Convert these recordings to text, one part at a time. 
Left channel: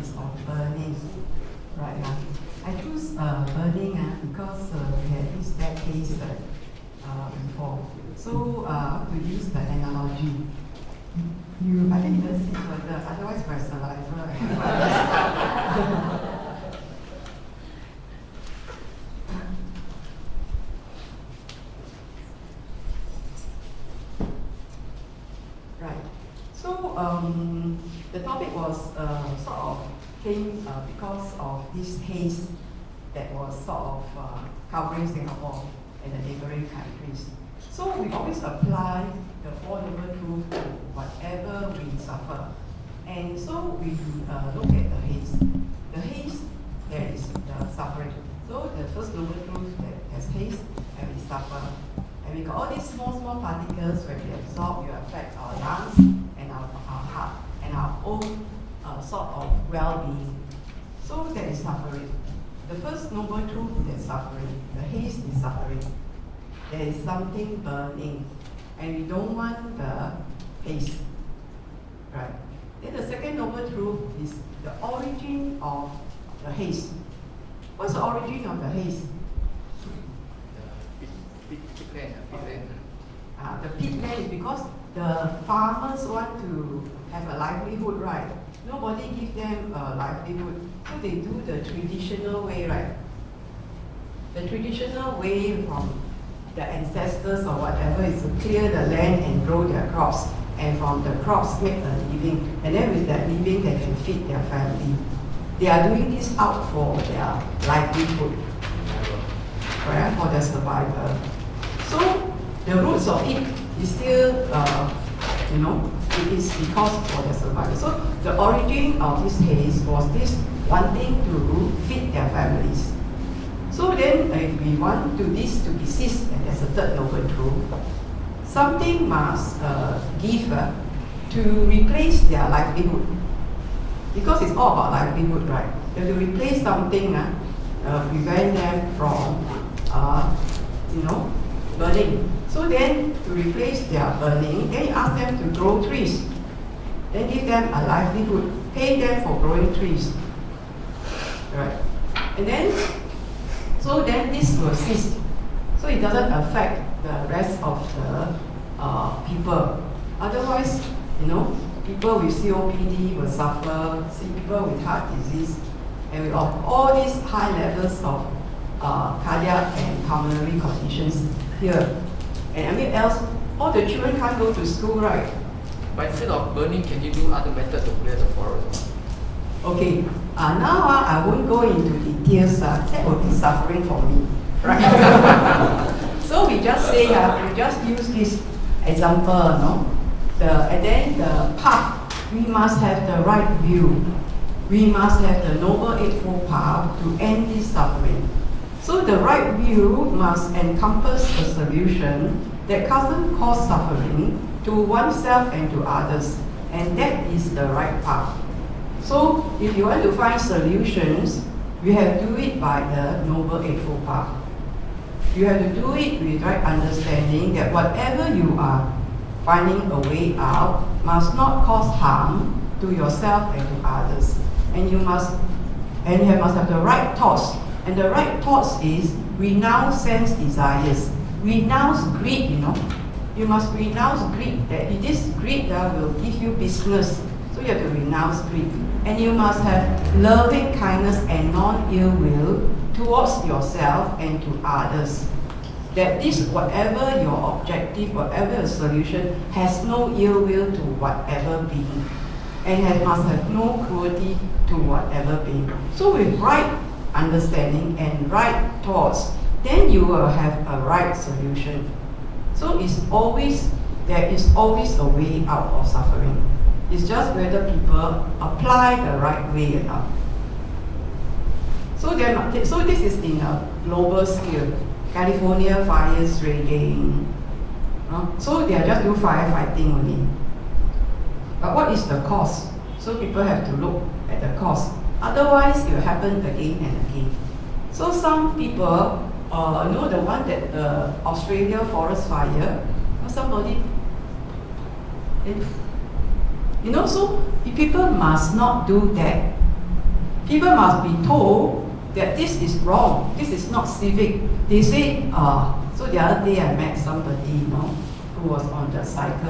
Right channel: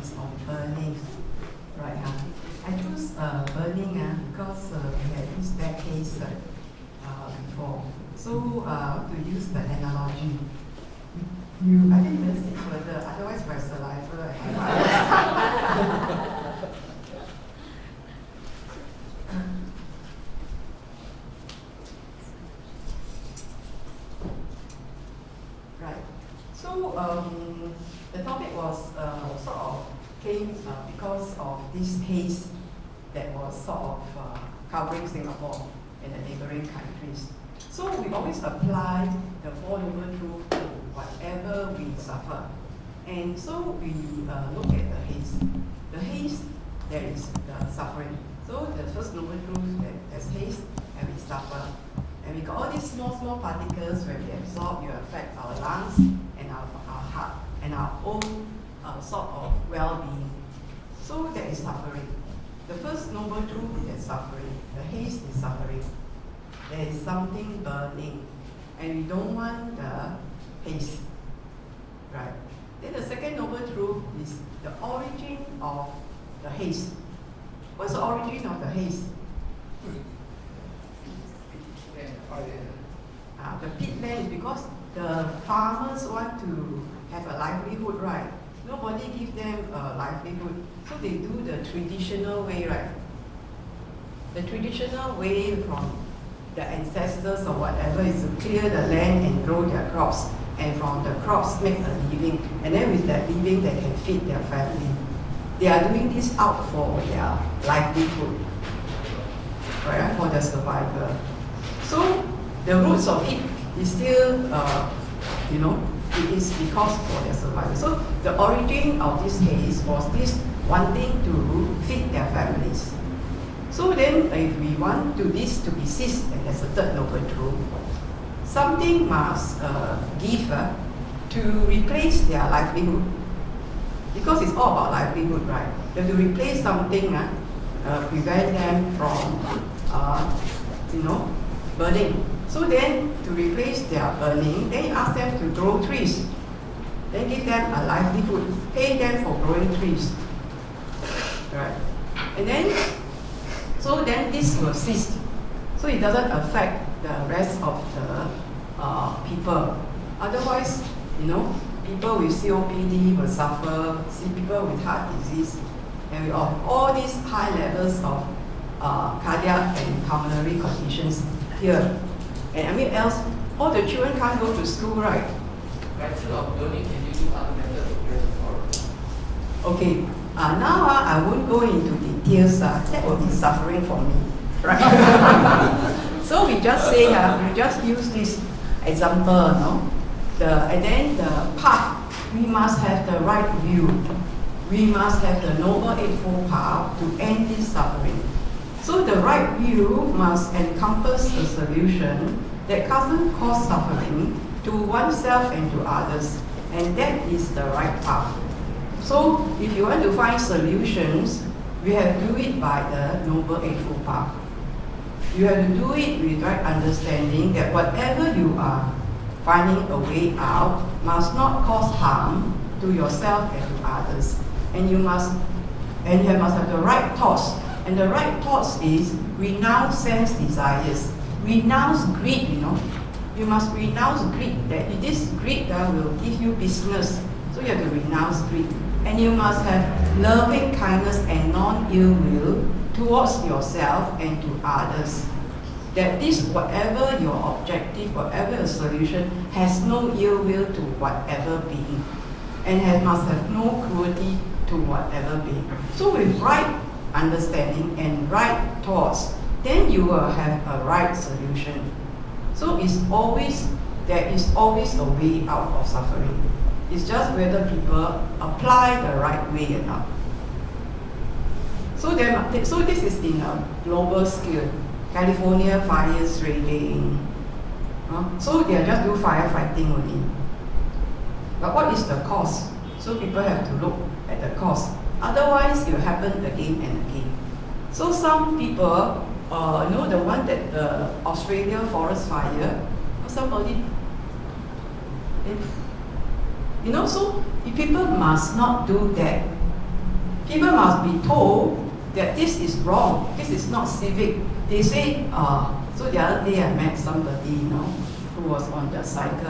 is on burning, right? I choose burning because we had used that case before. So to use the analogy, I think you must see further, otherwise by saliva. Right. So the topic was sort of came because of this haze that was sort of covering Singapore and the neighboring countries. So we always apply the Four Noble Truths to whatever we suffer. And so we look at the haze. The haze, there is the suffering. So the first Noble Truth, that there's haze and we suffer. And we got all these small particles when they absorb, you affect our lungs and our heart and our own sort of well-being. So that is suffering. The first Noble Truth is suffering. The haze is suffering. There is something burning, and we don't want the haze, right? Then the second Noble Truth is the origin of the haze. What's the origin of the haze? The peatland is because the farmers want to have a livelihood, right? Nobody gives them a livelihood, so they do the traditional way, right? The traditional way from the ancestors or whatever is to clear the land and grow their crops, and from the crops make a living, and then with that living they can feed their family. They are doing this out for their livelihood, right? For their survival. So the roots of it is still, it is because for their survival. So the origin of this haze was this wanting to feed their families. So then, if we want this to be ceased, and there's a third Noble Truth, something must give to replace their livelihood. Because it's all about livelihood, right? They have to replace something, prevent them from, burning. So then, to replace their burning, then you ask them to grow trees. Then give them a livelihood, pay them for growing trees, right? And then, so then this will cease. So it doesn't affect the rest of the people. Otherwise, people with COPD will suffer, people with heart disease, and with all these high levels of cardiac and pulmonary conditions here. And all the children can't go to school, right? But instead of burning, can you do other methods to clear the forest? Okay, now I won't go into details, that will be suffering for me, right? So we just say, we just use this example, and then the path, we must have the right view. We must have the Noble Eightfold Path to end this suffering. So the right view must encompass a solution that doesn't cause suffering to oneself and to others, and that is the right path. So if you want to find solutions, you have to do it by the Noble Eightfold Path. You have to do it with right understanding that whatever you are finding a way out must not cause harm to yourself and to others. And you must have the right thoughts. And the right thoughts is renounce sense desires. Renounce greed, You must renounce greed. That this greed will give you business. So you have to renounce greed. And you must have loving kindness and non-ill will towards yourself and to others. That this, whatever your objective, whatever your solution, has no ill will to whatever being. And must have no cruelty to whatever being. So with right understanding and right thoughts, then you will have a right solution. So there is always a way out of suffering. It's just whether people apply the right way or not. So this is in a global scale. California fires raging. So they are just do firefighting only. But what is the cause? So people have to look at the cause. Otherwise, it will happen again and again. So some people, the one that the Australia forest fire, somebody, so people must not do that. People must be told that this is wrong, this is not civic. They say, so the other day I met somebody, who was on the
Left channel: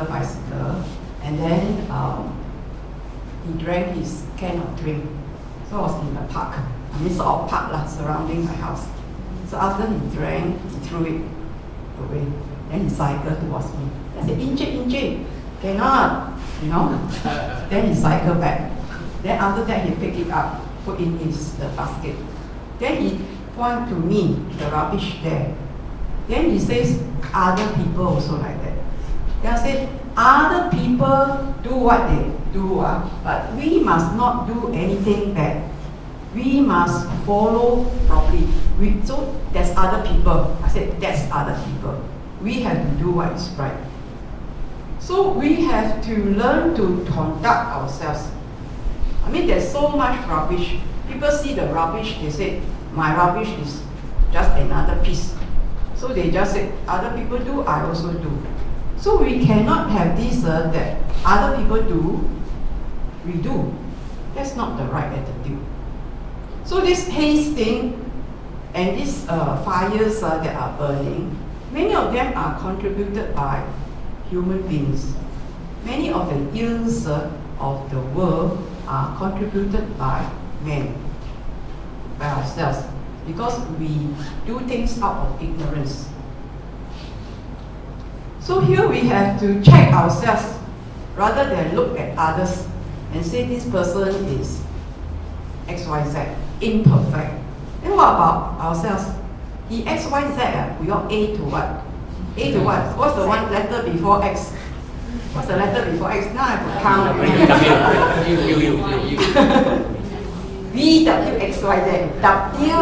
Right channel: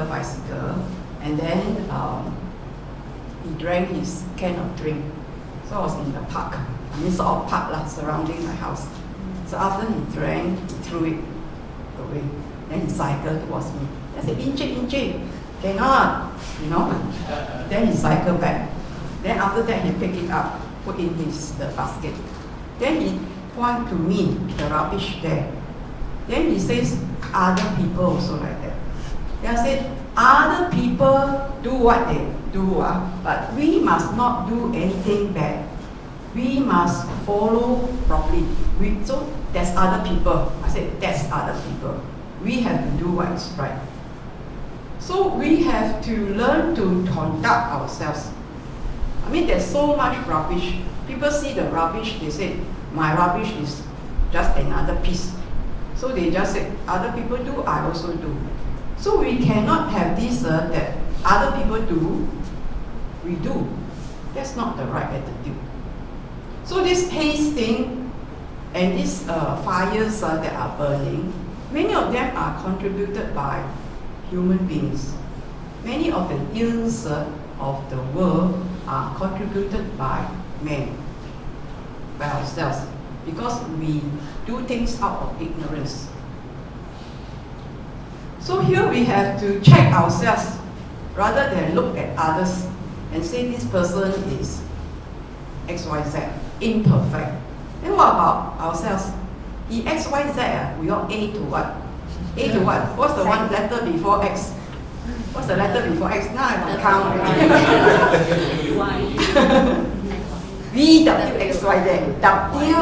bicycle, and then he drank his can of drink. So I was in the park, sort of park surrounding my house. So after he drank, he threw it away. Then he cycled towards me. I said, Inche, cannot, Then he cycled back. Then after that, he picked it up, put it in the basket. Then he pointed to me, the rubbish there. Then he says, other people also like that. Then I said, other people do what they do, but we must not do anything bad. We must follow properly. So there's other people. I said, that's other people. We have to do what is right. So we have to learn to conduct ourselves. There's so much rubbish. People see the rubbish, they say, my rubbish is just another piece. So they just say, other people do, I also do. So we cannot have this that other people do, we do. That's not the right attitude. So this haze thing and these fires that are burning, many of them are contributed by human beings. Many of the ills of the world are contributed by men, by ourselves, because we do things out of ignorance. So here we have to check ourselves rather than look at others and say this person is XYZ, imperfect. Then what about ourselves? The XYZ, we all A to what? A to what? What's the one letter before X? What's the letter before X? Now I have to count. V, W, X, Y, Z. W.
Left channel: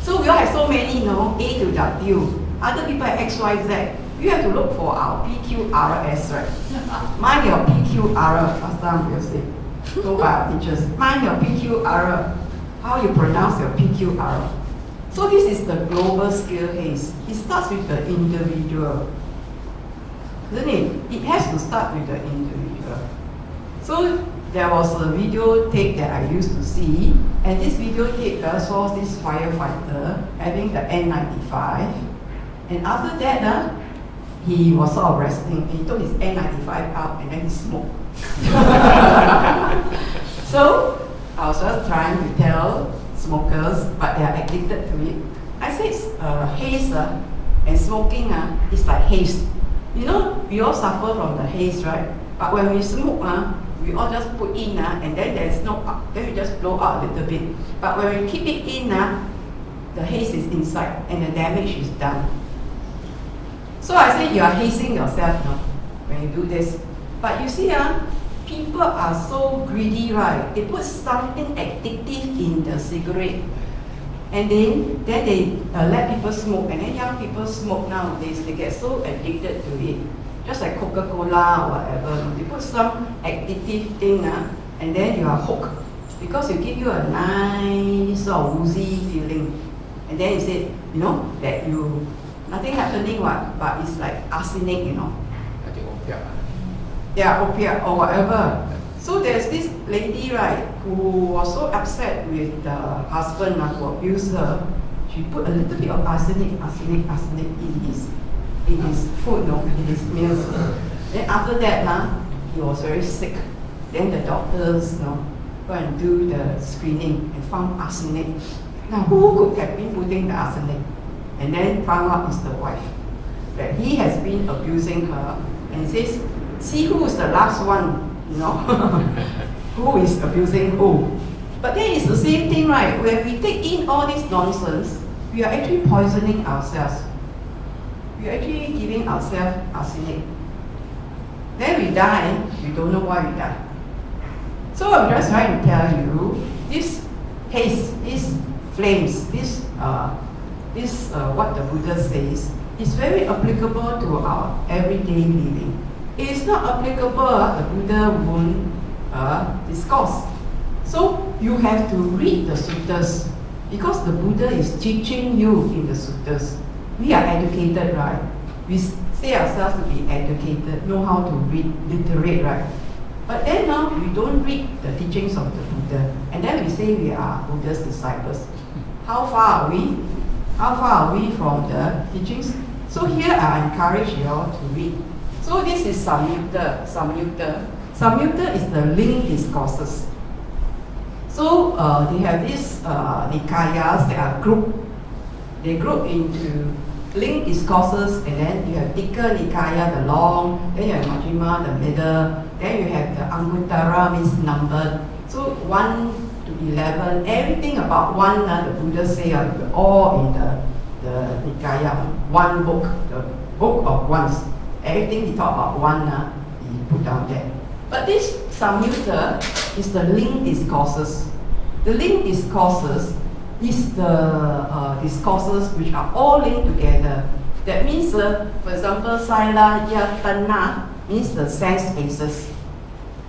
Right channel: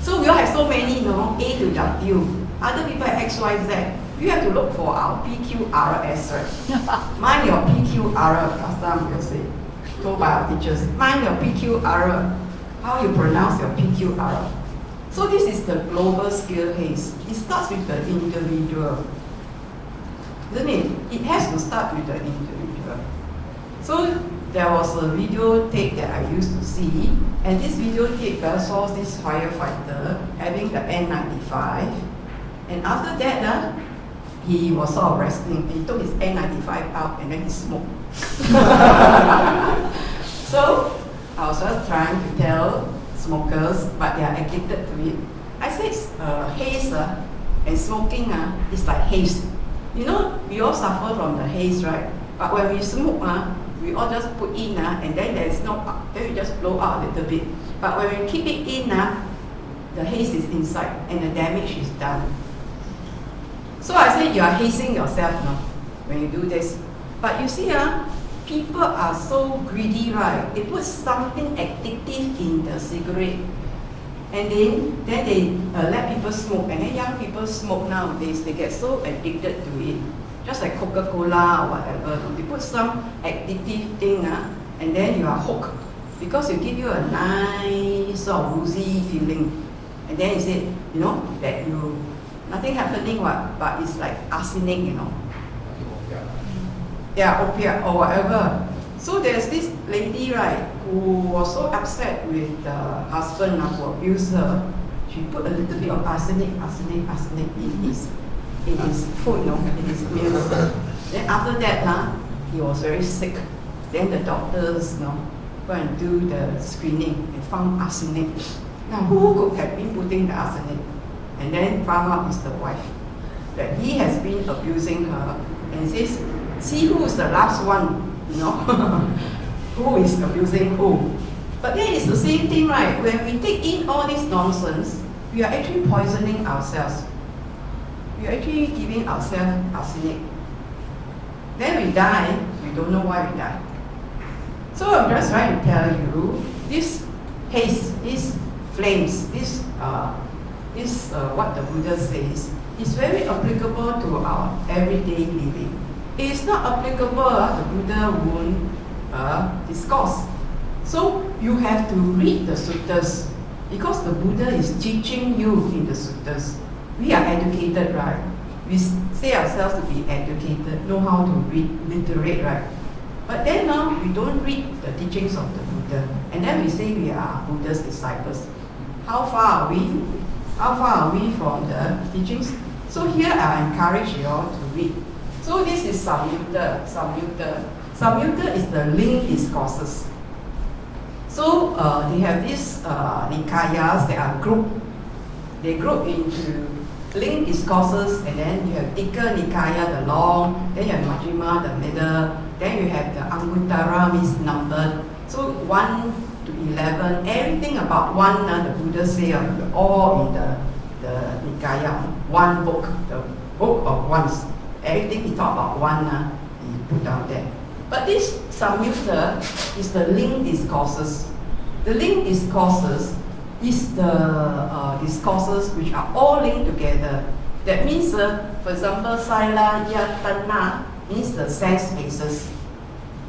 So we all have so many, A to W. Other people have X, Y, Z. We have to look for our PQRS, right? Mind your PQR. Last time we'll say, told by our teachers. Mind your PQR. How you pronounce your PQR. So this is the global scale haze. It starts with the individual. Isn't it? It has to start with the individual. So there was a video tape that I used to see, and this video tape saw this firefighter having the N95, and after that, he was sort of resting, and he took his N95 out, and then he smoked. So I was just trying to tell smokers, but they are addicted to it. I said haze and smoking is like haze. We all suffer from the haze, right? But when we smoke, we all just put in, and then there's no, then we just blow out a little bit. But when we keep it in, the haze is inside, and the damage is done. So I say you are hazing yourself, when you do this. But you see, people are so greedy, right? They put something addictive in the cigarette, and then they let people smoke, and then young people smoke nowadays. They get so addicted to it, just like Coca-Cola or whatever. They put some addictive thing, and then you are hooked because it gives you a nice sort of woozy feeling, and then you say, that you nothing happening, but it's like arsenic, Yeah, opiate or whatever. So there's this lady, right, who was so upset with the husband who abused her. She put a little bit of arsenic in his food, in his meals. Then after that, he was very sick. Then the doctors, go and do the screening and found arsenic. Now, who could have been putting the arsenic? And then found out it's the wife, that he has been abusing her, and says, see who is the last one, who is abusing who. But then it's the same thing, right? When we take in all this nonsense, we are actually poisoning ourselves. We are actually giving ourselves arsenic. Then we die, we don't know why we die. So I'm just trying to tell you, this haze, these flames, this what the Buddha says, is very applicable to our everyday living. It is not applicable, the Buddha won't discourse. So you have to read the sutras, because the Buddha is teaching you in the sutras. We are educated, right? We say ourselves to be educated, know how to read, literate, right? But then now we don't read the teachings of the Buddha, and then we say we are Buddha's disciples. How far are we? How far are we from the teachings? So here I encourage you all to read. So this is Saṃyutta. Saṃyutta is the linked discourses. So they have these nikayas that are grouped. They group into linked discourses, and then you have Tikka Nikaya, the long, then you have Majjhima, the middle, then you have the Anguttara, means numbered. So 1 to 11, everything about one, the Buddha say, all in the Nikaya, one book, the book of ones. Everything he talk about one, he put down there. But this Saṃyutta is the linked discourses. The linked discourses is the discourses which are all linked together. That means, for example, Saḻāyatana means the sense bases.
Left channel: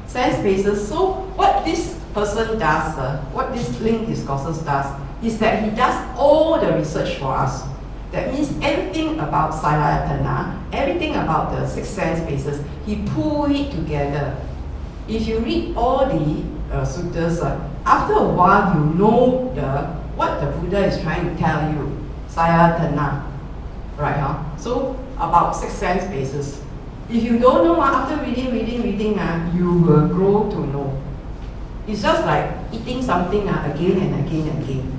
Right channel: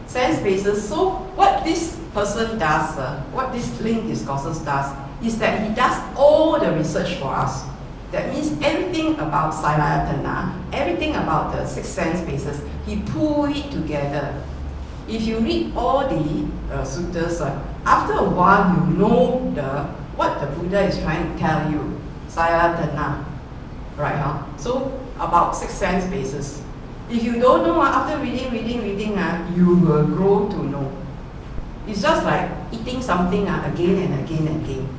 Sense bases. So what this person does, what this linked discourses does, is that he does all the research for us. That means everything about Saḻāyatana, everything about the 6 sense bases, he pull it together. If you read all the sutras, after a while you know what the Buddha is trying to tell you. Saḷāyatana, right? So about 6 sense bases. If you don't know, after reading, you will grow to know. It's just like eating something again and again and again.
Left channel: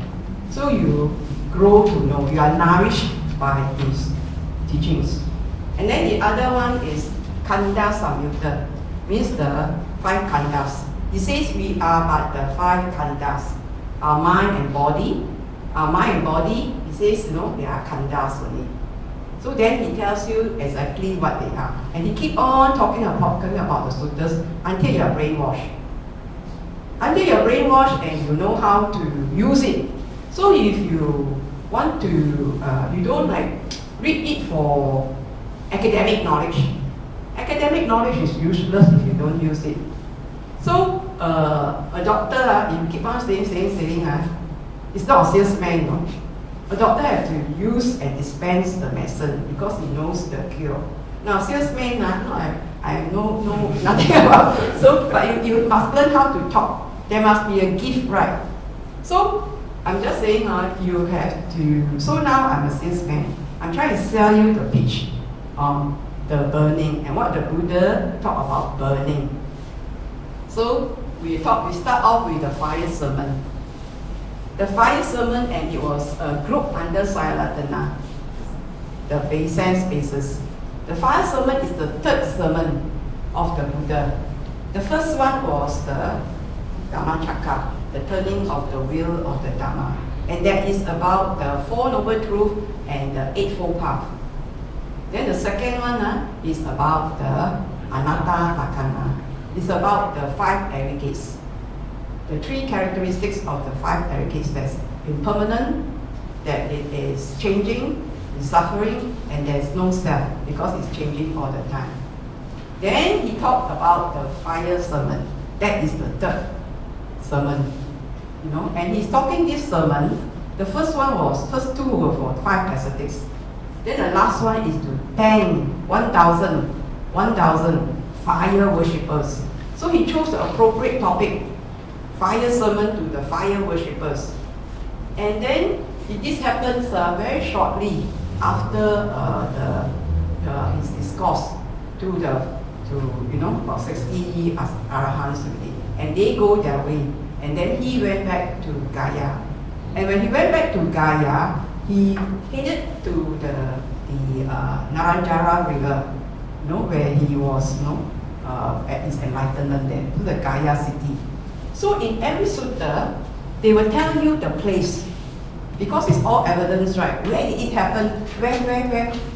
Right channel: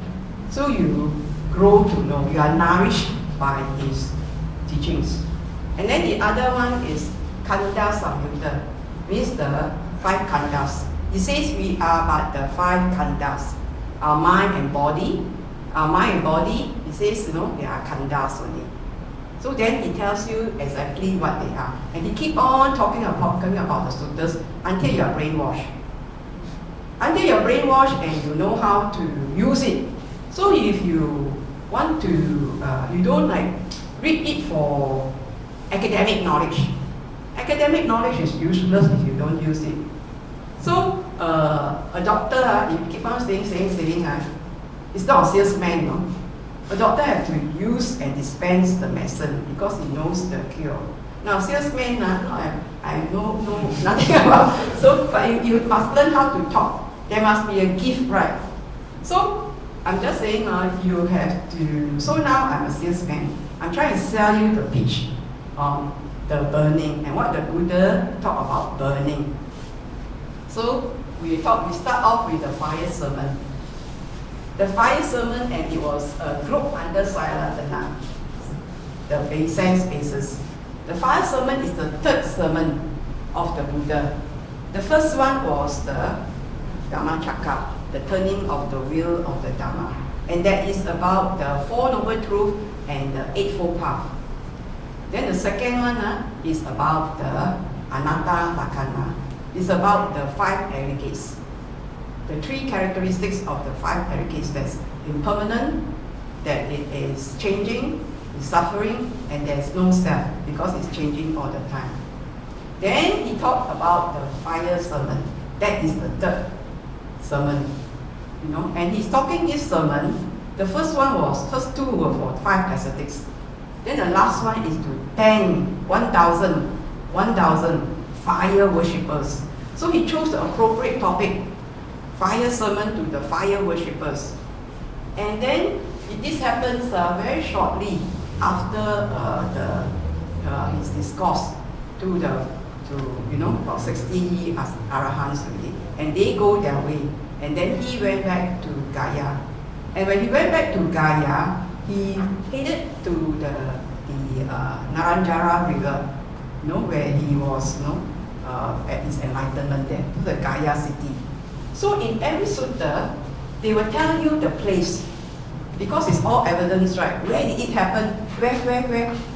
So you grow to know. You are nourished by his teachings. And then the other one is Khandasaṃyutta, means the 5 khandas. He says we are but the 5 khandas. Our mind and body. Our mind and body, he says, they are khandas only. So then he tells you exactly what they are. And he keep on talking about the sutras until you are brainwashed. Until you are brainwashed and you know how to use it. So if you want to, you don't read it for academic knowledge. Academic knowledge is useless if you don't use it. So a doctor, you keep on saying, it's not a salesman, no? A doctor has to use and dispense the medicine because he knows the cure. Now, salesman, I know nothing about it. So, but you must learn how to talk. There must be a gift, right? So, I'm just saying, you have to. So now I'm a salesman. I'm trying to sell you the pitch on the burning and what the Buddha talked about burning. So we start off with the fire sermon. The fire sermon, and it was a group under Saḻāyatana, the sense bases. The fire sermon is the 3rd sermon of the Buddha. The first one was the Dhammacakka, the turning of the wheel of the Dhamma. And that is about the 4 Noble Truths and the Eightfold Path. Then the second one is about the Anatta Lakkhana. It's about the 5 aggregates. The 3 characteristics of the 5 aggregates: that's impermanent, that it is changing, it's suffering, and there's no self because it's changing all the time. Then he talked about the fire sermon. That is the 3rd sermon. And he's talking this sermon. The first 2 were for 5 ascetics. Then the last one is to thank 1,000 fire worshippers. So he chose the appropriate topic, fire sermon to the fire worshippers. And then this happens very shortly after his discourse to about 60 arahants already. And they go their way. And then he went back to Gaya. And when he went back to Gaya, he headed to the Naranjara river, where he was at his enlightenment there, to the Gaya city. So in every sutta, they will tell you the place, because it's all evidence, right? Where did it happen? Where?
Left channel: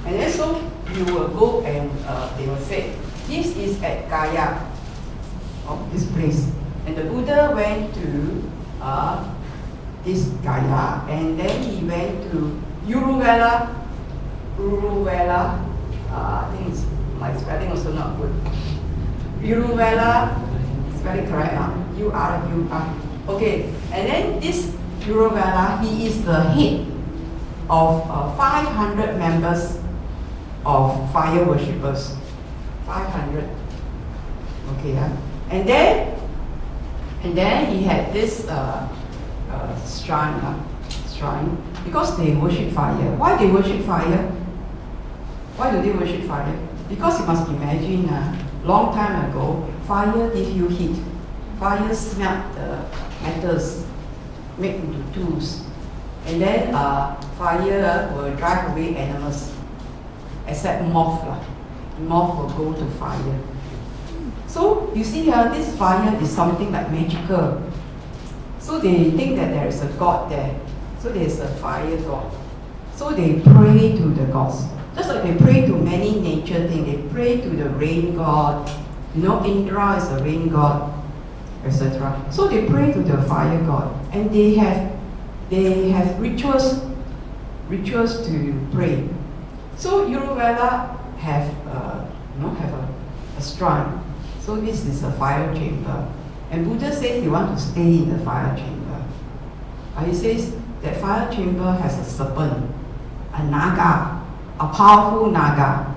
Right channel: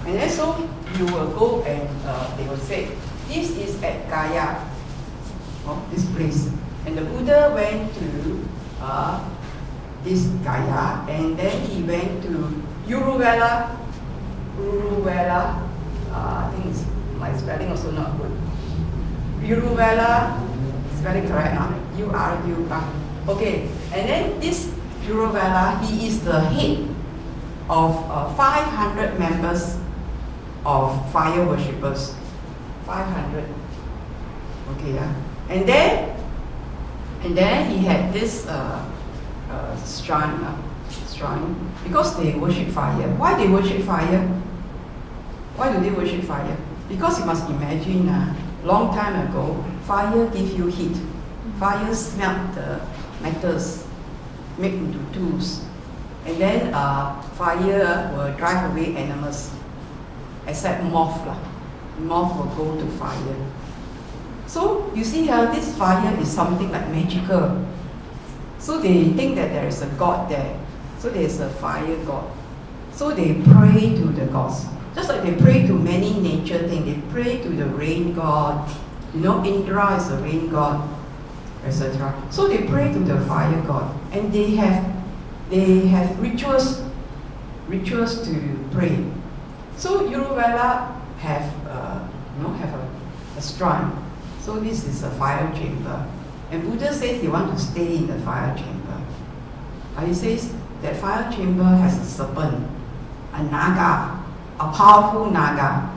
And then so you will go and they will say, this is at Gaya, this place. And the Buddha went to this Gaya, and then he went to Uruvela. I think my spelling also not good. Uruvela, spelling correct now? U-R-U. Okay, and then this Uruvela, he is the head of 500 members of fire worshippers. 500. Okay, And then he had this shrine, because they worship fire. Why they worship fire? Why do they worship fire? Because you must imagine, long time ago, fire gives you heat. Fire smelt the metals, made into tools. And then fire will drive away animals, except moth. Moth will go to fire. So you see here, this fire is something like magical. So they think that there is a god there. So there is a fire god. So they pray to the gods. Just like they pray to many nature things. They pray to the rain god. You know, Indra is a rain god, etc. So they pray to the fire god. And they have rituals to pray. So Uruvela have a shrine. So this is a fire chamber. And Buddha says he wants to stay in the fire chamber. He says that fire chamber has a serpent, a naga, a powerful naga.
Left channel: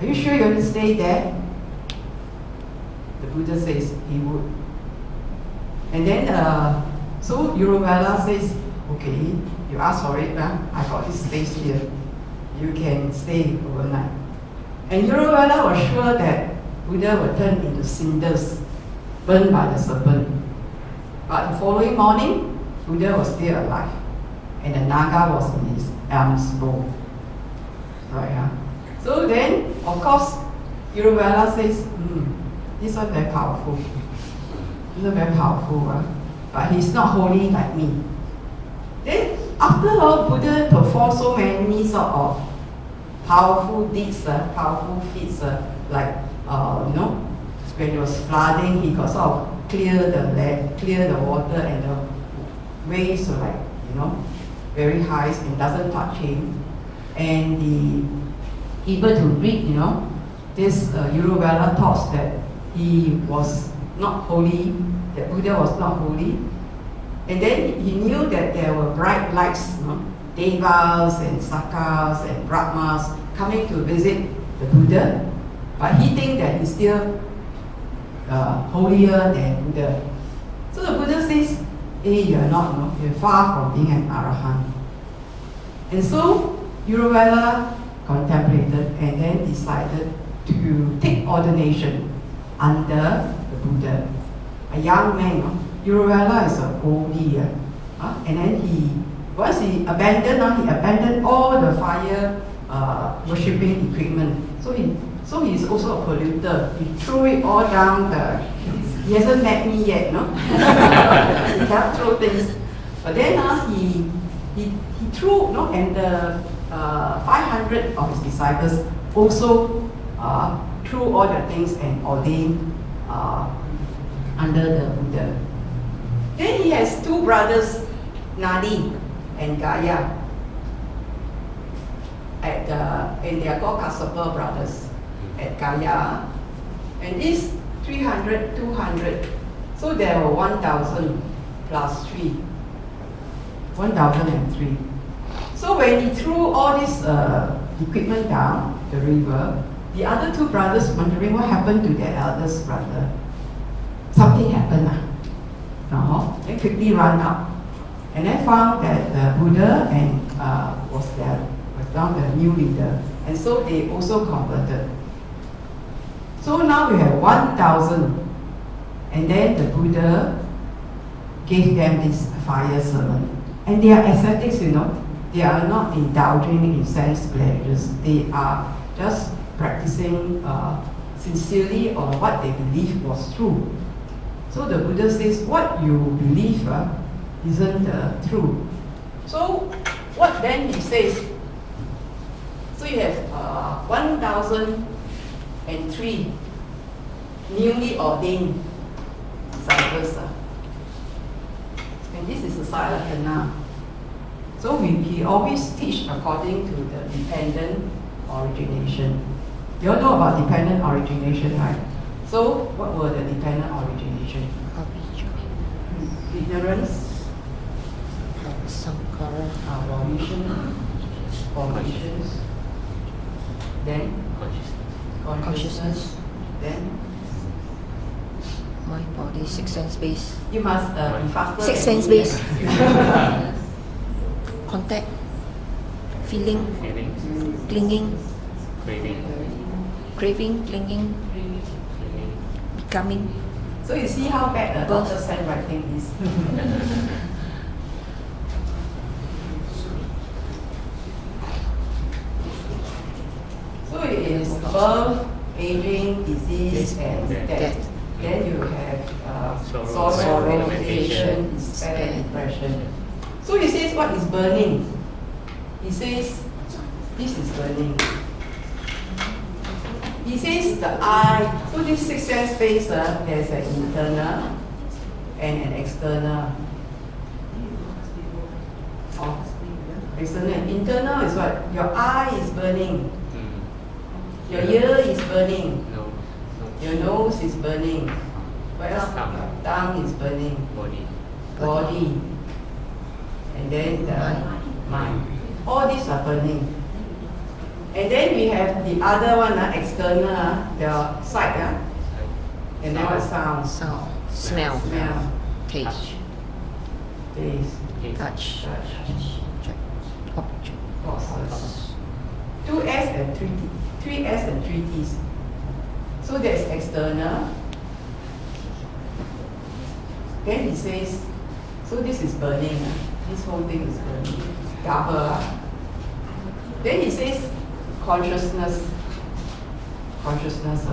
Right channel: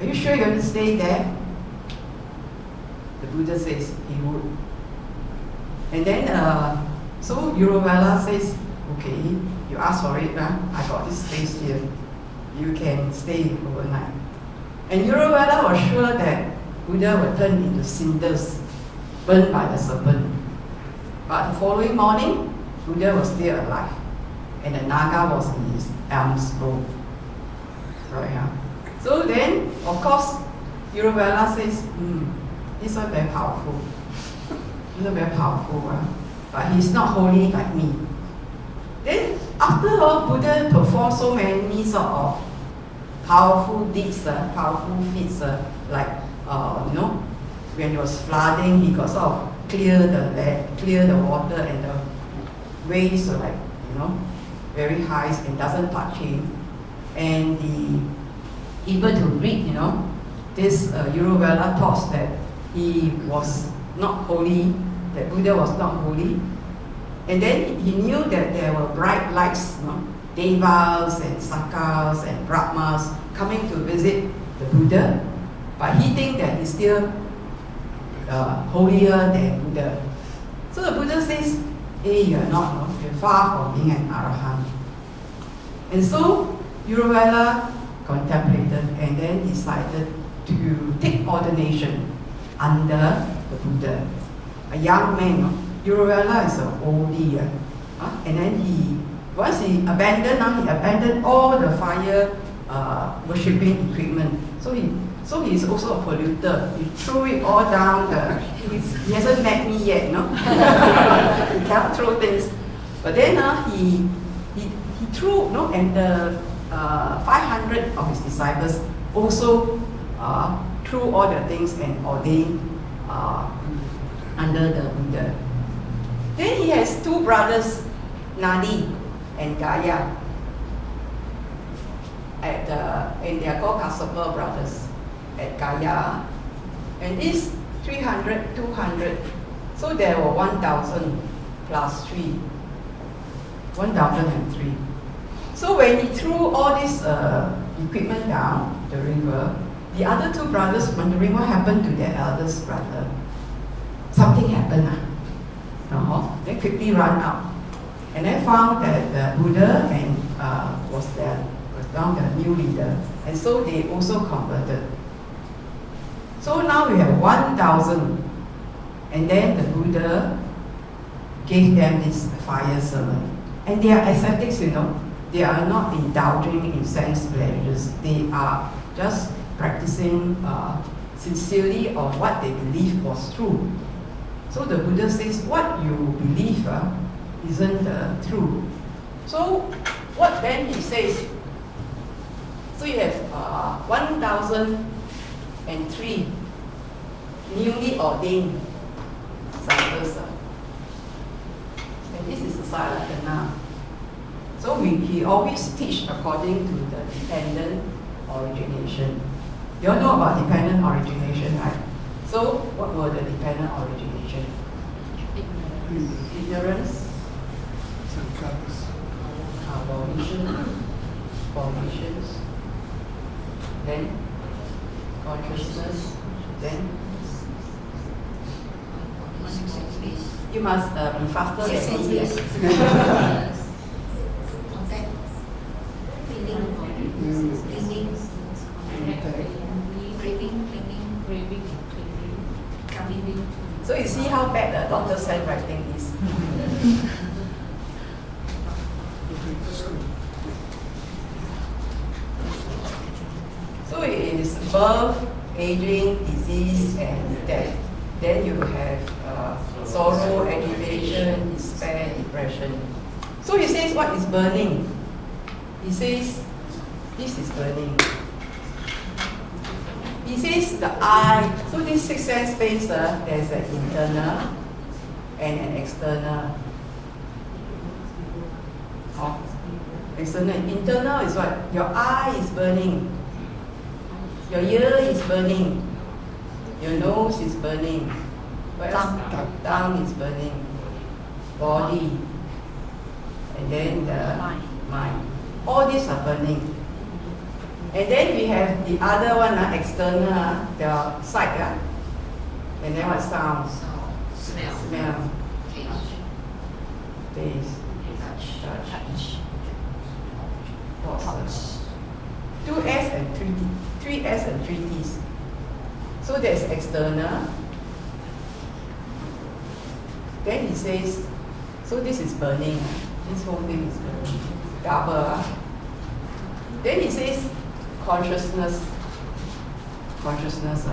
Are you sure you're going to stay there? The Buddha says he would. And then, so Uruvela says, okay, you ask for it, I got this space here. You can stay overnight. And Uruvela was sure that Buddha would turn into cinders, burned by the serpent. But the following morning, Buddha was still alive. And the naga was in his arms bowl. Right, huh? So then, of course, Uruvela says, this one very powerful. This one very powerful, right? But he's not holy like me. Then, after all, Buddha performed so many sort of powerful deeds, powerful feats, like, when it was flooding, he got sort of clear the water, and the waves were like, very high and doesn't touch him. And he able to read, this Uruvela thoughts that he was not holy, that Buddha was not holy. And then he knew that there were bright lights, devas and sakas and brahmas coming to visit the Buddha. But he thinks that he's still holier than Buddha. So the Buddha says, hey, you're not, you're far from being an arahant. And so Uruvela contemplated and then decided to take ordination under the Buddha. A young man, Uruvela is an oldie. And then once he abandoned all the fire worshipping equipment. So he's also a polluter. He threw it all down he hasn't met me yet, he can't throw things. But then he threw, and the 500 of his disciples also threw all the things and ordained under the Buddha. Then he has two brothers, Nadi and Gaya, and they are called Kassapa brothers at Gaya. And these 300, 200, so there were 1,000 plus 3, 1,003. So when he threw all this equipment down the river, the other two brothers wondering what happened to their eldest brother. Something happened. They quickly ran out. And they found that the Buddha was now the new leader. And so they also converted. So now we have 1,000. And then the Buddha gave them this fire sermon. And they are ascetics, They are not indulging in sense pleasures. They are just practicing sincerely on what they believe was true. So the Buddha says, what you believe isn't true. So what then he says? So you have 1,003 newly ordained disciples. And this is the Saḷāyatana. So he always teach according to the dependent origination. You all know about dependent origination, right? So what were the dependent origination? Ignorance, formations, then consciousness, then Mind, body, six sense base. You must be faster. Six than sense me. base. Contact, feeling, clinging, craving, clinging, becoming. So you see how bad the doctor's handwriting is. So it is birth, aging, disease, and death. Then you have sorrow, agitation, despair, depression. So he says, what is burning? He says, this is burning. He says the eye, so this six sense space, there's an internal and an external. Oh, external. Internal is what? Your eye is burning. Your ear is burning. Your nose is burning. What else? Tongue is burning. Body. And then the mind. All these are burning. And then we have the other one, external, the sight. And then what? Sound. Sound, smell, Smell. taste, Taste. touch, Forces. 2S and 3T. 3S and 3Ts. So that's external. Then he says, so this is burning. This whole thing is burning. Double. Then he says, consciousness. Consciousness.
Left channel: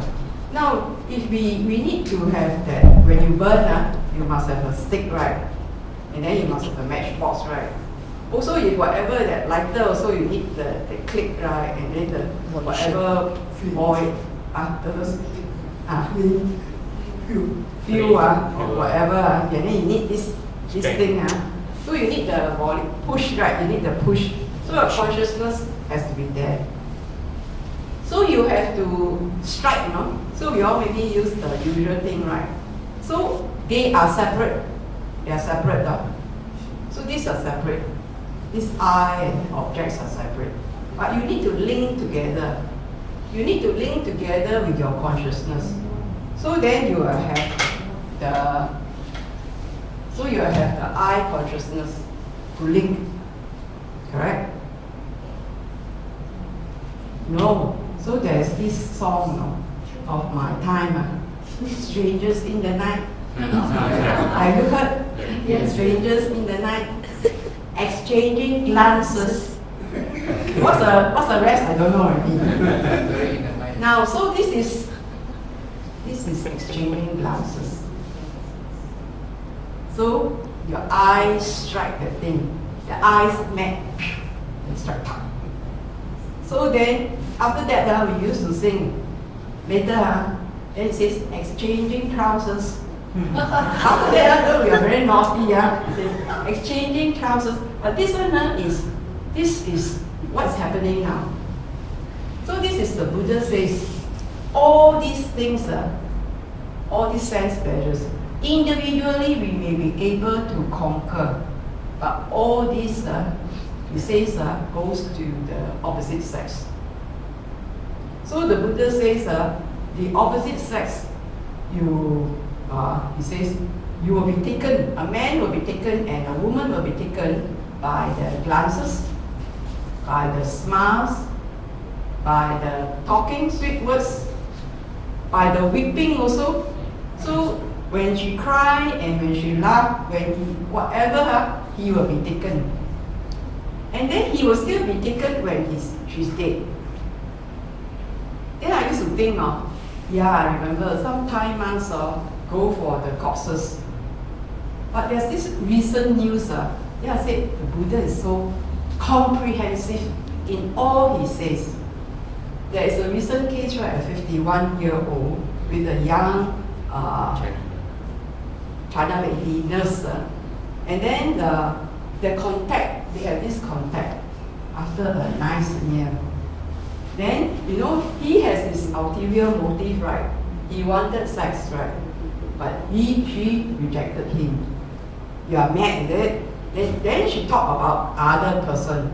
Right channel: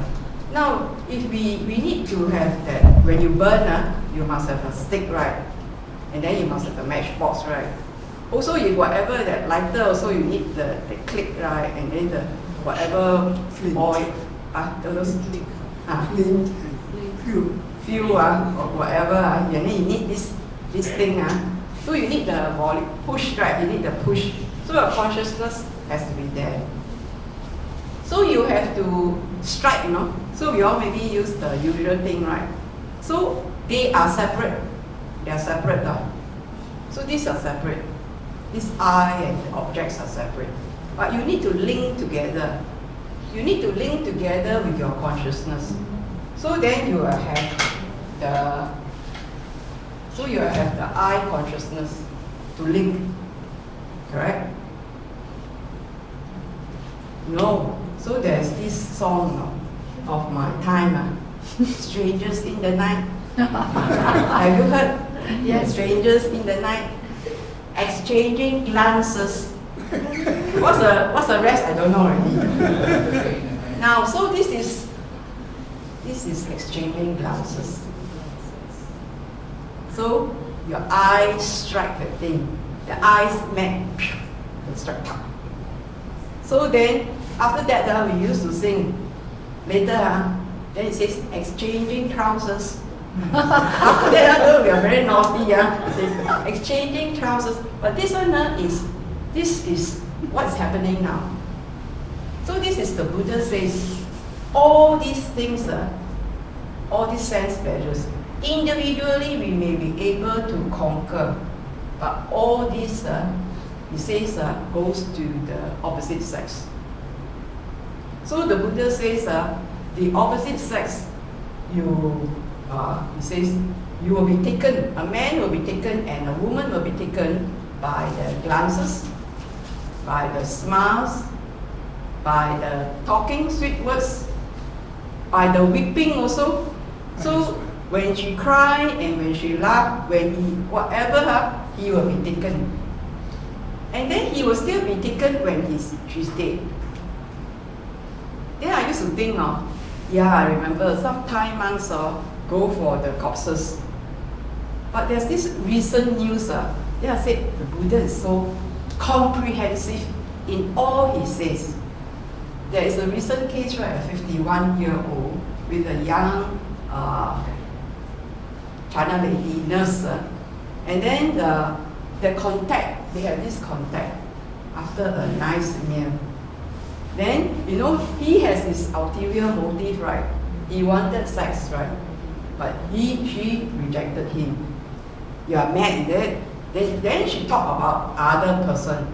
Now, if we need to have that, when you burn, you must have a stick, right? And then you must have a matchbox, right? Also, if whatever that lighter, also you need the click, right? And then the whatever oil, fuel, or whatever, and then you need this thing. So you need the volume, push, right? You need the push. So your consciousness has to be there. So you have to strike, So we all maybe use the usual thing, right? So they are separate. They are separate. So these are separate. This eye and objects are separate. But you need to link together. You need to link together with your consciousness. So then you will have the eye consciousness to link. Correct? No. So there's this song of my time, Strangers in the Night. Have you heard? Yes. Strangers in the Night, exchanging glances. What's the rest? I don't know already. Now, so this is exchanging glances. So your eyes strike the thing. The eyes met and strike. So then, after that, we used to sing. Later, then it says exchanging trousers. After that, we are very naughty. It says exchanging trousers. But this one this is what's happening now. So this is the Buddha says, all these things, all these sense pleasures, individually we may be able to conquer, but all this, he says, goes to the opposite sex. So the Buddha says, the opposite sex, he says, you will be taken, a man will be taken and a woman will be taken by the glances, by the smiles, by the talking sweet words, by the weeping also. So when she cry and when she laugh, whatever, he will be taken. And then he will still be taken when she's dead. Then I used to think, I remember some Thai monks go for the corpses. But there's this recent news, they are said the Buddha is so comprehensive in all he says. There is a recent case, right, a 51-year-old with a young China lady nurse. And then the contact, they have this contact after a nice meal. Then, he has his ulterior motive, right? He wanted sex, right? But she rejected him. You are mad, is it? Then she talked about other person.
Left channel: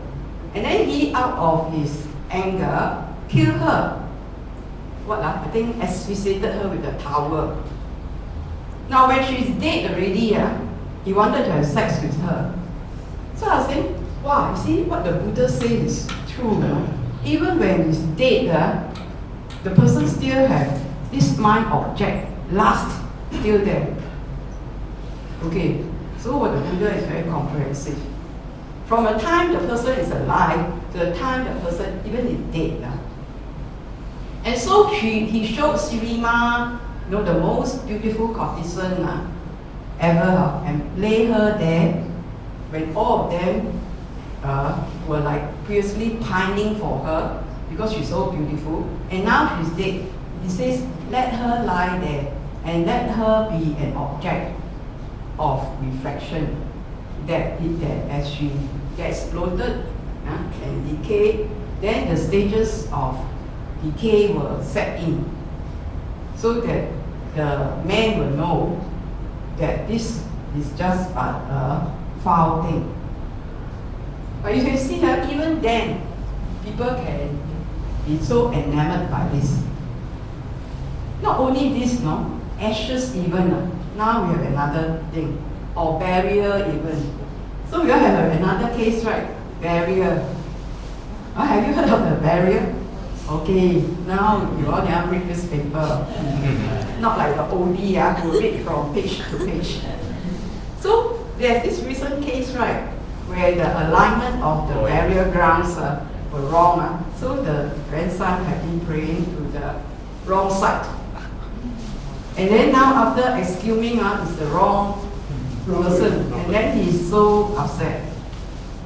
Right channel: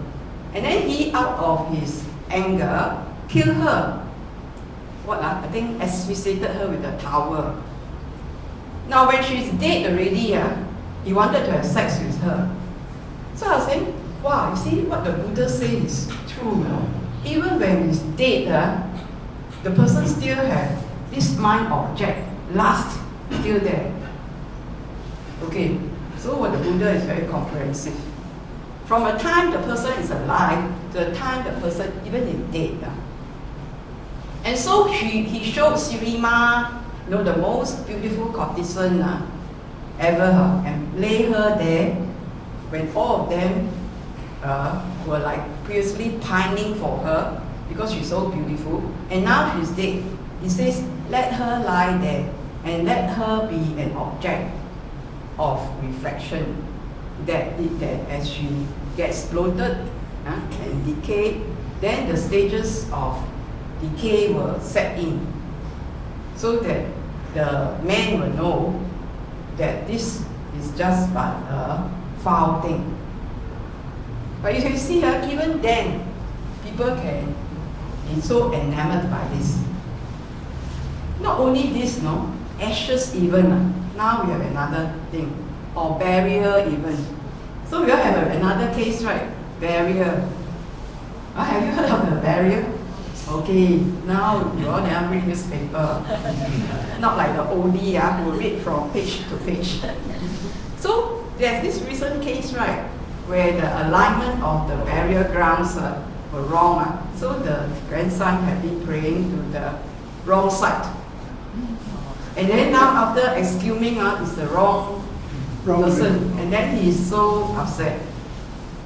And then he, out of his anger, killed her. I think asphyxiated her with a towel. Now when she's dead already, he wanted to have sex with her. So I was saying, wow, you see what the Buddha says is true, Even when he's dead, the person still have this mind object, lust, still there. Okay, so what the Buddha is very comprehensive. From the time the person is alive to the time the person even is dead. And so he showed Sirima, the most beautiful courtesan ever, and lay her there when all of them were like fiercely pining for her because she's so beautiful. And now she's dead. He says, let her lie there and let her be an object of reflection, that as she gets bloated and decay, then the stages of decay will set in, so that the man will know that this is just but a foul thing. But you can see that even then, people can be so enamored by this. Not only this, ashes even. Now we have another thing, or barrier even. So we all have another case, right? Barrier. Have you heard of the barrier? Okay, now you all never read this paper. Not like the oldie who read from page to page. So there's this recent case, right, where the alignment of the barrier grounds were wrong. So the grandson had been praying to the wrong side. And then now after excusing it's the wrong person, and then he's so upset.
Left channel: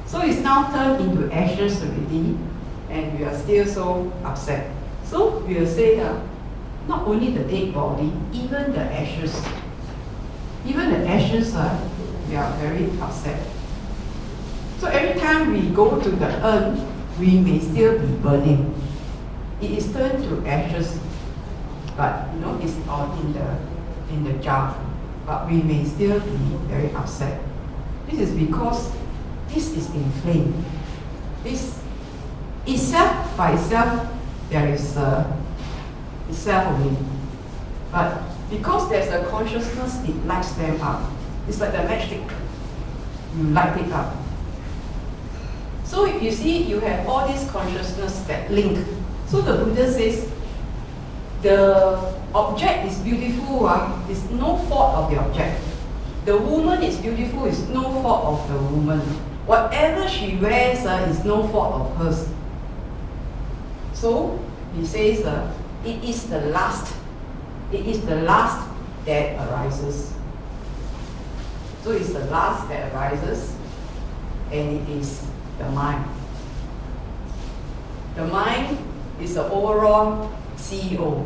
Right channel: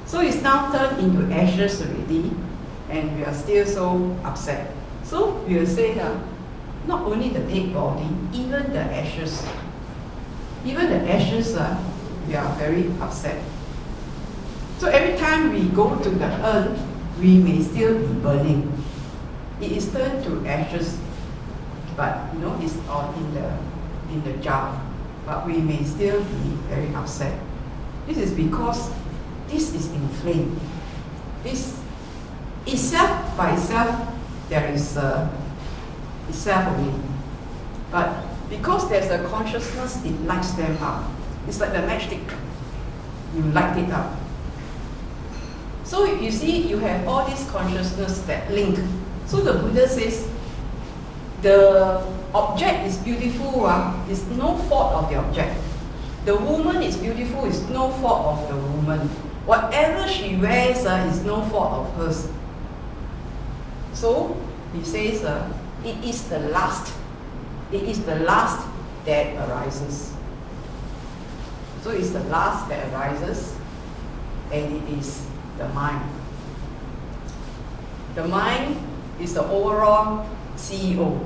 So it's now turned into ashes already, and we are still so upset. So we will say that not only the dead body, even the ashes, we are very upset. So every time we go to the urn, we may still be burning. It is turned to ashes, but it's all in the jar. But we may still be very upset. This is because this is inflamed. This itself by itself, there is itself only. But because there's a consciousness, it lights them up. It's like the matchstick. You light it up. So you see, you have all this consciousness that link. So the Buddha says, the object is beautiful, it's no fault of the object. The woman is beautiful, it's no fault of the woman. Whatever she wears is no fault of hers. So he says, it is the lust. It is the lust that arises. So it's the lust that arises, and it is the mind. The mind is the overall CEO.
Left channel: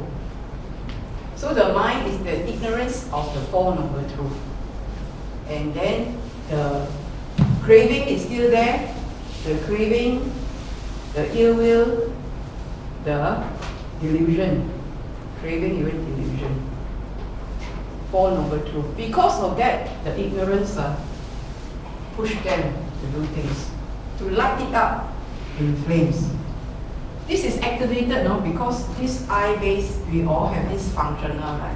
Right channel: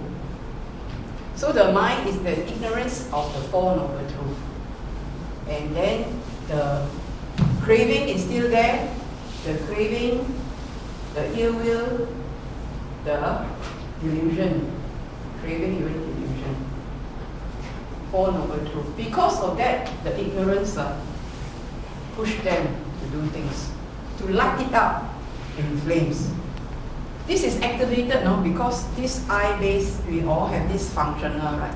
So the mind is the ignorance of the Four Noble Truths. And then the craving is still there. The craving, the ill will, the delusion. Craving, even delusion. Four Noble Truths. Because of that, the ignorance push them to do things, to light it up in flames. This is activated now because this eye base, we all have this functional, right?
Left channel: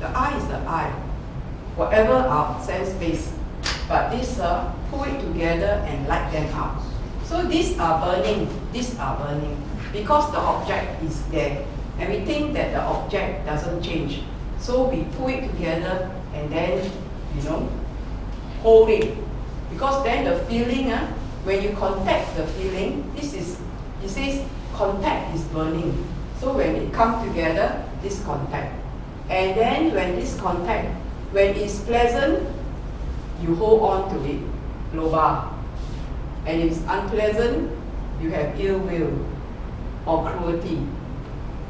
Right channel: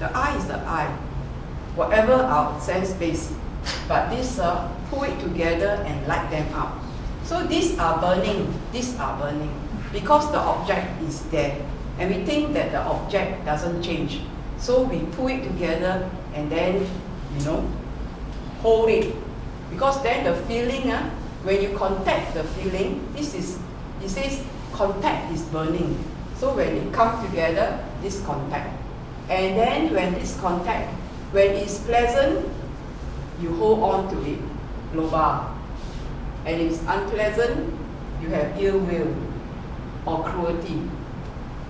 The eye is the eye, whatever our sense base. But this pull it together and light them up. So these are burning, because the object is there. And we think that the object doesn't change. So we pull it together and then, hold it. Because then the feeling, when you contact the feeling, it says contact is burning. So when it comes together, this contact. And then when this contact, when it's pleasant, you hold on to it, lobha. And if it's unpleasant, you have ill will or cruelty.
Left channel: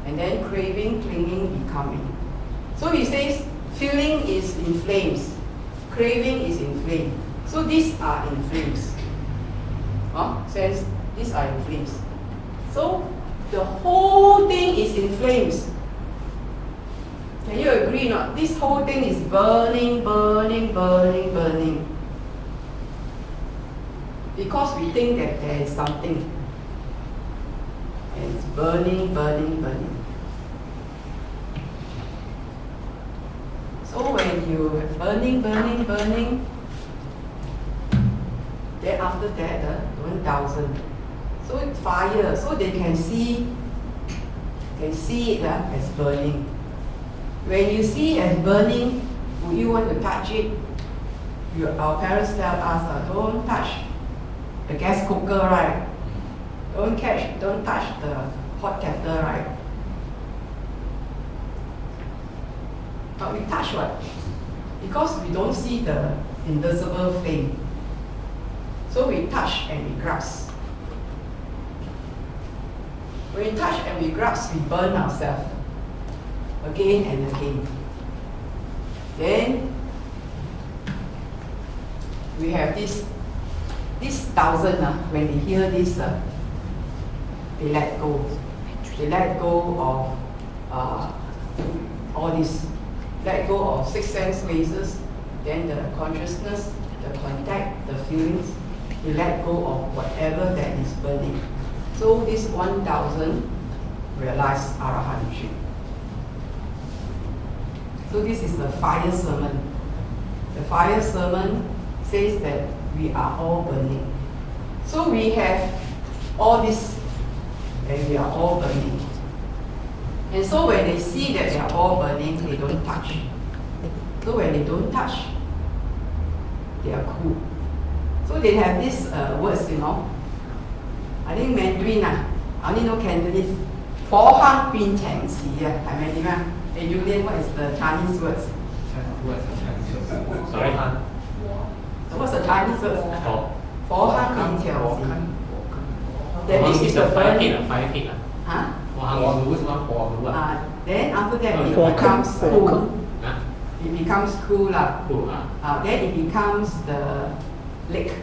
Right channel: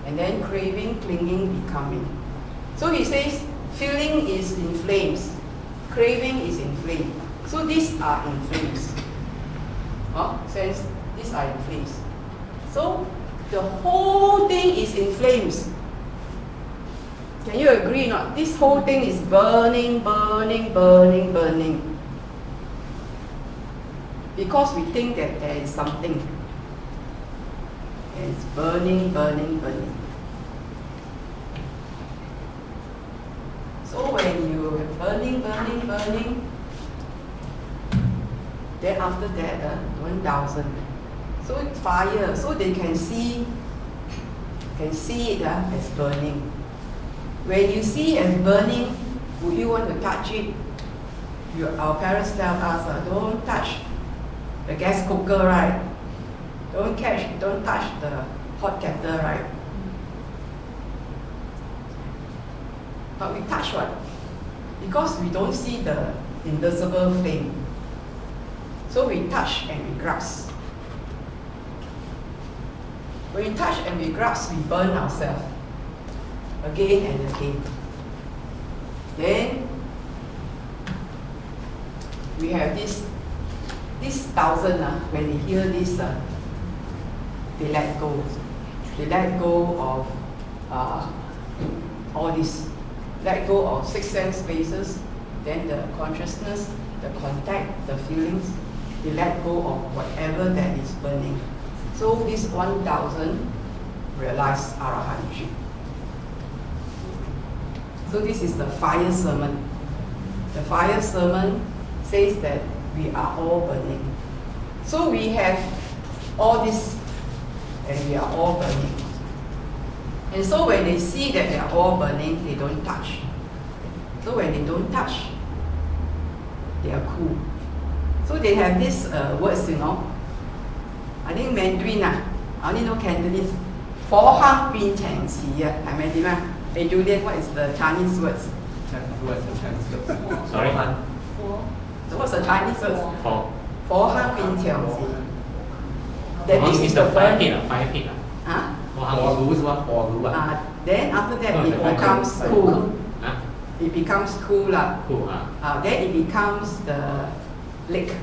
And then craving, clinging, becoming. So he says, feeling is in flames, craving is in flame. So these are in flames. Sense, these are in flames. So the whole thing is in flames. Can you agree or not? This whole thing is burning, burning, burning, burning. Because we think that there is something. And it's burning, burning, burning. So when it burning, burning, burning. Then after that, 1,000. So it's fire, so they can see it as burning. When you see it as burning, would you want to touch it? Our parents tell us, don't touch the gas cooker, right? Don't touch the hot kettle, right? But we touch what? Because we don't see the invisible flame. So we touch and we grasp. When we touch and we grasp, we burn ourselves again and again. Then we have this 1,000, when they hear this, they let go. They let go of all this. Let go of 6 sense spaces, then the consciousness, the contact, the feelings. They let go of whatever that is burning. So this 1,000 realize arahantship. So this is the fire sermon. The fire sermon says that we are all burning. So we have all this, and we are all burning. And so when they see that they are all burning, they don't touch. So when they don't touch, they are cool. So they have these words, I think Mandarin, I only know Cantonese. 火坑變情詞啊，係咪點啊？ Hey Julian, what is the Chinese words? Sorry? So what's the Chinese words? 火坑變情詞. That means it's the burning. Fire pit. Huh? Huh? Then after that No, it the becomes fire. cool. Huh? It becomes cool. Cool. Then it becomes the lake.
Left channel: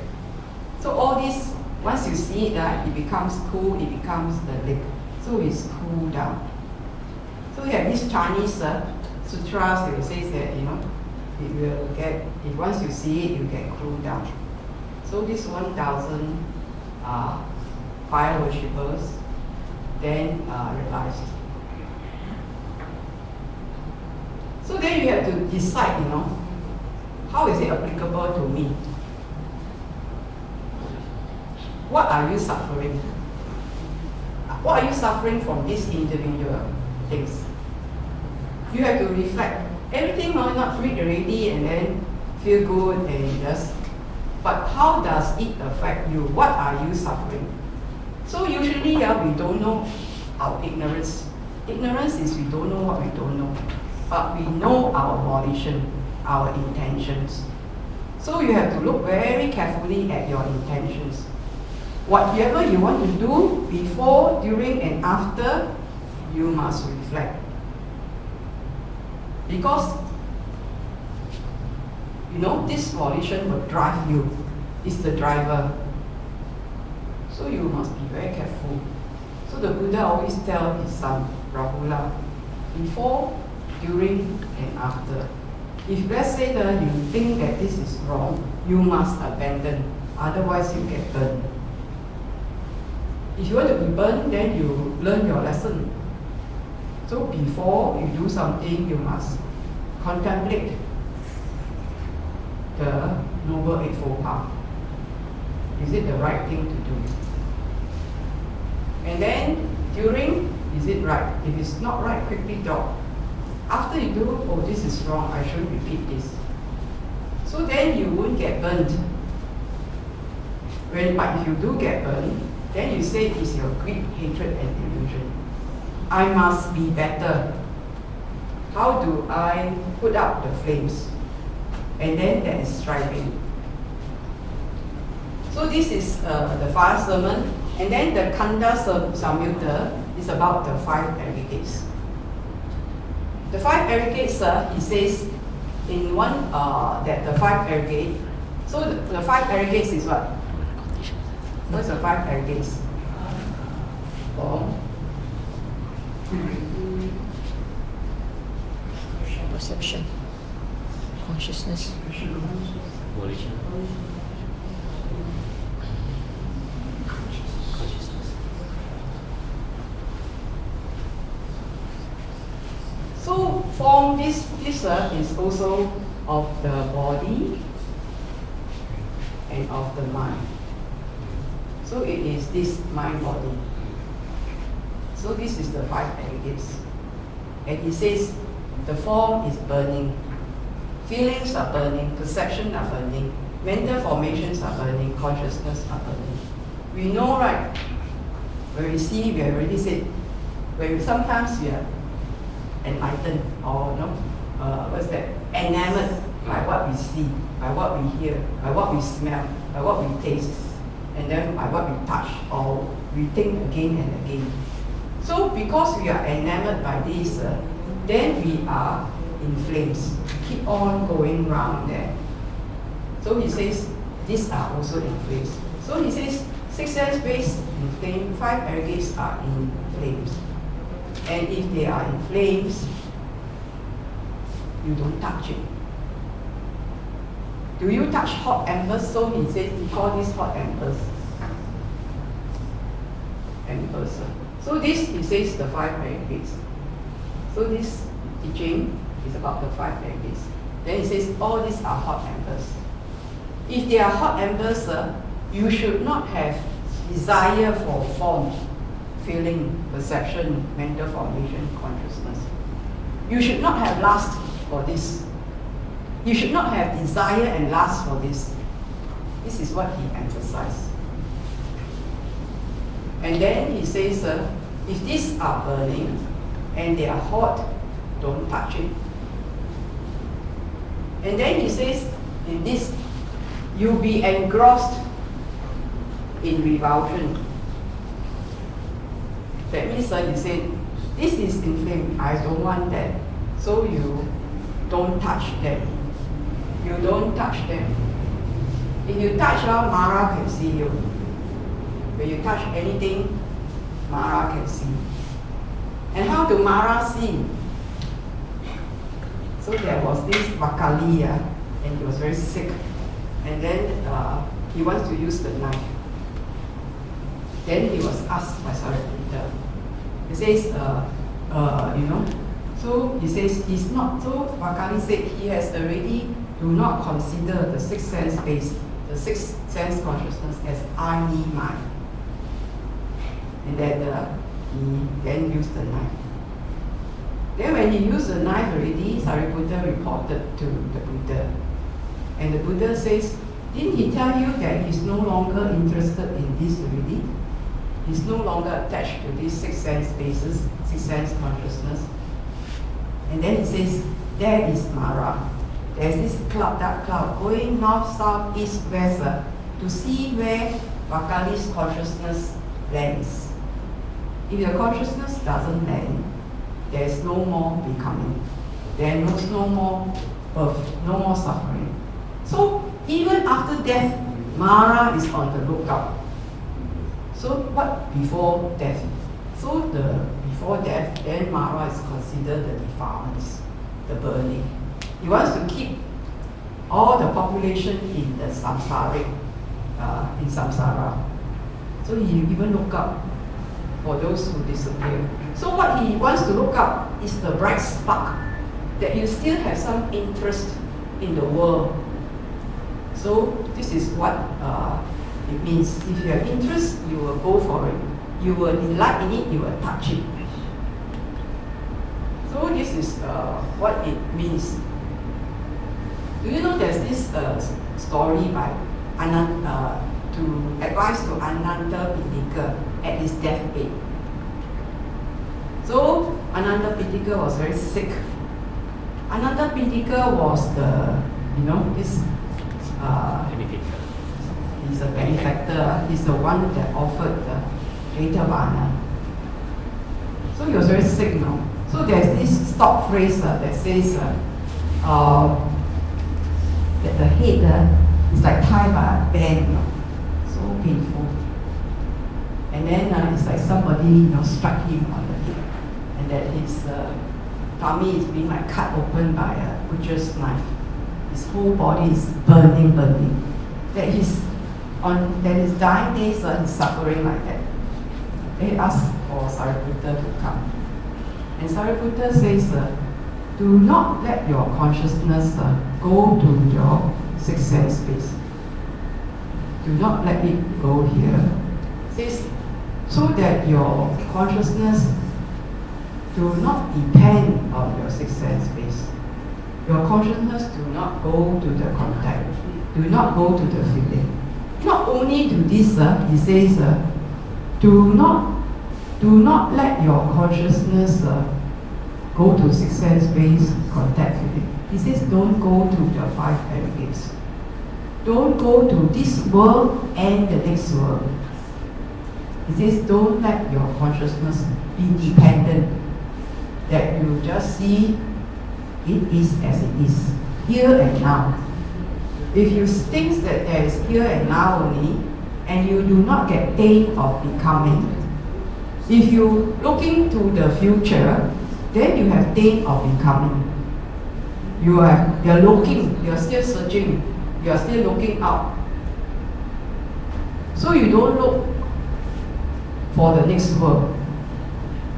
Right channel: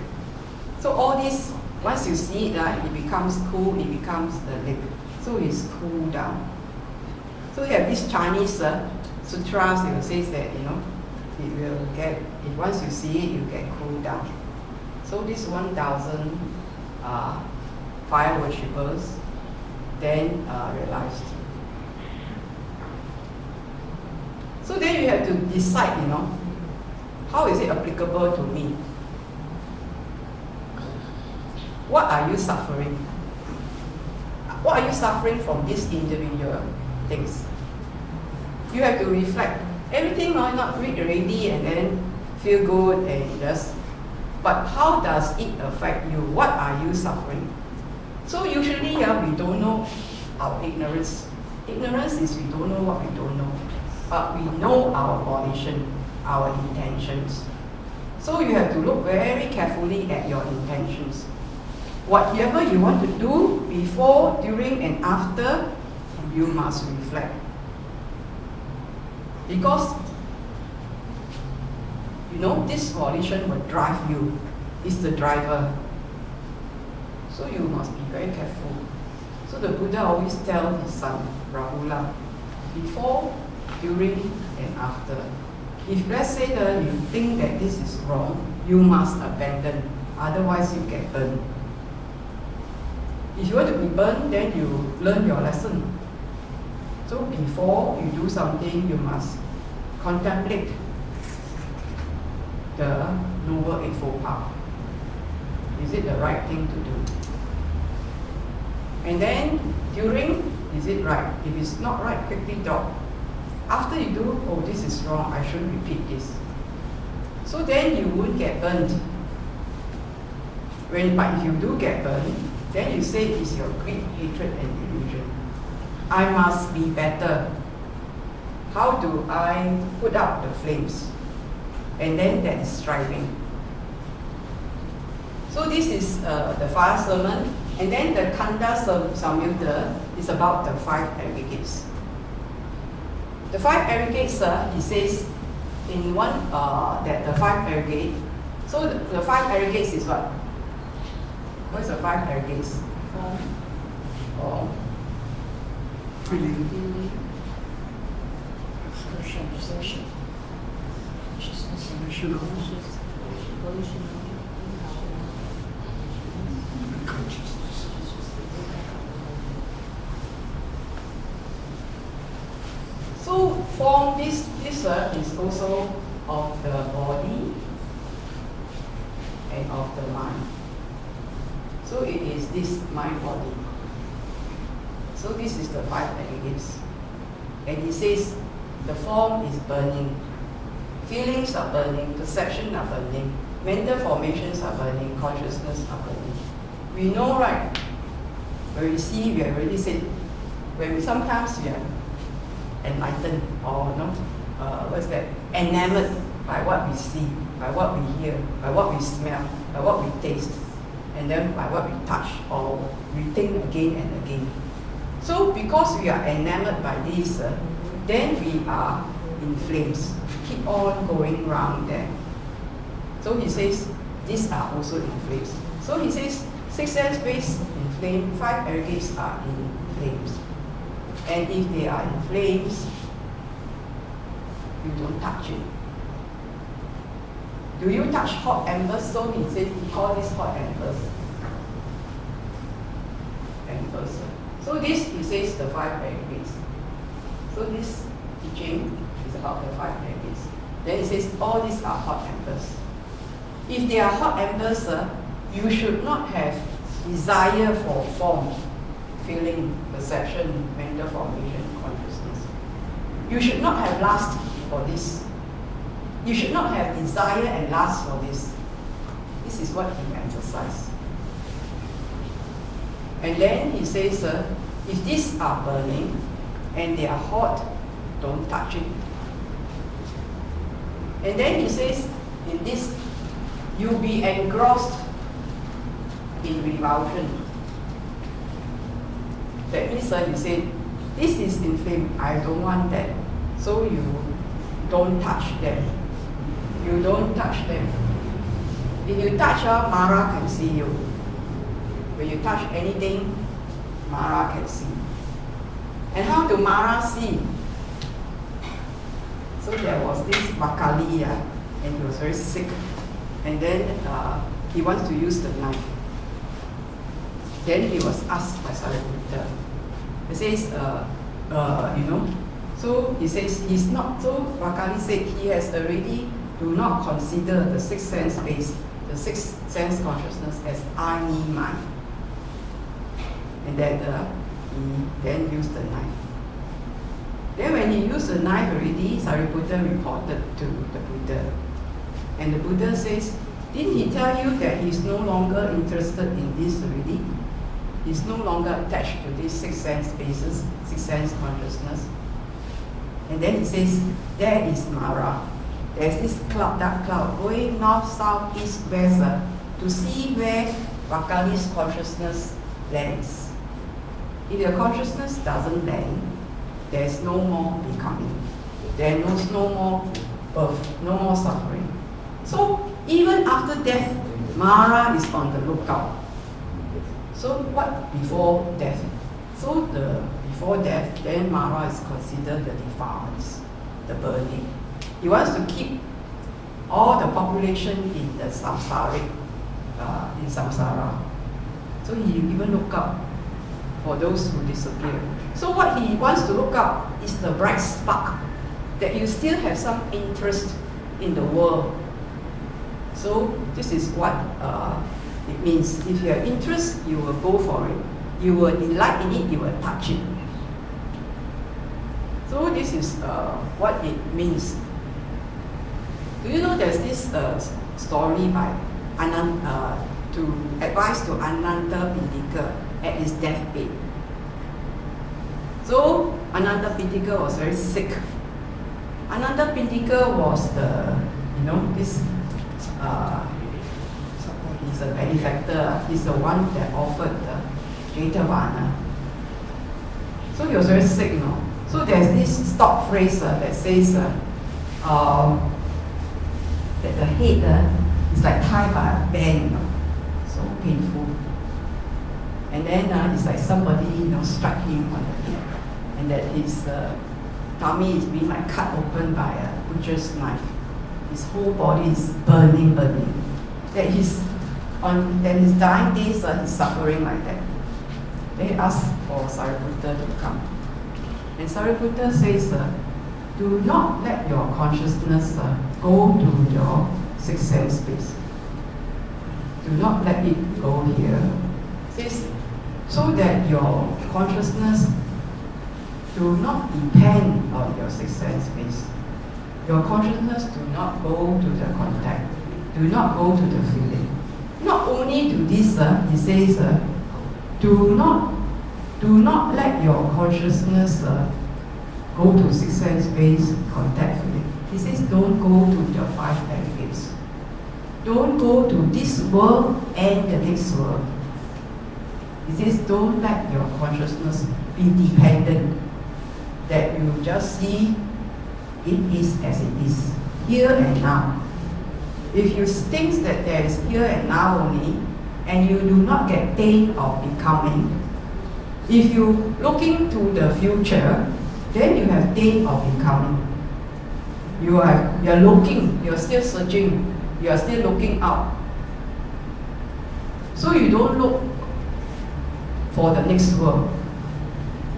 So all this, once you see it, it becomes cool, it becomes the lake. So it's cool down. So you have these Chinese sutras, it says that, it will get, once you see it, you get cooled down. So this 1,000 fire worshippers then realized. So then you have to decide, how is it applicable to me? What are you suffering? What are you suffering from these individual things? You have to reflect. Everything might not read already and then feel good and just, but how does it affect you? What are you suffering? So usually we don't know our ignorance. Ignorance is we don't know what we don't know. But we know our volition, our intentions. So you have to look very carefully at your intentions. Whatever you want to do before, during, and after, you must reflect. Because, this volition will drive you. It's the driver. So you must be very careful. So the Buddha always tells his son, Rahula, before, during, and after. If let's say that you think that this is wrong, you must abandon. Otherwise you get burned. If you want to be burned, then you learn your lesson. So before you do something, you must contemplate the Noble Eightfold Path. Is it the right thing to do? And then during, is it right? If it's not right, quickly drop. After you do, oh, this is wrong, I shouldn't repeat this. So then you won't get burned. But if you do get burned, then you say it's your greed, hatred, and delusion. I must be better. How do I put out the flames? And then that is striving. So this is the fire sermon. And then the Khandasaṃyutta is about the 5 aggregates. The 5 aggregates, he says in one, that the 5 aggregate, so the 5 aggregates is what? What is the 5 aggregates? Perception, consciousness, so form, this is also of the body and of the mind. So it is this mind-body. So this is the 5 aggregates. And he says the form is burning, feelings are burning, perception are burning, mental formations are burning, consciousness are burning. We know, right? When we see, we have already said, sometimes we are enlightened or what's that? Enamored by what we see, by what we hear, by what we smell, by what we taste, and then by what we touch or we think again and again. So because we are enamored by this, then we are in flames. We keep on going round there. So he says, these are also in flames. So he says, 6 sense base in flame, 5 aggregates are in flames. And if they are in flames, you don't touch it. Do you touch hot embers? So he says, he calls this hot embers. So this, he says, the 5 aggregates. So this teaching is about the 5 aggregates. Then he says, all these are hot embers. If they are hot embers, you should not have desire for form, feeling, perception, mental formation, consciousness. You should not have lust for this. You should not have desire and lust for this. This is what he emphasized. And then he says, if these are burning and they are hot, don't touch it. And then he says, in this, you'll be engrossed in revulsion. That means he said, this is in flame, I don't want that. So you don't touch them. You don't touch them. If you touch, Mara can see you. When you touch anything, Mara can see. And how do Mara see? So there was this Vakali, and he was very sick. And then he wants to use the knife. Then he was asked by Saḷāyatana. He says, so he says he's not, so Vakali said he has already do not consider the 6 sense base, the 6 sense consciousness as I, me, mine. And that he then used the knife. Then when he used the knife already, Saryaputta reported to the Buddha. And the Buddha says, didn't he tell you that he's no longer interested in this already? He's no longer attached to these 6 sense bases, 6 sense consciousness. And then he says, there is Mara. There's this cloud, dark cloud, going north, south, east, west, to see where Vakali's consciousness lands. If your consciousness doesn't land, there's no more becoming. There's no more birth, no more suffering. So even after death, Mara is on the lookout. So what before death? So the before death, then Mara is considered the defilements, the burning. He wants to keep all the population in the samsaric, in samsara. So he even look up for those who disappear. So what he wants to look up is the bright spark, that you still have some interest in the world. So this is what it means. If you have interest, you will go for it. You will delight in it, you will touch it. So this is what it means. Do you know there's this story by to advise to Ānanda Pittika at his deathbed. So Ānanda Pittika was very sick. Ānanda Pittika was the, this, he's a benefactor. He's the one that offered the Jetavana. So he was very sick, So there's this stock phrase that says that the head is like tied by a band, so painful. And then it's like somebody struck him on the head, and that his tummy is being like cut open by a butcher's knife. His whole body is burning. That his dying days he's suffering like that. They asked for Saryaputta to come. And Saryaputta says, do not let your consciousness go to your sixth sense space. Do not let it go here. Says, so that your consciousness do not depend on your sixth sense space. Your consciousness do not go to the contact, do not go to the feeling. Not only do this, he says, do not let your consciousness go to sixth sense space, contact feeling. He says, don't go to the five aggregates. Don't go to this world and the next world. He says, don't let your consciousness be dependent, that you just see it is as it is, here and now. If you think that there is here and now only, and you do not get pain of becoming, if you looking to the future, then you have pain of becoming. You are looking, you are still searching, you are still looking out. So you don't look for the next world.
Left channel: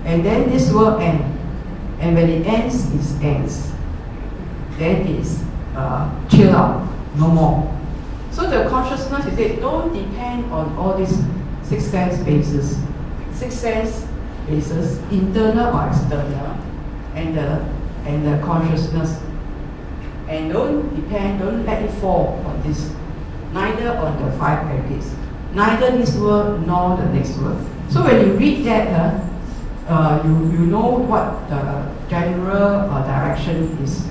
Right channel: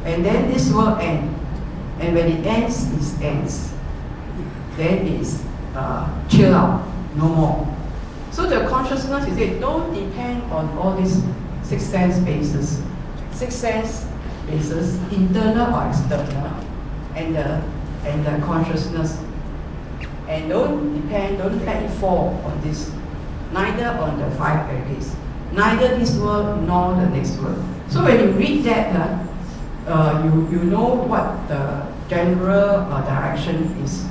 And then this world ends. And when it ends, it ends. Then it's chill out, no more. So the consciousness, he said, don't depend on all these six sense bases. Six sense bases, internal or external, and the consciousness. And don't let it fall on this. Neither on the five aggregates. Neither this world nor the next world. So when you read that, you know what the general direction is.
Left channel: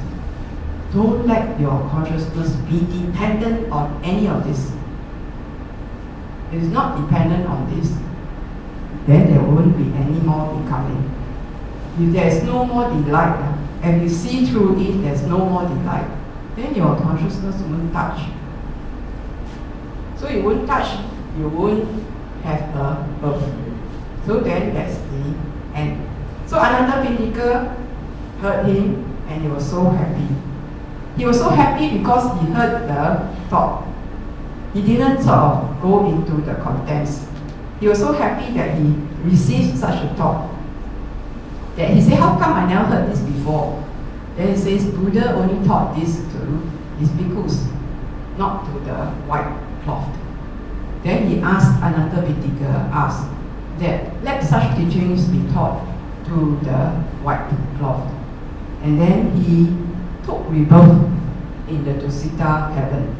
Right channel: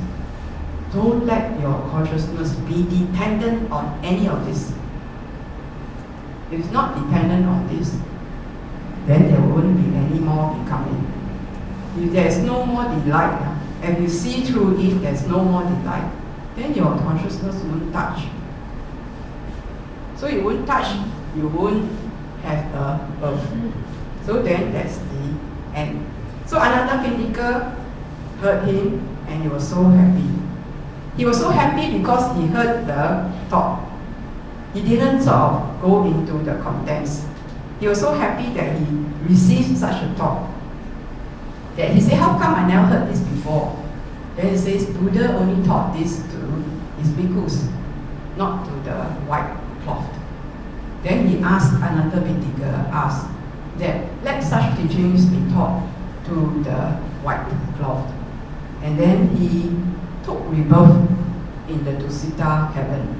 Don't let your consciousness be dependent on any of this. It is not dependent on this, then there won't be any more becoming. If there is no more delight, and you see through it, there's no more delight, then your consciousness won't touch. So you won't touch, you won't have a birth. So then that's the end. So Anathapindika heard him and he was so happy. He was so happy because he heard the thought. He didn't sort of go into the contents. He was so happy that he received such a thought. That he said, how come I never heard this before? Then he says, Buddha only taught this to his bhikkhus, not to the white cloth. Then he asked, Anathapindika asked, that let such teachings be taught to the white cloth. And then he took rebirth in the Dusita heaven.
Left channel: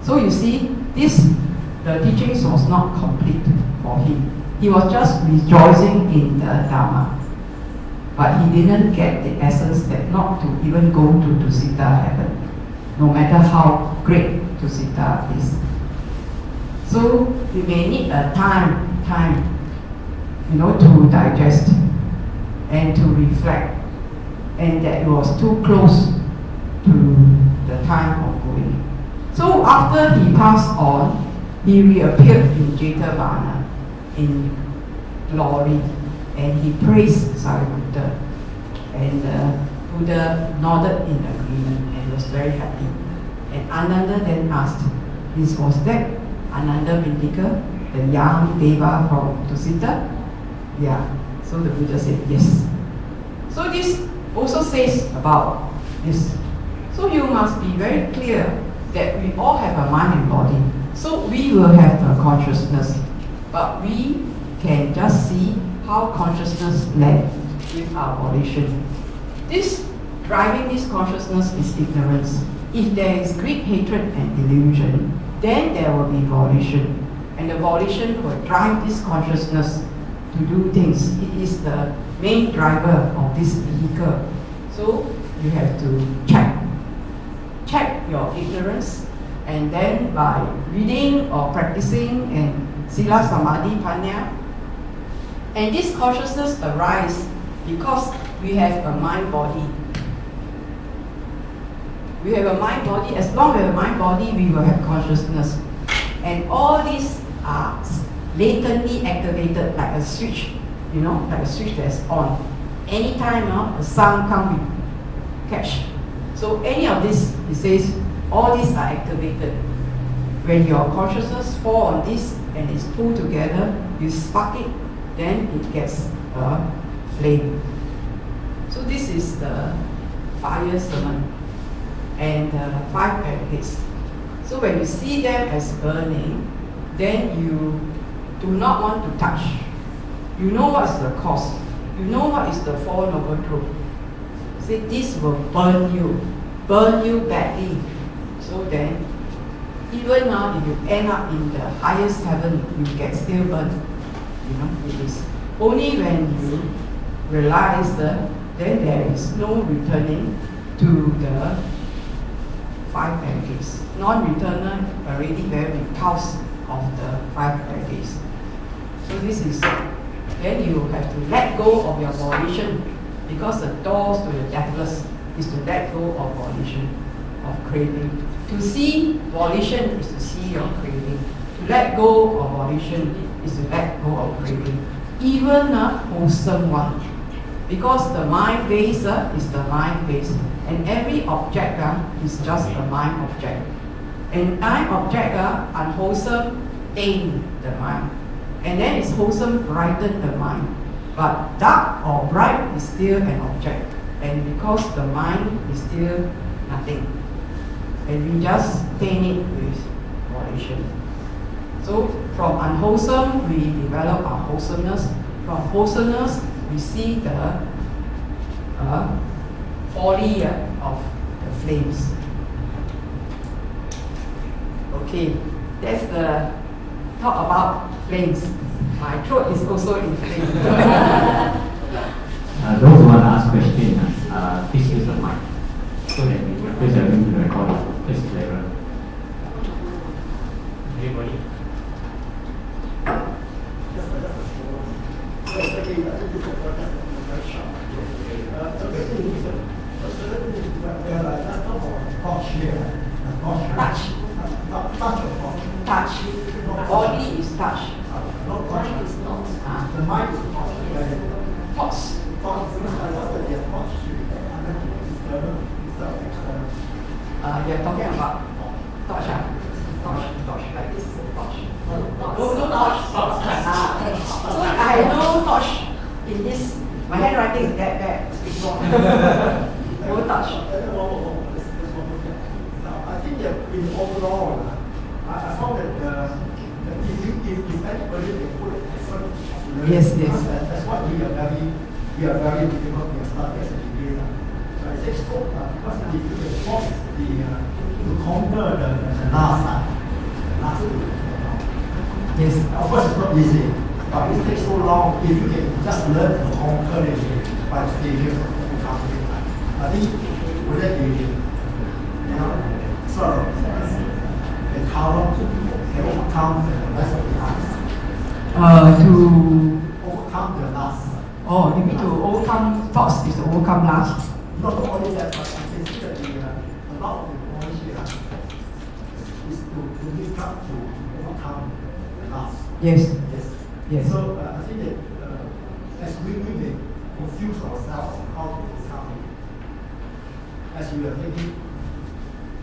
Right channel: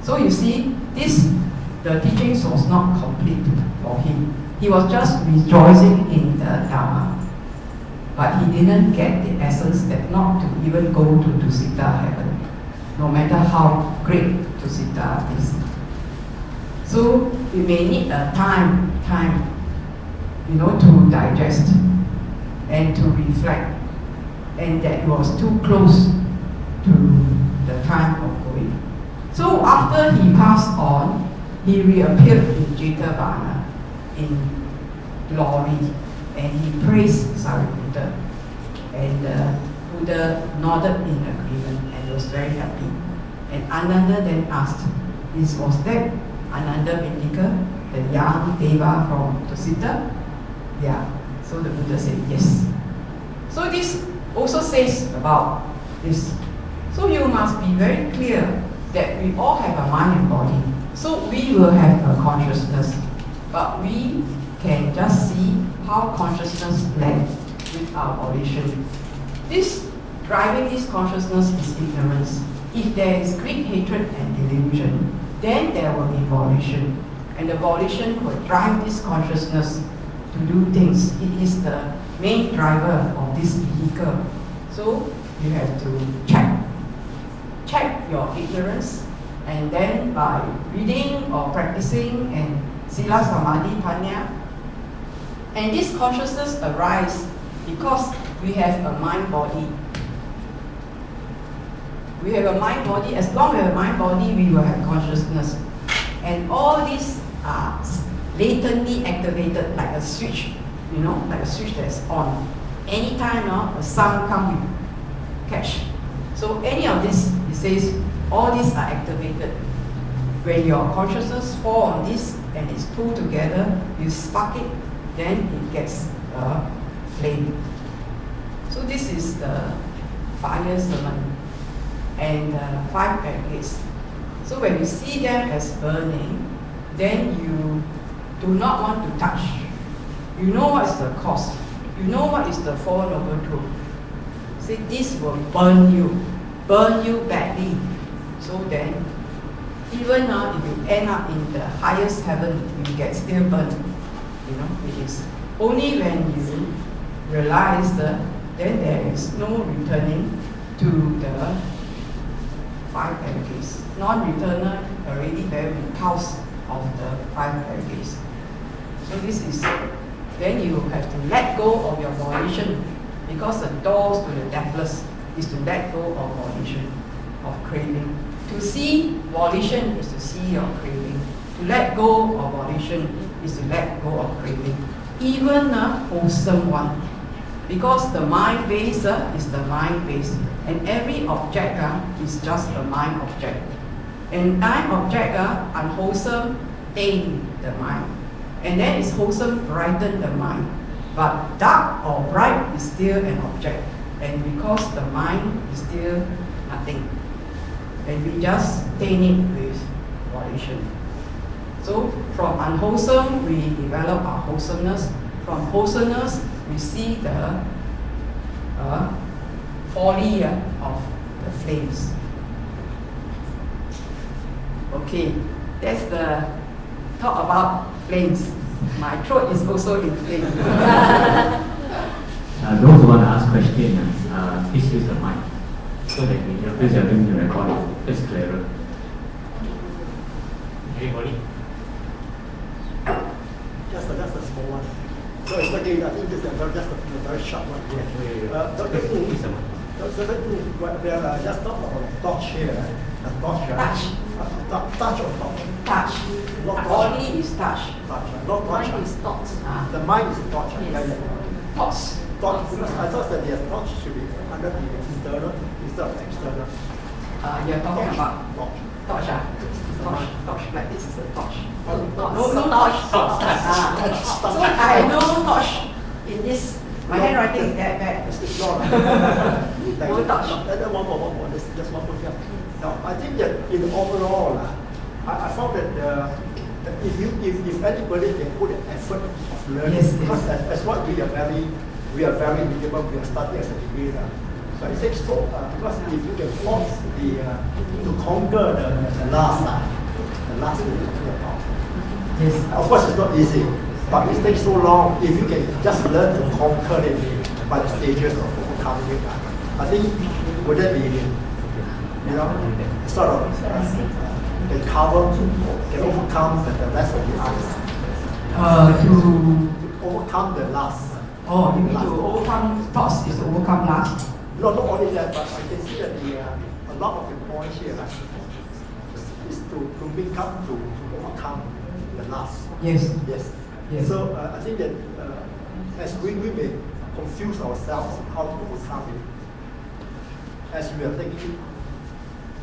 So you see, the teachings was not complete for him. He was just rejoicing in the Dhamma. But he didn't get the essence that not to even go to Dusita heaven, no matter how great Dusita is. So you may need a time, to digest and to reflect, and that it was too close to the time of going. So after he passed on, he reappeared in Jetavana in glory, and he praised Saḷāyatana. And Buddha nodded in agreement and was very happy. And Ananda then asked, was that Anathapindika, the young Deva from Dusita? Yeah. So the Buddha said yes. So this also says about this. So you must be very clear that we all have a mind and body. So we will have a consciousness, but we can just see how consciousness led with our volition. This driving this consciousness is ignorance. If there is greed, hatred, and delusion, then there will be volition. And the volition will drive this consciousness to do things. It is the main driver of this vehicle. So you have to check your ignorance, and then by reading or practicing and Sila Samadhi Panya, and this consciousness arises because we have a mind body. We have a mind body. As long as we have a mind body, we will have consciousness. And all these are latently activated like a switch, like a switch that's on. Anytime a sound comes, we catch. So any of this, it says, all these are activated. When your consciousness falls on this and it's pulled together, you spark it, then it gets a flame. So this is the fire sermon and the 5 aggregates. So when you see them as burning, then you do not want to touch. You know what is the cause. You know what is the Four Noble Truths. See, this will burn you badly. So then, even now, if you end up in the highest heaven, you get still burned. You know, it is only when you realize that then there is no returning to the 5 aggregates. Non-returner already very repulsed of the 5 aggregates. So this is, then you have to let go of your volition, because the doors to the deathless is to let go of volition, of craving. To see volition is to see your craving. To let go of volition is to let go of craving. Even a wholesome one. Because the mind base is the mind base. And every object is just a mind object. And mind object, unwholesome, taint the mind. And then it's wholesome, brighten the mind. But dark or bright is still an object. And because the mind is still nothing. And we just taint it with volition. So from unwholesome, we develop our wholesomeness. From wholesomeness, we see the folly of the flames. Okay, that's the talk about flames. My throat is also inflamed. Those who want to ask questions, please use the mic so that we can place everything to record it. It's clearer. Anybody? Just a small one. So it's like, I think this is just a very short one. We are just not on touch here, right? Touch. Touch or touch? Touch. Body is touch. Not touch. Mind is not. The mind is touch. Thoughts. Thought, because I thought that the touch should be under the internal instead of external. You're talking about Touch. torch. Torch. Like this is a torch. No, No torch. So I know torch in this. My handwriting is that bad. No touch. One more. Just one more thing. I think that in overall, I found that if anybody can put an effort of learning, Yes. because that's what we are very capable. We are studying as a degree. So I think so because if you can force to conquer the last Yes. of course it's not easy, but it takes so long. If you can just learn to conquer it by the stages of overcoming, I think would that be, sort of can overcome the rest of the others. To Overcome the last. you mean to overcome thoughts is to overcome lust? Not only that, but I can see that a lot of the points here is to overcome the last. Yes. Yes. So I think that as we may confuse ourselves on how to overcome it, as we are taking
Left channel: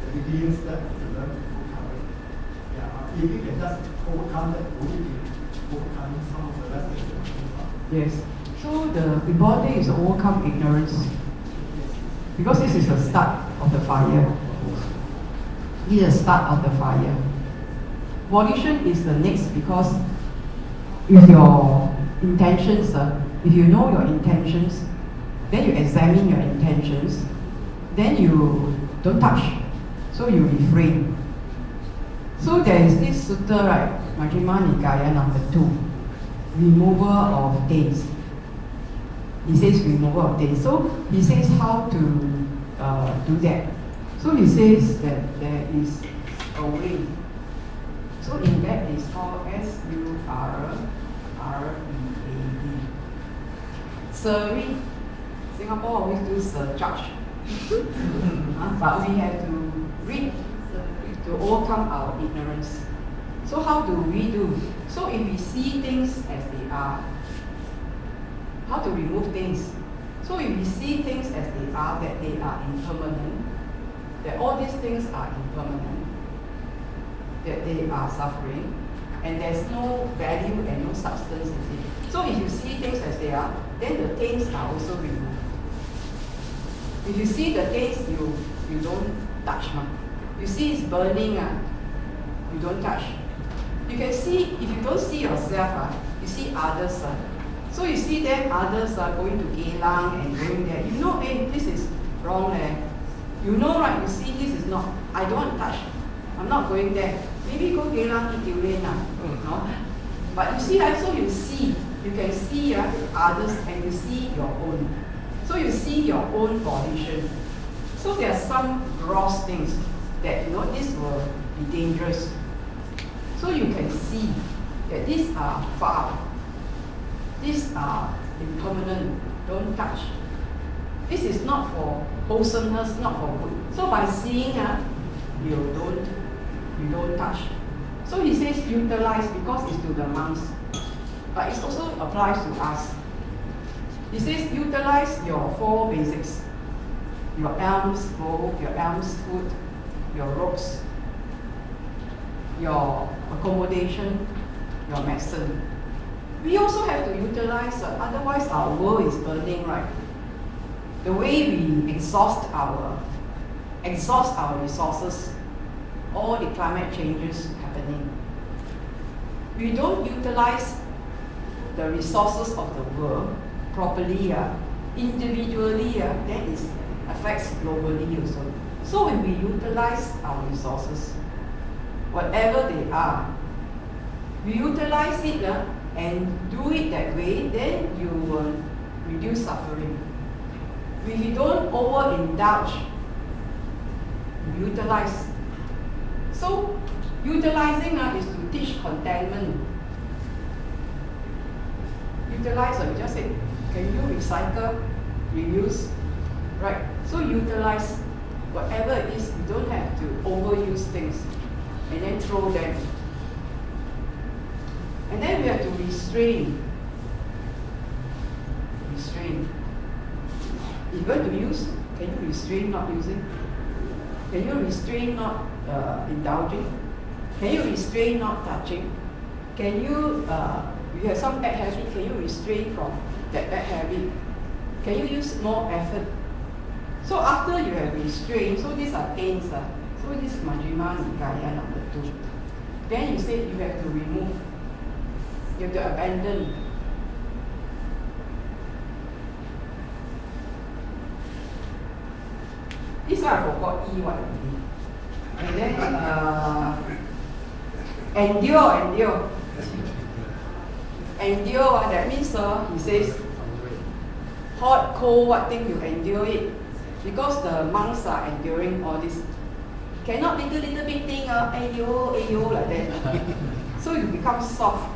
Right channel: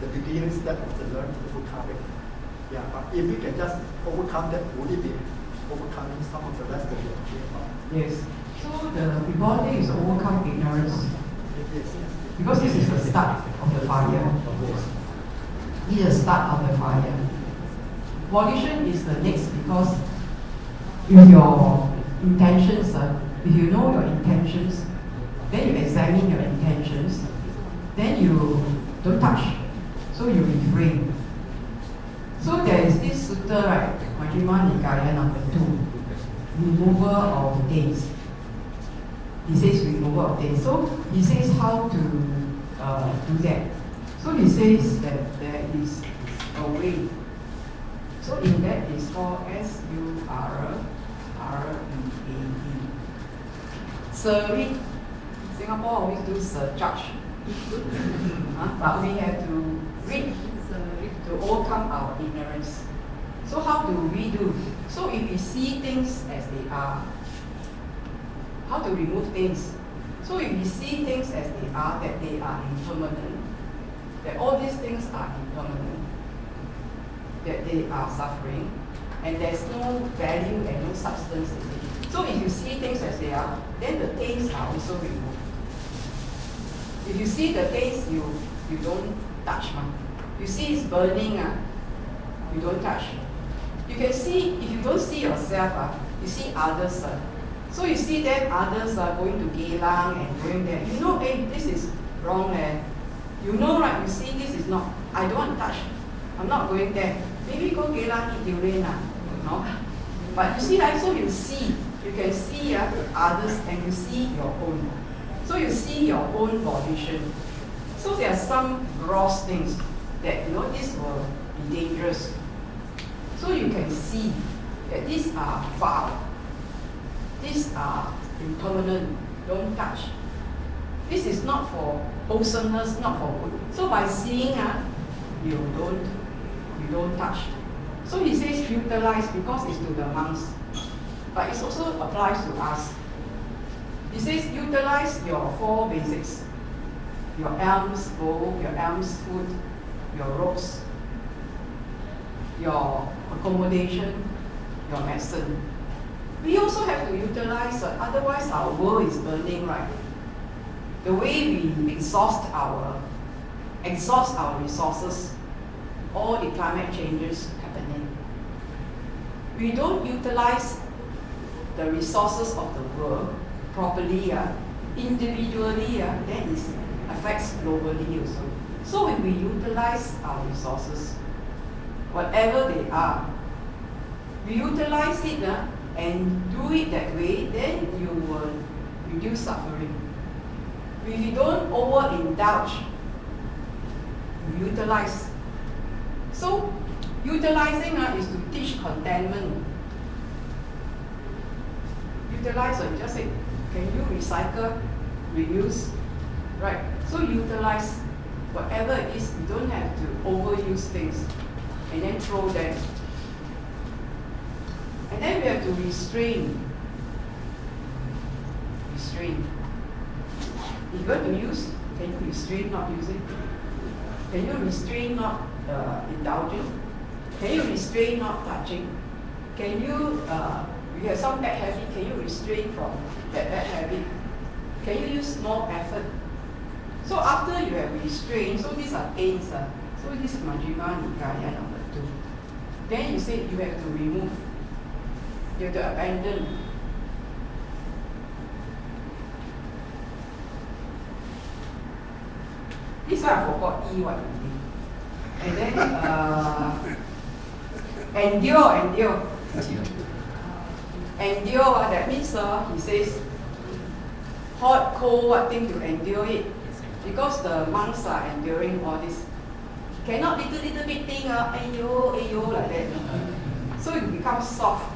the beginning step of the learn to overcome it. Yeah. If we can just overcome that, would it be overcoming some of the rest of the Yes. So the important thing is to overcome ignorance. Because this is the start of the fire. This is the start of the fire. Volition is the next, because if your intentions, if you know your intentions, then you examine your intentions, then you don't touch, so you refrain. So there is this sutta, right, Majjhima Nikaya number 2, removal of taints. He says removal of taints. So he says how to do that. So he says that there is a way. So in that is called Suread. Surrey. Singapore always do surcharge. But we have to read to overcome our ignorance. So how do we do? So if we see things as they are, how to remove things? So if we see things as they are, that they are impermanent, that all these things are impermanent, that they are suffering, and there's no value and no substance in it. So if you see things as they are, then the things are also removed. If you see the taste, you don't touch. You see it's burning, you don't touch. You can see, if you don't see yourself, you see others. So you see them, others are going to Geylang and going there. You know, hey, this is wrong. You know, right? You see, this is not, I don't want to touch. I'm not going there. Maybe go Geylang, eat durian. No? But you see, so you see, you can see others and you see your own. So you see your own volition. So there are some gross things that, you know, this will be dangerous. So you can see that these are foul. These are impermanent. Don't touch. This is not for wholesomeness, not for good. So by seeing, you don't touch. So he says utilize because it's to the monks, but it also applies to us. He says utilize your 4 basics: your alms bowl, your alms food, your robes, your accommodation, your medicine. We also have to utilize, otherwise our world is burning, right? The way we exhaust our resources, all the climate changes happening. We don't utilize the resources of the world properly, individually, then it affects globally also. So when we utilize our resources, whatever they are, we utilize it and do it that way, then you will reduce suffering. If you don't overindulge, you utilize. So utilizing is to teach contentment. Utilize, you just say, can you recycle, reuse, right? So utilize whatever it is. You don't have to overuse things and then throw them. And then we have to restrain. Restrain. If you're going to use, can you restrain not using? Can you restrain not indulging? Can you restrain not touching? Can you, you have some bad habit, can you restrain from that bad habit? Can you use more effort? So after you have restrained, so these are pains. So this is Majjhima Nikaya number 2. Then you say you have to remove. You have to abandon. This one I forgot E what already. And then endure. Endure, that means he says hot, cold, what thing you endure it. Because the monks are enduring all this. Cannot little bit thing, ayo, like that. So you become soft.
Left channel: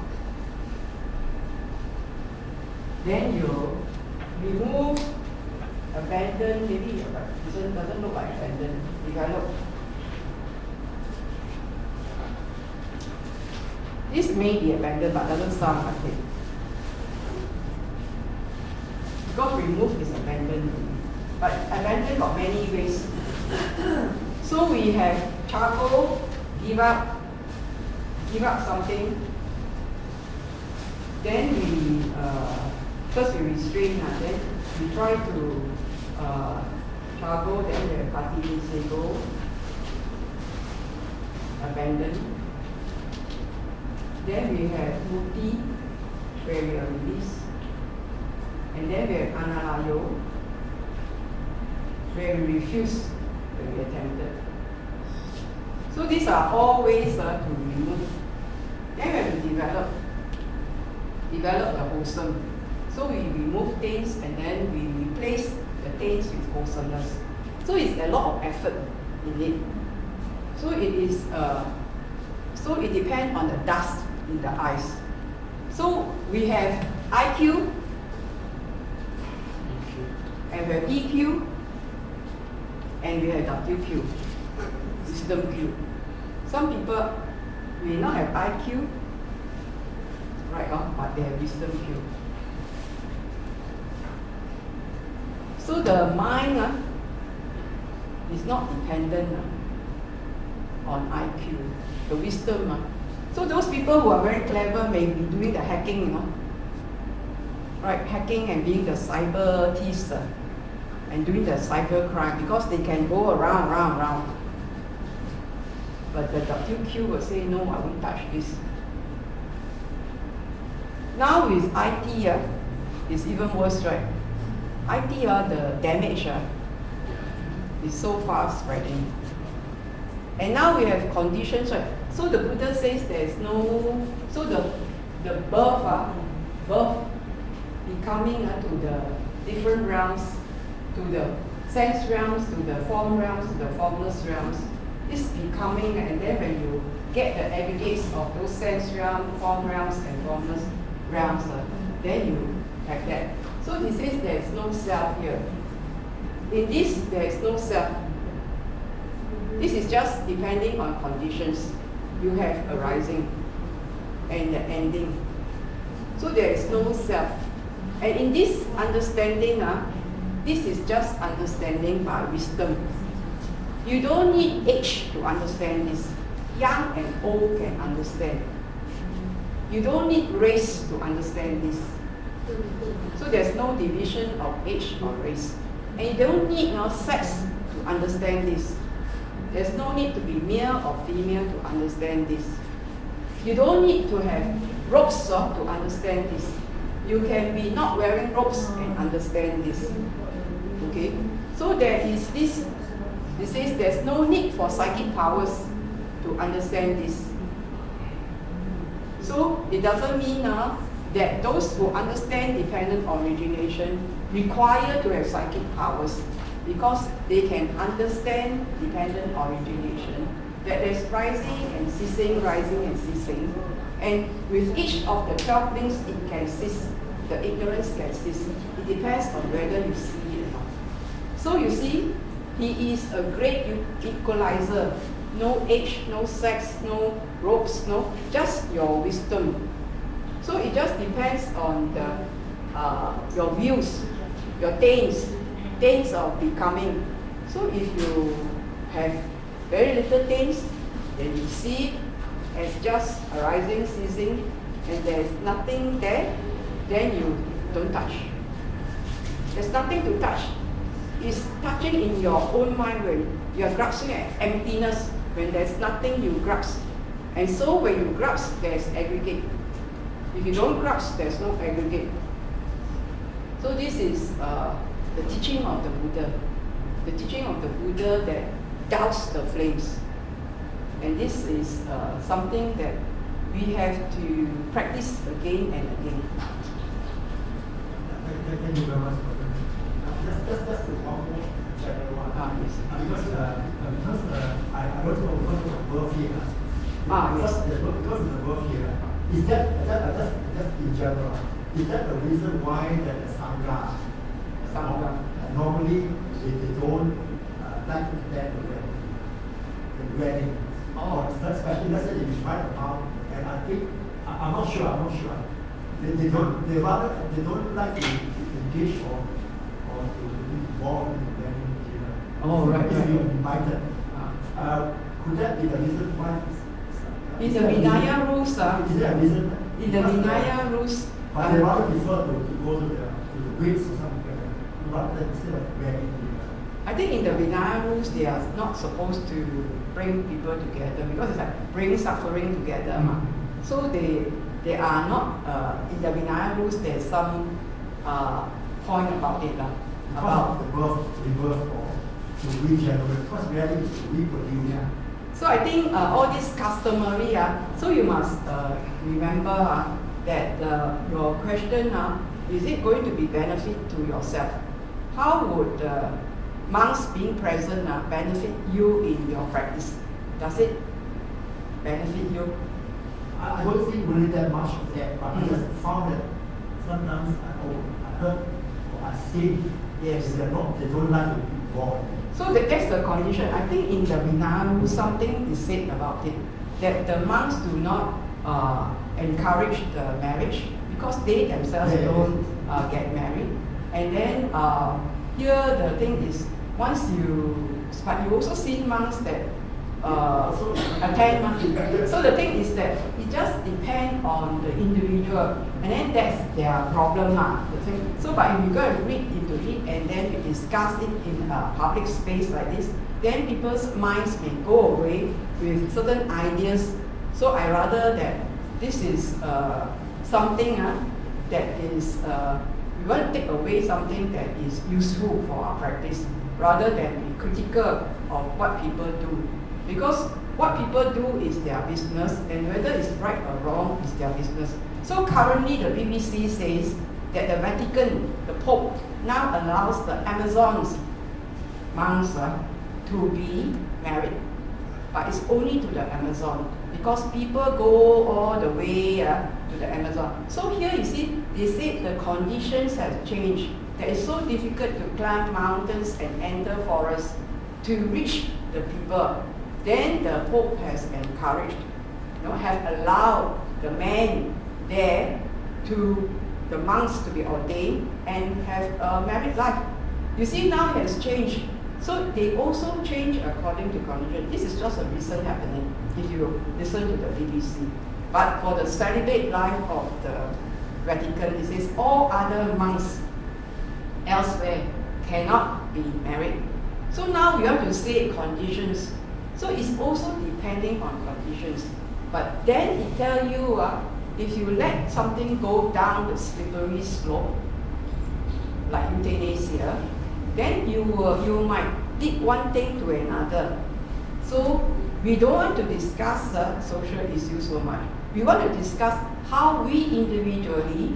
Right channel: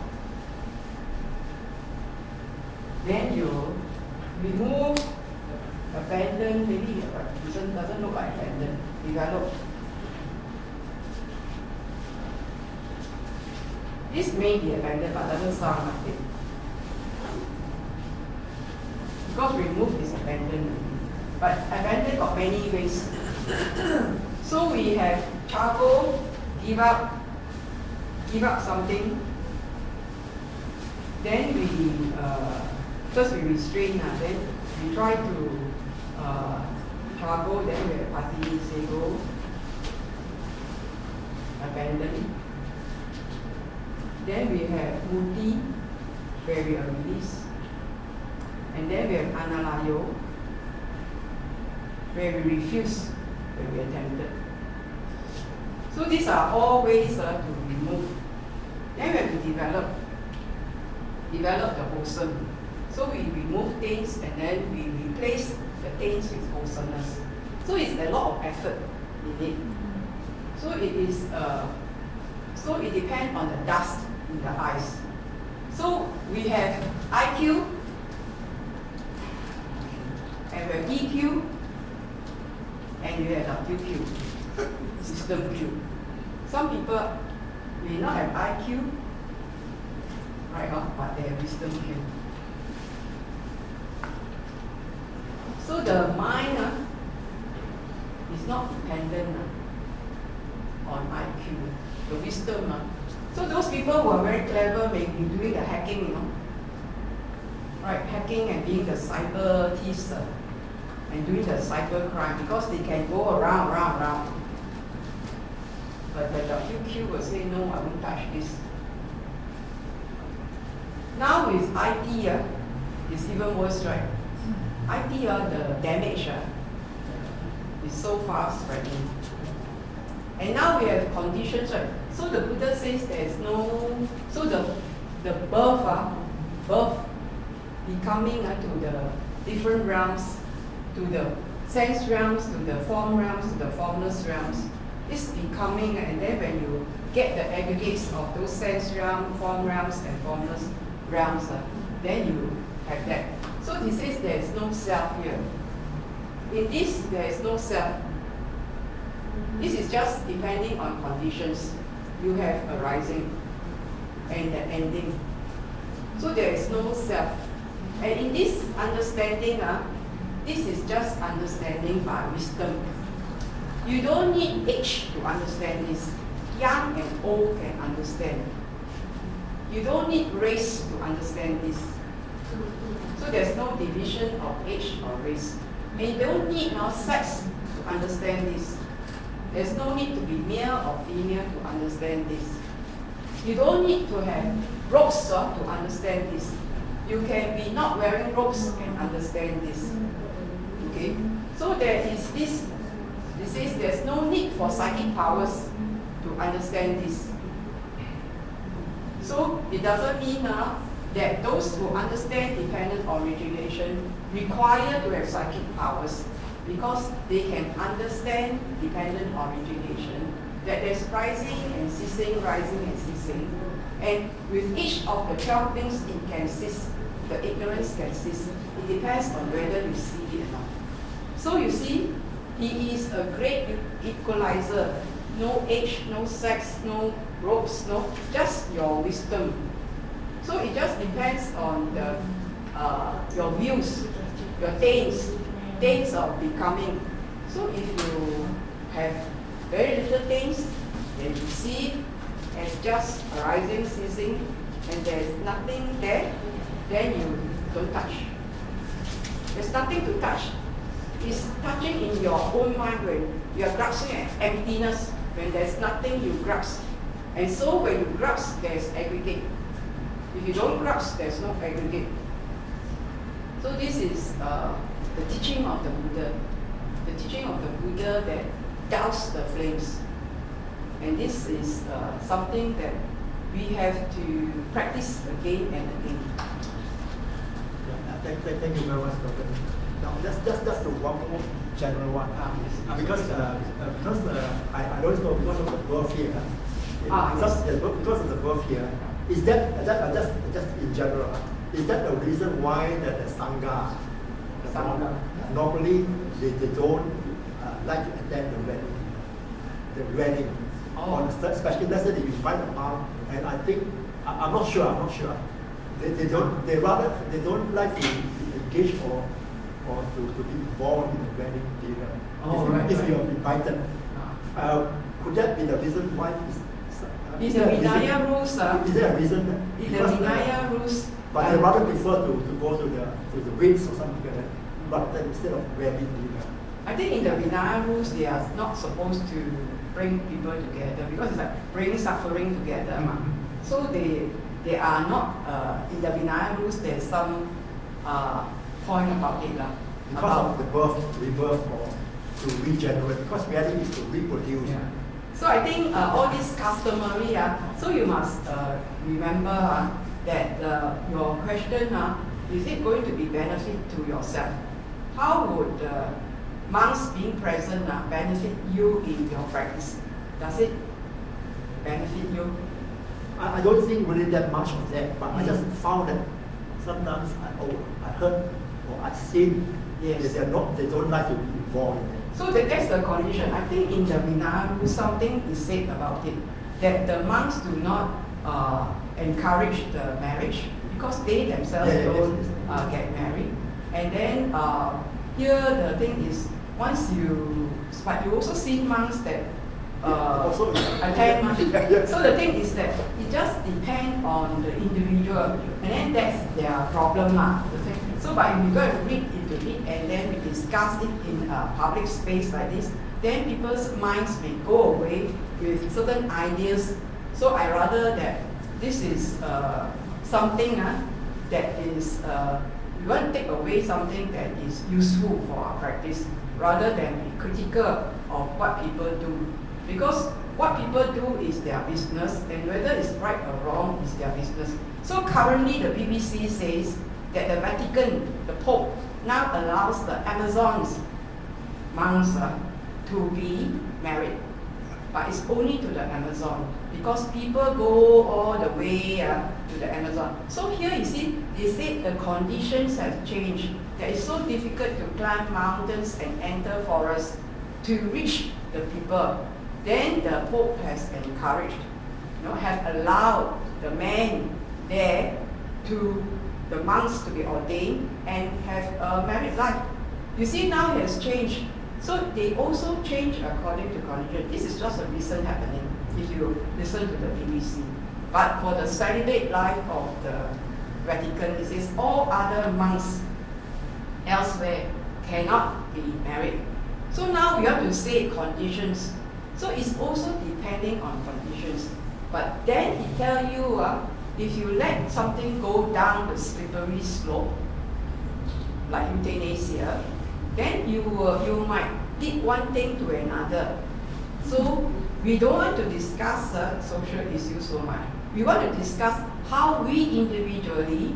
Then you remove, abandon, maybe but doesn't look like abandon, develop. This may be abandoned but doesn't sound like it. Because remove is abandoned. But abandon got many ways. So we have charcoal, give up something. Then we first we restrain, then we try to charcoal, then we have pati, sego, abandon. Then we have muti, where we are released. And then we have analayo, where we refuse when we are tempted. So these are all ways to remove. Then we have to develop the wholesome. So we remove things and then we replace the things with wholesomeness. So it's a lot of effort in it. So it is. So it depends on the dust in the eyes. So we have IQ, and we have EQ, and we have WQ, wisdom Q. Some people may not have IQ, right? But they have wisdom Q. So the mind is not dependent on IQ, the wisdom. So those people who are very clever may be doing the hacking, right? Hacking and being the cyber thieves. and doing the cycle cry because they can go around. But the WQ will say, no, I won't touch this. Now with IT, it's even worse, right? IT, the damage is so fast spreading. And now we have conditions, right? So the Buddha says there is no, so the birth becoming to the different realms, to the sense realms, to the form realms, to the formless realms, is becoming, and then when you get the aggregates of those sense realms, form realms, and formless realms, then you have that. So he says there is no self here. In this, there is no self. This is just depending on conditions. You have arising and the ending. So there is no self. And in this understanding, this is just understanding by wisdom. You don't need age to understand this. Young and old can understand. You don't need race to understand this. So there's no division of age or race. And you don't need sex to understand this. There's no need to be male or female to understand this. You don't need to have robes to understand this. You can be not wearing robes and understand this. Okay? So there is this, he says there's no need for psychic powers to understand this. So it doesn't mean that those who understand dependent origination require to have psychic powers, because they can understand dependent origination, that there's rising and ceasing, rising and ceasing. And with each of the 12 things, it can cease, the ignorance can cease. It depends on whether you see it or not. So you see, he is a great equalizer. No age, no sex, no robes, no, just your wisdom. So it just depends on the your views, your things of becoming. So if you have very little things, then you see it as just arising, ceasing, and there's nothing there, then you don't touch. There's nothing to touch. It's touching in your own mind when you're grasping at emptiness, when there's nothing you grasp. And so when you grasp, there's aggregate. If you don't grasp, there's no aggregate. So this is the teaching of the Buddha. The teaching of the Buddha that doused the flames. And this is something that we have to practice again and again. Thank you very much, Dr. Now, that's the one more general one. Yes. Because I don't know because of the birth here. Yes. Because of the birth here, is that just in general? Is that the reason why that the Sangha normally they don't like to attend the wedding? Or especially let's say they invite them out, and I think I'm not sure. They don't like to engage or to be involved in the wedding dinner. If you're invited. Could that be the reason why? In the Vinaya rules, is there a reason? in the Vinaya rules, But they rather prefer to go to the weddings or something like that, rather instead of wedding dinner. I think in the Vinaya rules, they are not supposed to bring people together because it's like bring suffering together. So they are not, in the Vinaya rules, there's some point about it. Because of the birth, rebirth, or to regenerate, because wedding is to reproduce. Yeah. So I think all this customary, so you must remember that your question, is it going to be benefit to yourself? How would monks being present benefit you in your practice? Does it benefit you? I don't think really that much of that, but I just found that sometimes I heard or I see that they don't like to be involved in that. So that's the condition. I think in the Vinaya rule something is said about it, that the monks do not encourage the marriage because they themselves don't get married. And then here the thing is, but you also see monks that attend. So the thing is that it just depends on the individual, and then that's their problem the thing. So but if you go and read into it and then we discuss it in a public space like this, then people's minds may go away with certain ideas. So I rather that this is something that is, we want to take away something that is useful for our practice, rather than be critical of what people do. Because what people do is their business, and whether it's right or wrong is their business. So currently the BBC says that the Vatican, the Pope, now allows the Amazons monks to be married. But it's only to the Amazon, because people go all the way to the Amazon. So here you see, they say the conditions have changed. That it's so difficult to climb mountains and enter forests to reach the people. Then the Pope has encouraged, have allowed the men there the monks to be ordained and have a married life. You see, now it has changed. So they also change according to condition. This is just a recent happening, if you listen to the BBC. But for the celibate life of the Vatican, it says all other monks elsewhere cannot be married. So now we have to say conditions. So it's also depending on conditions. But then it tells you, if you let something go down the slippery slope, like euthanasia, then you might lead one thing to another. So we don't want to discuss social issues so much. We want to discuss how we individually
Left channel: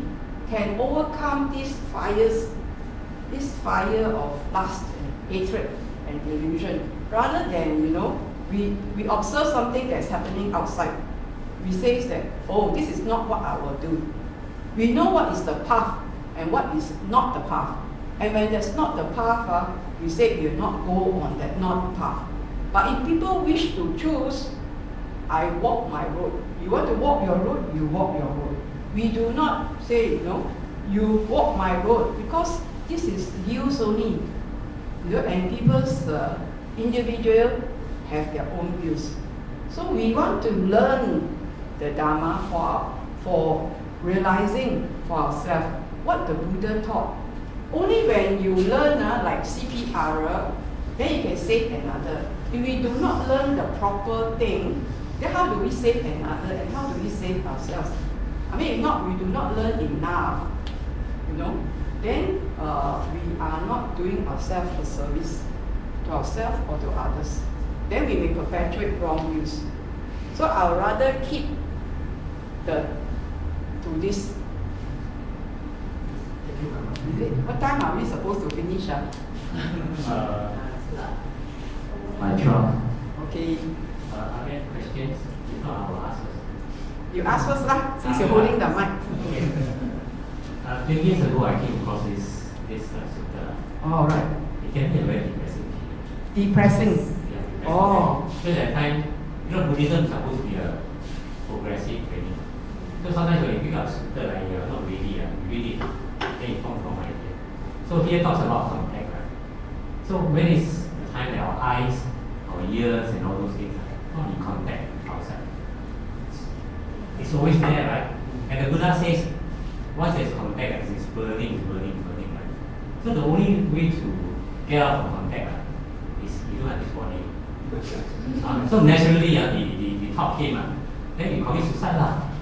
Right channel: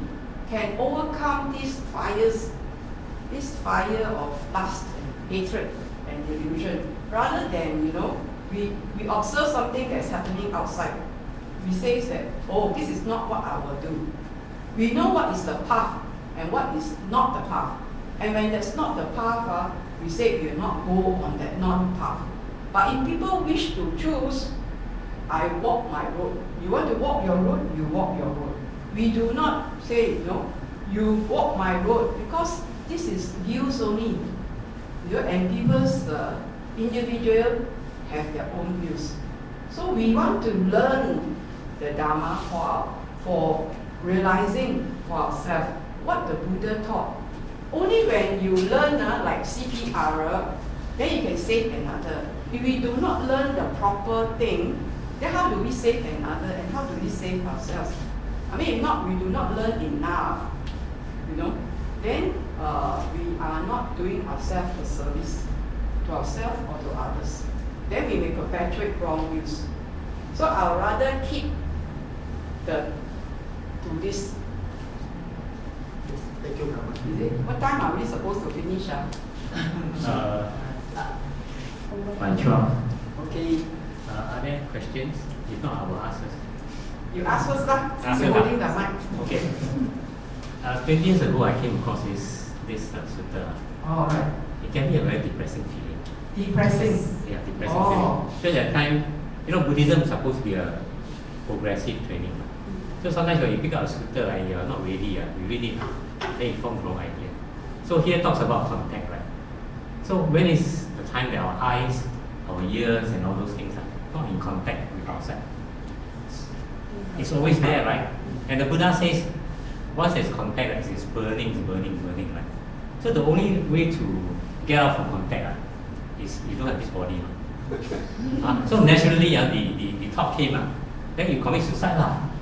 can overcome these fires, this fire of lust and hatred and delusion, rather than, we observe something that's happening outside. We say that, oh, this is not what I will do. We know what is the path and what is not the path. And when that's not the path, we say we will not go on that non-path. But if people wish to choose, I walk my road. You want to walk your road, you walk your road. We do not say, you walk my road, because this is views only. And people's individual have their own views. So we want to learn the Dhamma for realizing for ourselves what the Buddha taught. Only when you learn like CPR, then you can save another. If we do not learn the proper thing, then how do we save another and how do we save ourselves? I mean, if not, we do not learn enough, then we are not doing ourselves a service to ourselves or to others. Then we may perpetuate wrong views. So I'll rather keep to this. Thank you very much. Is it? What time are we supposed to finish? By 12. Okay. Are there questions? If not, I will ask us. You ask first lah, since you're holding the mic. Okay. 20 years ago, I came across this sutta. All right. It can be a very depressing feeling. Depressing. Yeah, depressing Oh. feeling. Because at time, Buddhism is supposed to be a progressive training. So sometimes when you pick up a sutta, you're not ready, you read it, then you form the wrong idea. So here it talks about contact, right? So when is the time that our eyes, our ears, and all those things are not in contact with outside? It's always there, right? And the Buddha says, once there's contact, it's burning, right? So the only way to get out from contact is you don't have this body. So naturally, the thought came, then you commit suicide,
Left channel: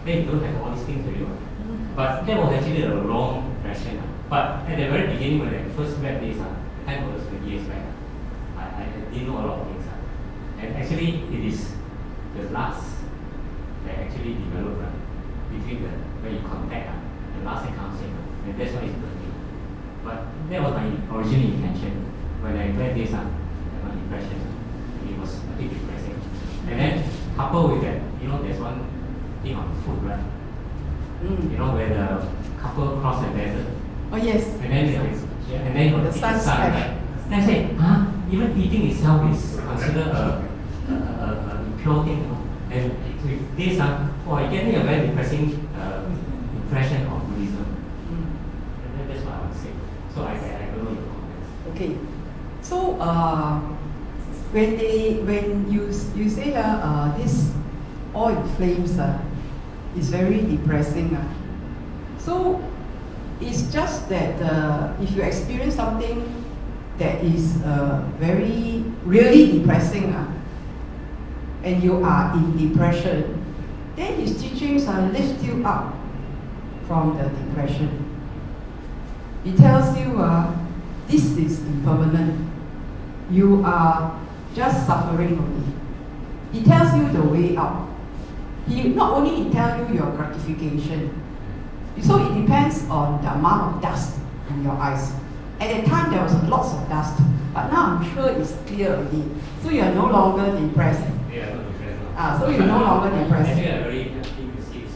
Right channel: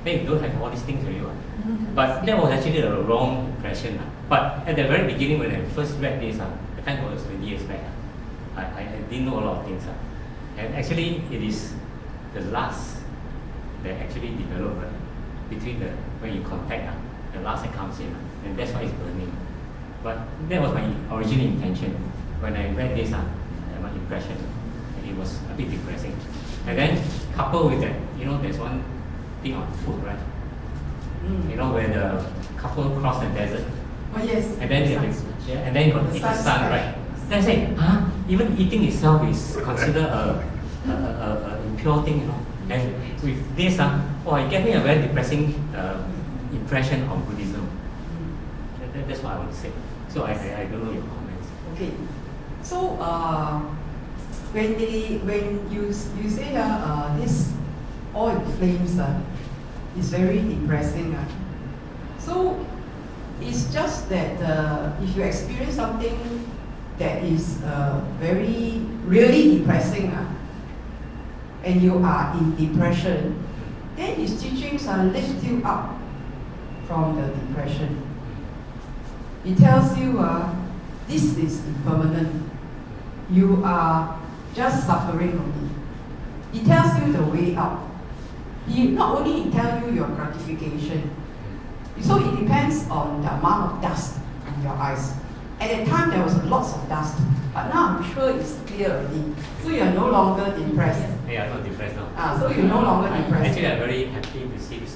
then you don't have all these things already. But that was actually the wrong impression. But at the very beginning, when I first read this, the time was 20 years back, I didn't know a lot of things. And actually, it is the last that actually developed between when you contact, the last that comes in, and that's why it's burning. But that was my original intention. When I read this, my impression, it was a bit depressing. And then coupled with that, there's one thing on foot, right? Where the couple cross the desert. Oh yes. And then you got the sun, right? Then I say, even eating itself is considered a impure thing. And with this, it gave me a very depressing impression of Buddhism. That's what I would say. So I don't know your comments. Okay. So when you say this all in flames is very depressing. So it's just that if you experience something that is very really depressing, and you are in depression, then his teachings lift you up from the depression. He tells you this is impermanent. You are just suffering only. He tells you the way out. He not only tells you your gratification, so it depends on the amount of dust in your eyes. At that time there was lots of dust, but now I'm sure it's clear already. So you are no longer depressed. Yeah, not depressed now. So you're no longer depressed. Actually, I'm very happy to see this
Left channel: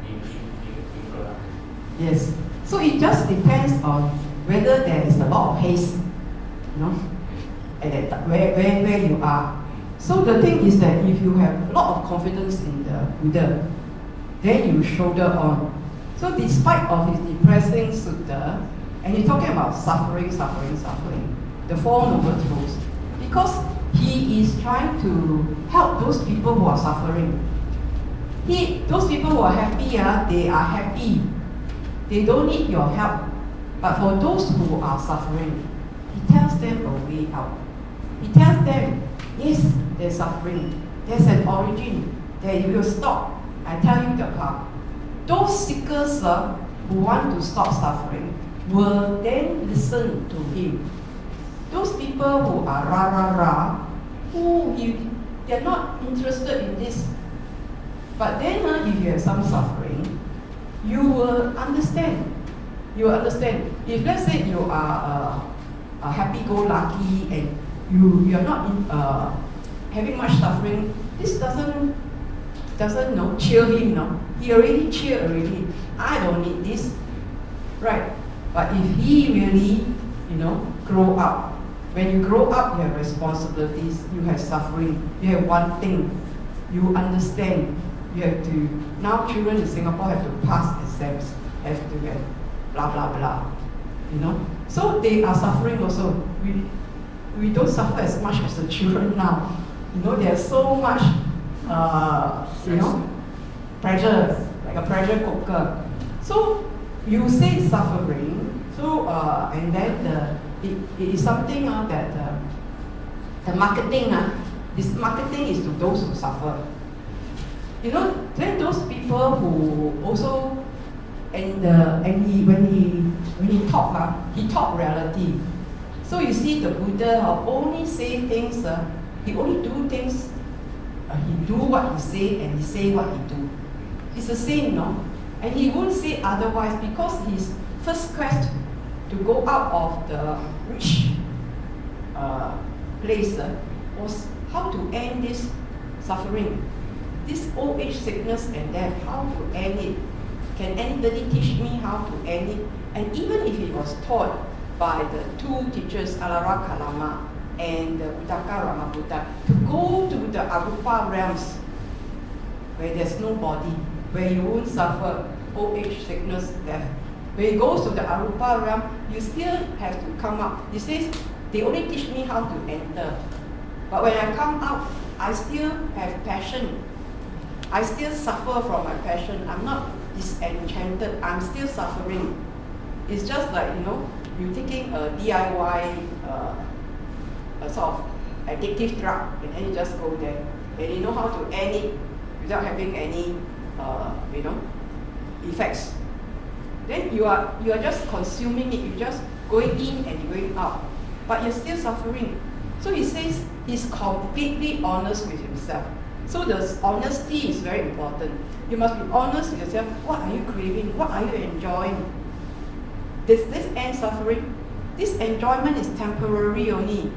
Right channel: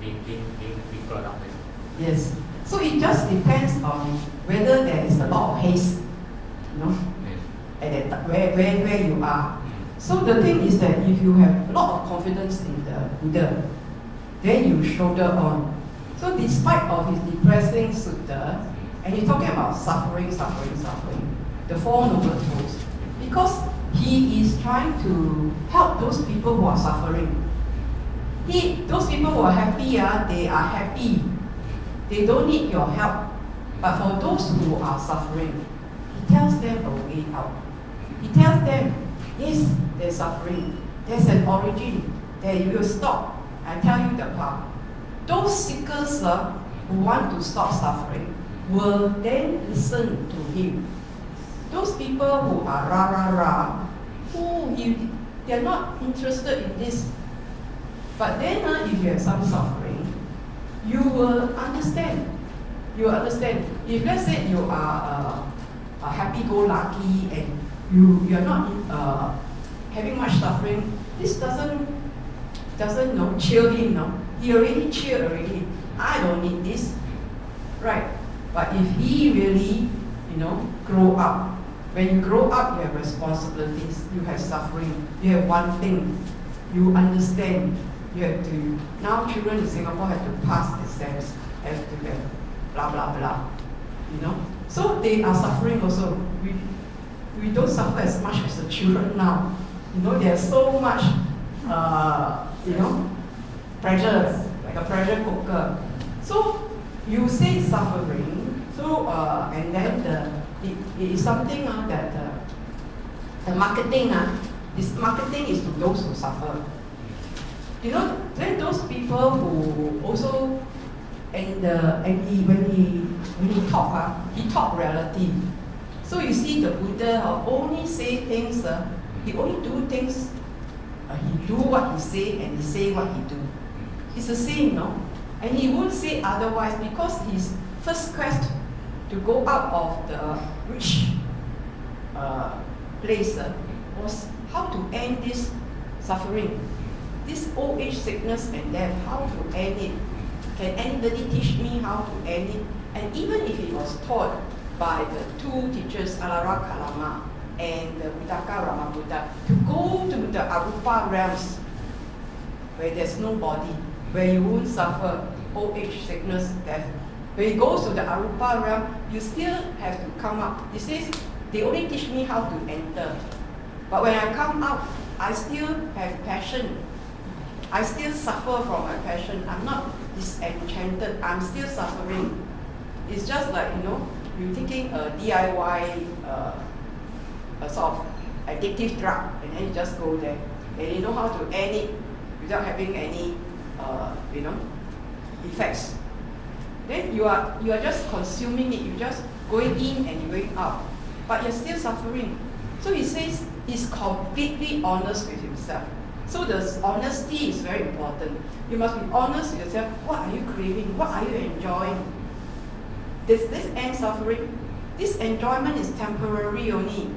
being brought up. Yes. So it just depends on whether there is a lot of haste, at that where you are. So the thing is that if you have a lot of confidence in the Buddha, then you shoulder on. So despite of his depressing sutta, and he's talking about suffering, the Four Noble Truths, because he is trying to help those people who are suffering. Those people who are happy, they are happy. They don't need your help. But for those who are suffering, he tells them a way out. He tells them, yes, they're suffering. There's an origin. That you will stop. I tell you the path. Those seekers who want to stop suffering will then listen to him. Those people who are rah, they're not interested in this. But then if you have some suffering, you will understand. You will understand. If let's say you are a happy-go-lucky and you are not having much suffering, this doesn't cheer him. He already cheered already. I don't need this, right? But if he really, grow up. When you grow up, you have responsibilities. You have suffering. You have one thing. You understand. You have to. Now, children in Singapore have to pass exams. Have to have blah blah blah. So they are suffering also. We don't suffer as much as the children now. There's so much, pressure, like a pressure cooker. So you say suffering. So and then it is something that the marketing. This marketing is to those who suffer. Then those people who also when he taught reality. So you see the Buddha only say things, he only do things, he do what he say and he say what he do. It's the same, and he won't say otherwise, because his first quest to go out of the rich place was how to end this suffering, this old age, sickness and death, how to end it. Can anybody teach me how to end it? And even if it was taught by the two teachers, Alara Kalama and the Uddaka Ramabuddha, to go to the Arupa realms, where there's no body, where you won't suffer old age, sickness, death. When he goes to the Arupa realm, you still have to come up. He says, they only teach me how to enter. But when I come out, I still have passion. I still suffer from my passion. I'm not disenchanted. I'm still suffering. It's just like, you're taking a DIY, a sort of addictive drug, and then you just go there. And you know how to end it without having any, effects. Then you are just consuming it. You're just going in and going out. But you're still suffering. So he says he's completely honest with himself. So the honesty is very important. You must be honest with yourself. What are you craving? What are you enjoying? Does this end suffering? This enjoyment is temporary only.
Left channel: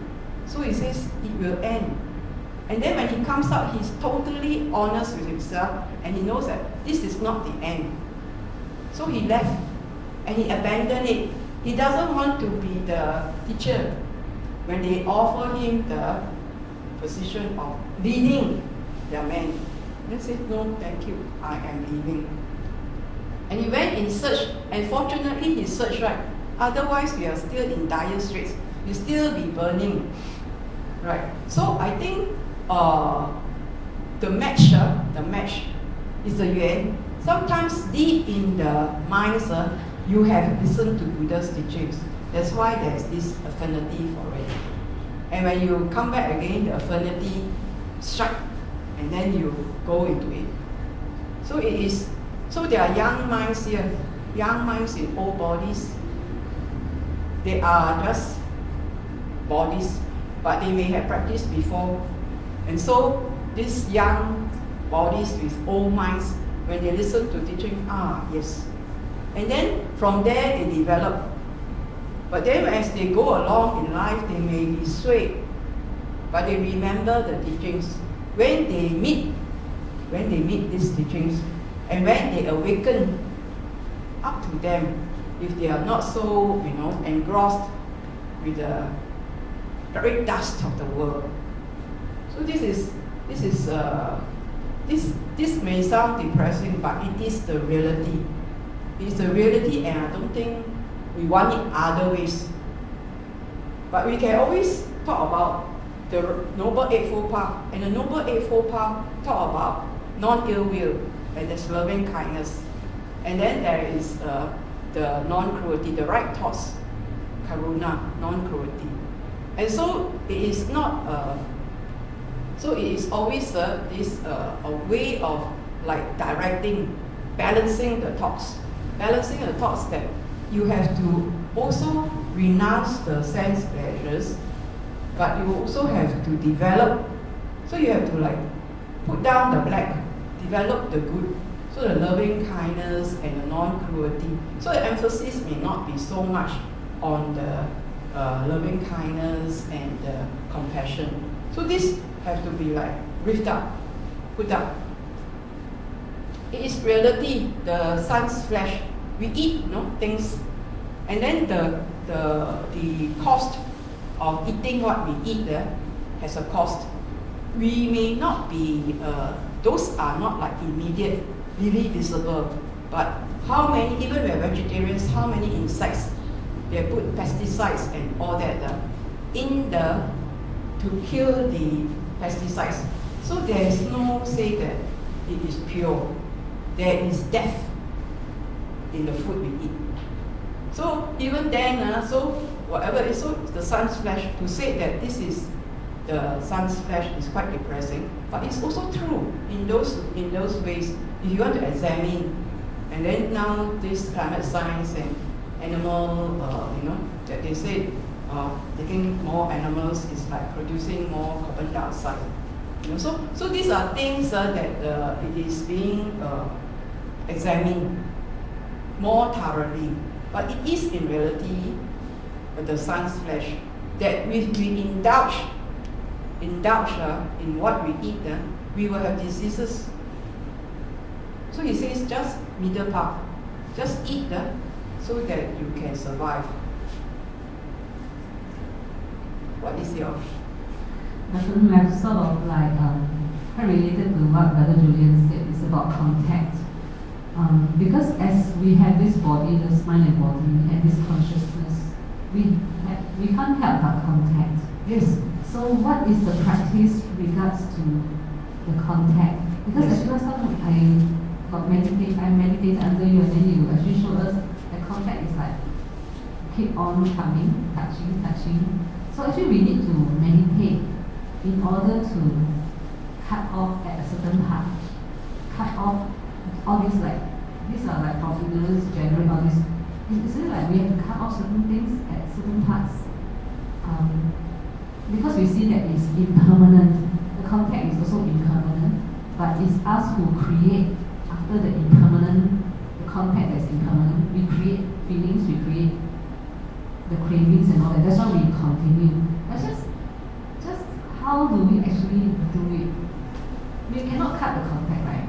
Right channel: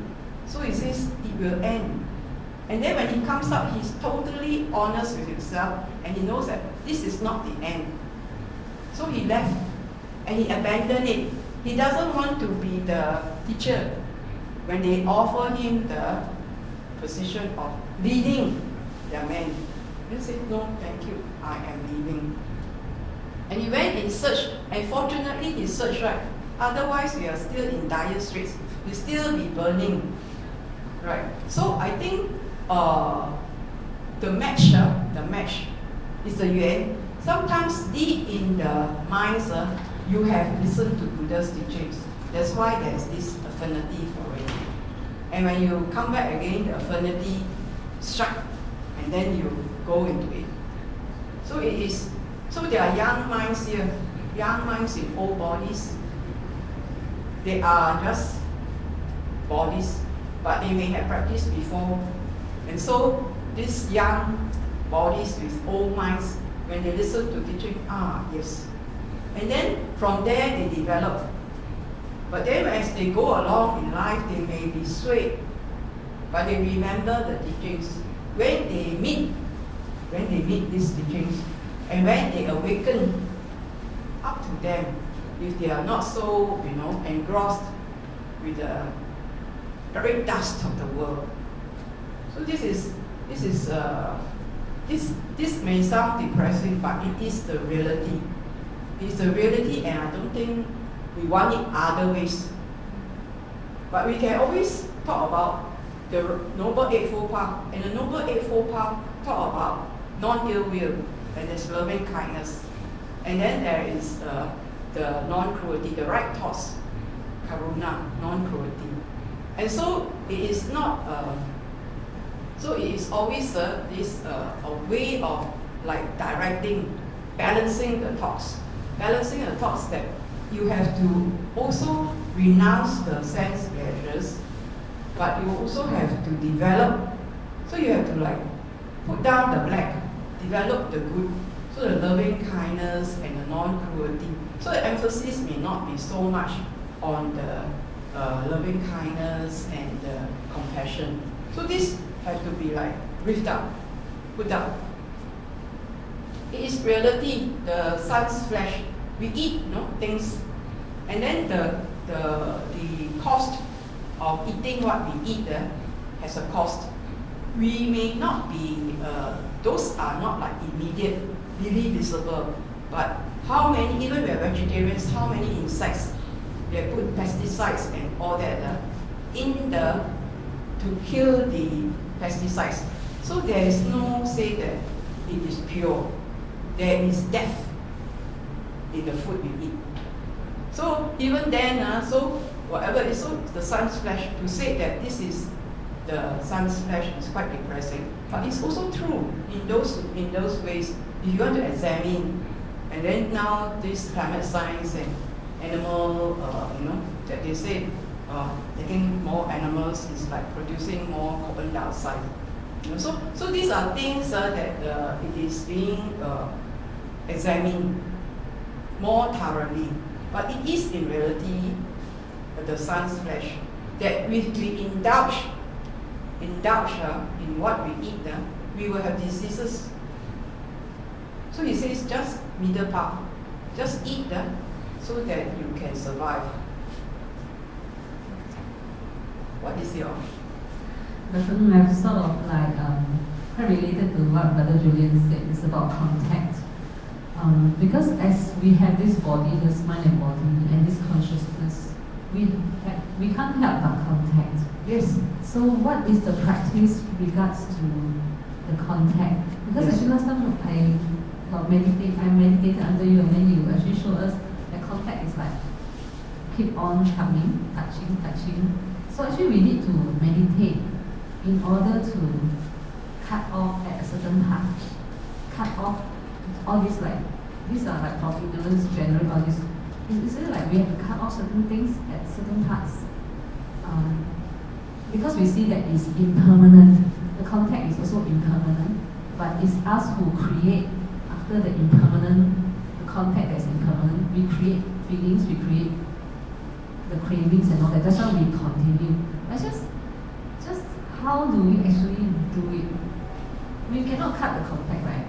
So he says it will end. And then when he comes out, he's totally honest with himself, and he knows that this is not the end. So he left and he abandoned it. He doesn't want to be the teacher when they offer him the position of leading their men. He said, no, thank you, I am leaving. And he went in search, and fortunately he searched right. Otherwise, we are still in dire straits. We'll still be burning. Right. So I think the match is the Yuen. Sometimes deep in the minds, you have listened to Buddha's teachings. That's why there's this affinity for it. And when you come back again, the affinity strike, and then you go into it. So it is. So there are young minds here, young minds in old bodies. They are just bodies, but they may have practiced before. And so these young bodies with old minds, when they listen to teaching, yes. And then from there they develop. But then as they go along in life, they may be swayed, but they remember the teachings. When they meet these teachings, and when they awaken, up to them, if they are not so, engrossed with the very dust of the world. So this may sound depressing, but it is the reality. It is the reality, and I don't think we want it other ways. But we can always talk about the Noble Eightfold Path, and the Noble Eightfold Path talk about non-ill will, and there's loving kindness, and then there is the non-cruelty, the right thoughts, karuna, non-cruelty. And so it is not. So it is always a way of like directing, balancing the thoughts that you have to also renounce the sense pleasures, but you also have to develop. So you have to like put down the black, develop the good. So the loving kindness and the non-cruelty. So the emphasis may not be so much on the loving kindness and the compassion. So this have to be like ripped up, put up. It is reality, the sun's flesh. We eat, things, and then the cost of eating what we eat has a cost. We may not be, those are not like immediate, really visible, but how many, even we are vegetarians, how many insects, they put pesticides and all that to kill the pesticides. So there is no say that it is pure. There is death in the food we eat. So even then, so whatever it is, so the sun's flesh, to say that this is the sun's flesh is quite depressing, but it's also true in those ways. If you want to examine, and then now this climate science and animal, that they say taking more animals is like producing more carbon dioxide. So these are things that it is being examined more thoroughly. But it is in reality the sun's flesh that we indulge in what we eat, we will have diseases. So he says just middle path, just eat so that you can survive. What is your? I'm sort of like quite related to what Brother Julian said. It's about contact. Because as we have this body, this mind and body, and this consciousness, we can't help but contact. Yes. So what is the practice regards to the contact? Because Yes. actually last time I meditated under you, and then you actually showed us that contact is like keep on coming, touching. So actually we need to meditate in order to cut off at a certain part. Cut off all these these are like from ignorance generate all this. Is it like we have to cut off certain things at certain parts? Because we see that it's impermanent. The contact is also impermanent, but it's us who create after the impermanent, the contact that's impermanent. We create feelings, we create the cravings and all that. That's why we continue. But just how do we actually do it? We cannot cut the contact, right?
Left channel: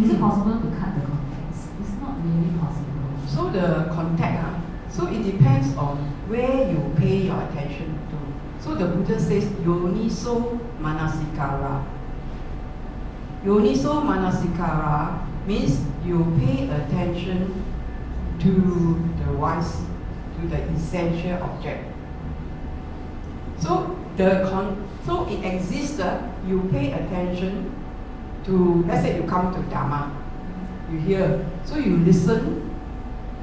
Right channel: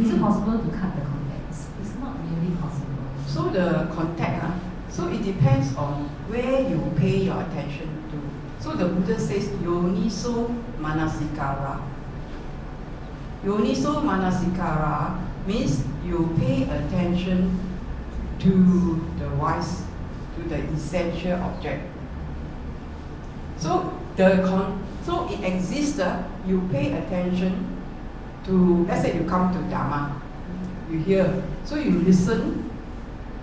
Is it possible to cut the contact? It's not really possible. So the contact, so it depends on where you pay your attention to. So the Buddha says, Yoniso Manasikara. Yoniso Manasikara means you pay attention to the wise, to the essential object. So So it exists, you pay attention to, let's say you come to Dhamma, you hear, so you listen,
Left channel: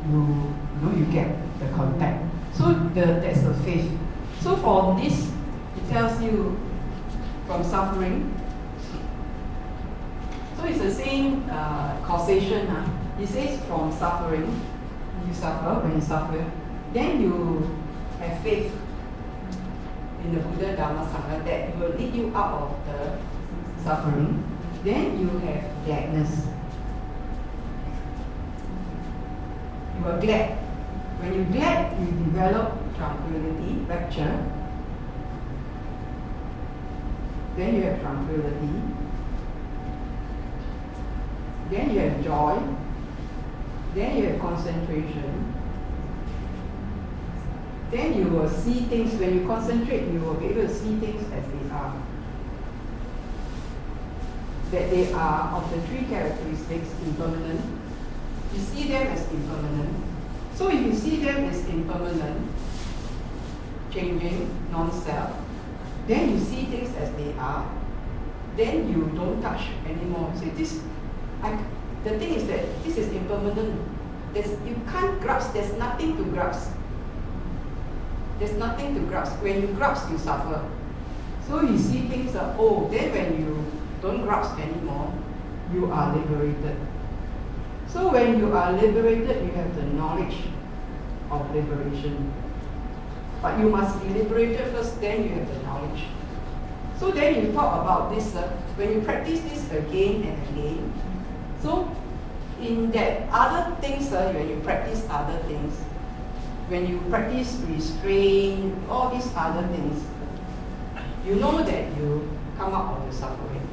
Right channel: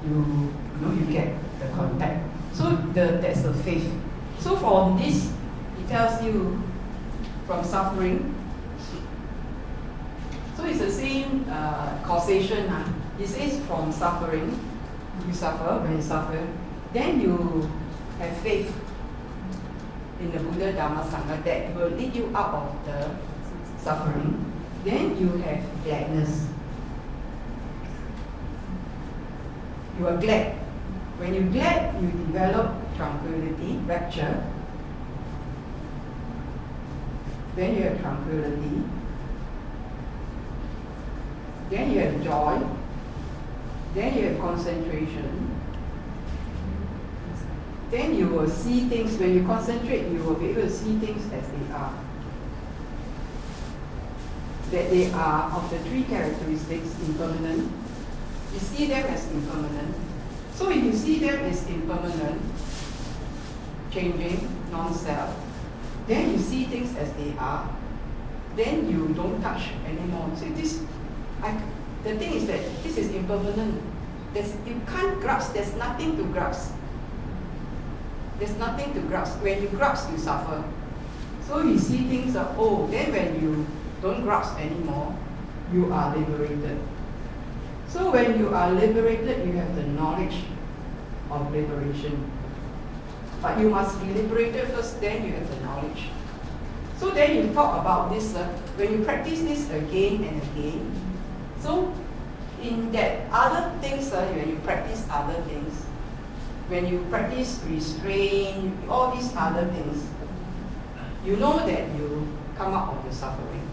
you get the contact. So that's the faith. So for this, it tells you from suffering. So it's the same causation. It says from suffering, you suffer, when you suffer, then you have faith in the Buddha, Dhamma, Sangha that will lead you out of the suffering. Then you have gladness. You are glad. When you're glad, you develop tranquility, rapture. Then you have tranquility. Then you have joy. Then you have concentration. Then you will see things. When you concentrate, you will be able to see things as they are. That they are of the three characteristics, impermanent. You see them as impermanent. So if you see them as impermanent, changing, non-self, then you see things as they are, then you don't touch anymore. So the thing is that this is impermanent. You can't grasp, there's nothing to grasp. There's nothing to grasp. When you grasp, you suffer. So you see things then when you don't grasp anymore, you are liberated. So when you are liberated, you have the knowledge of liberation. But you must be liberated first, then you have the knowledge. So then you talk about this, when you practice this again and again, so in that other things, when you practice other things, when you practice restraint, all these other things, you know that you come out of the suffering.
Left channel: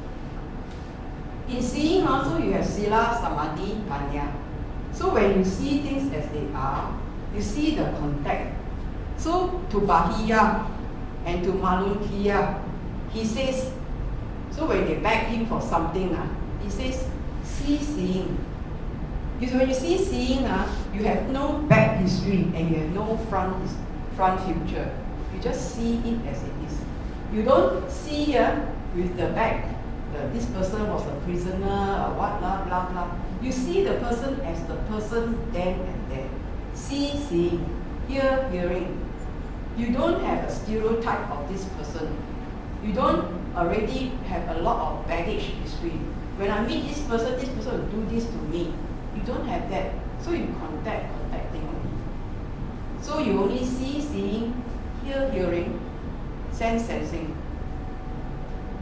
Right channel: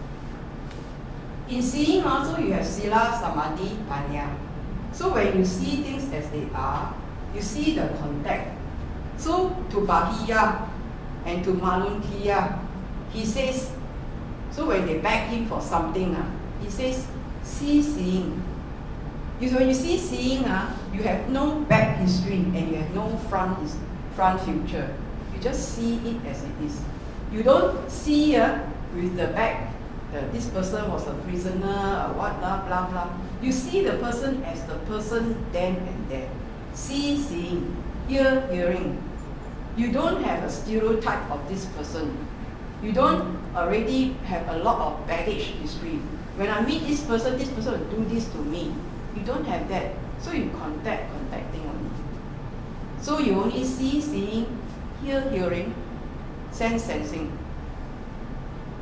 In seeing also, you have sila, samadhi, panya. So when you see things as they are, you see the contact. So to Bahiya and to Malunkiya, he says, so when they beg him for something, he says, see seeing. When you see seeing, you have no back history and you have no front future. You just see it as it is. You don't see with the back, this person was a prisoner, or what, blah, blah, blah. You see the person as the person then and there. See, seeing, hear, hearing. You don't have a stereotype of this person. You don't already have a lot of baggage history. When I meet this person will do this to me. You don't have that. So you contacting only. So you only see, seeing, hear, hearing, sense, sensing.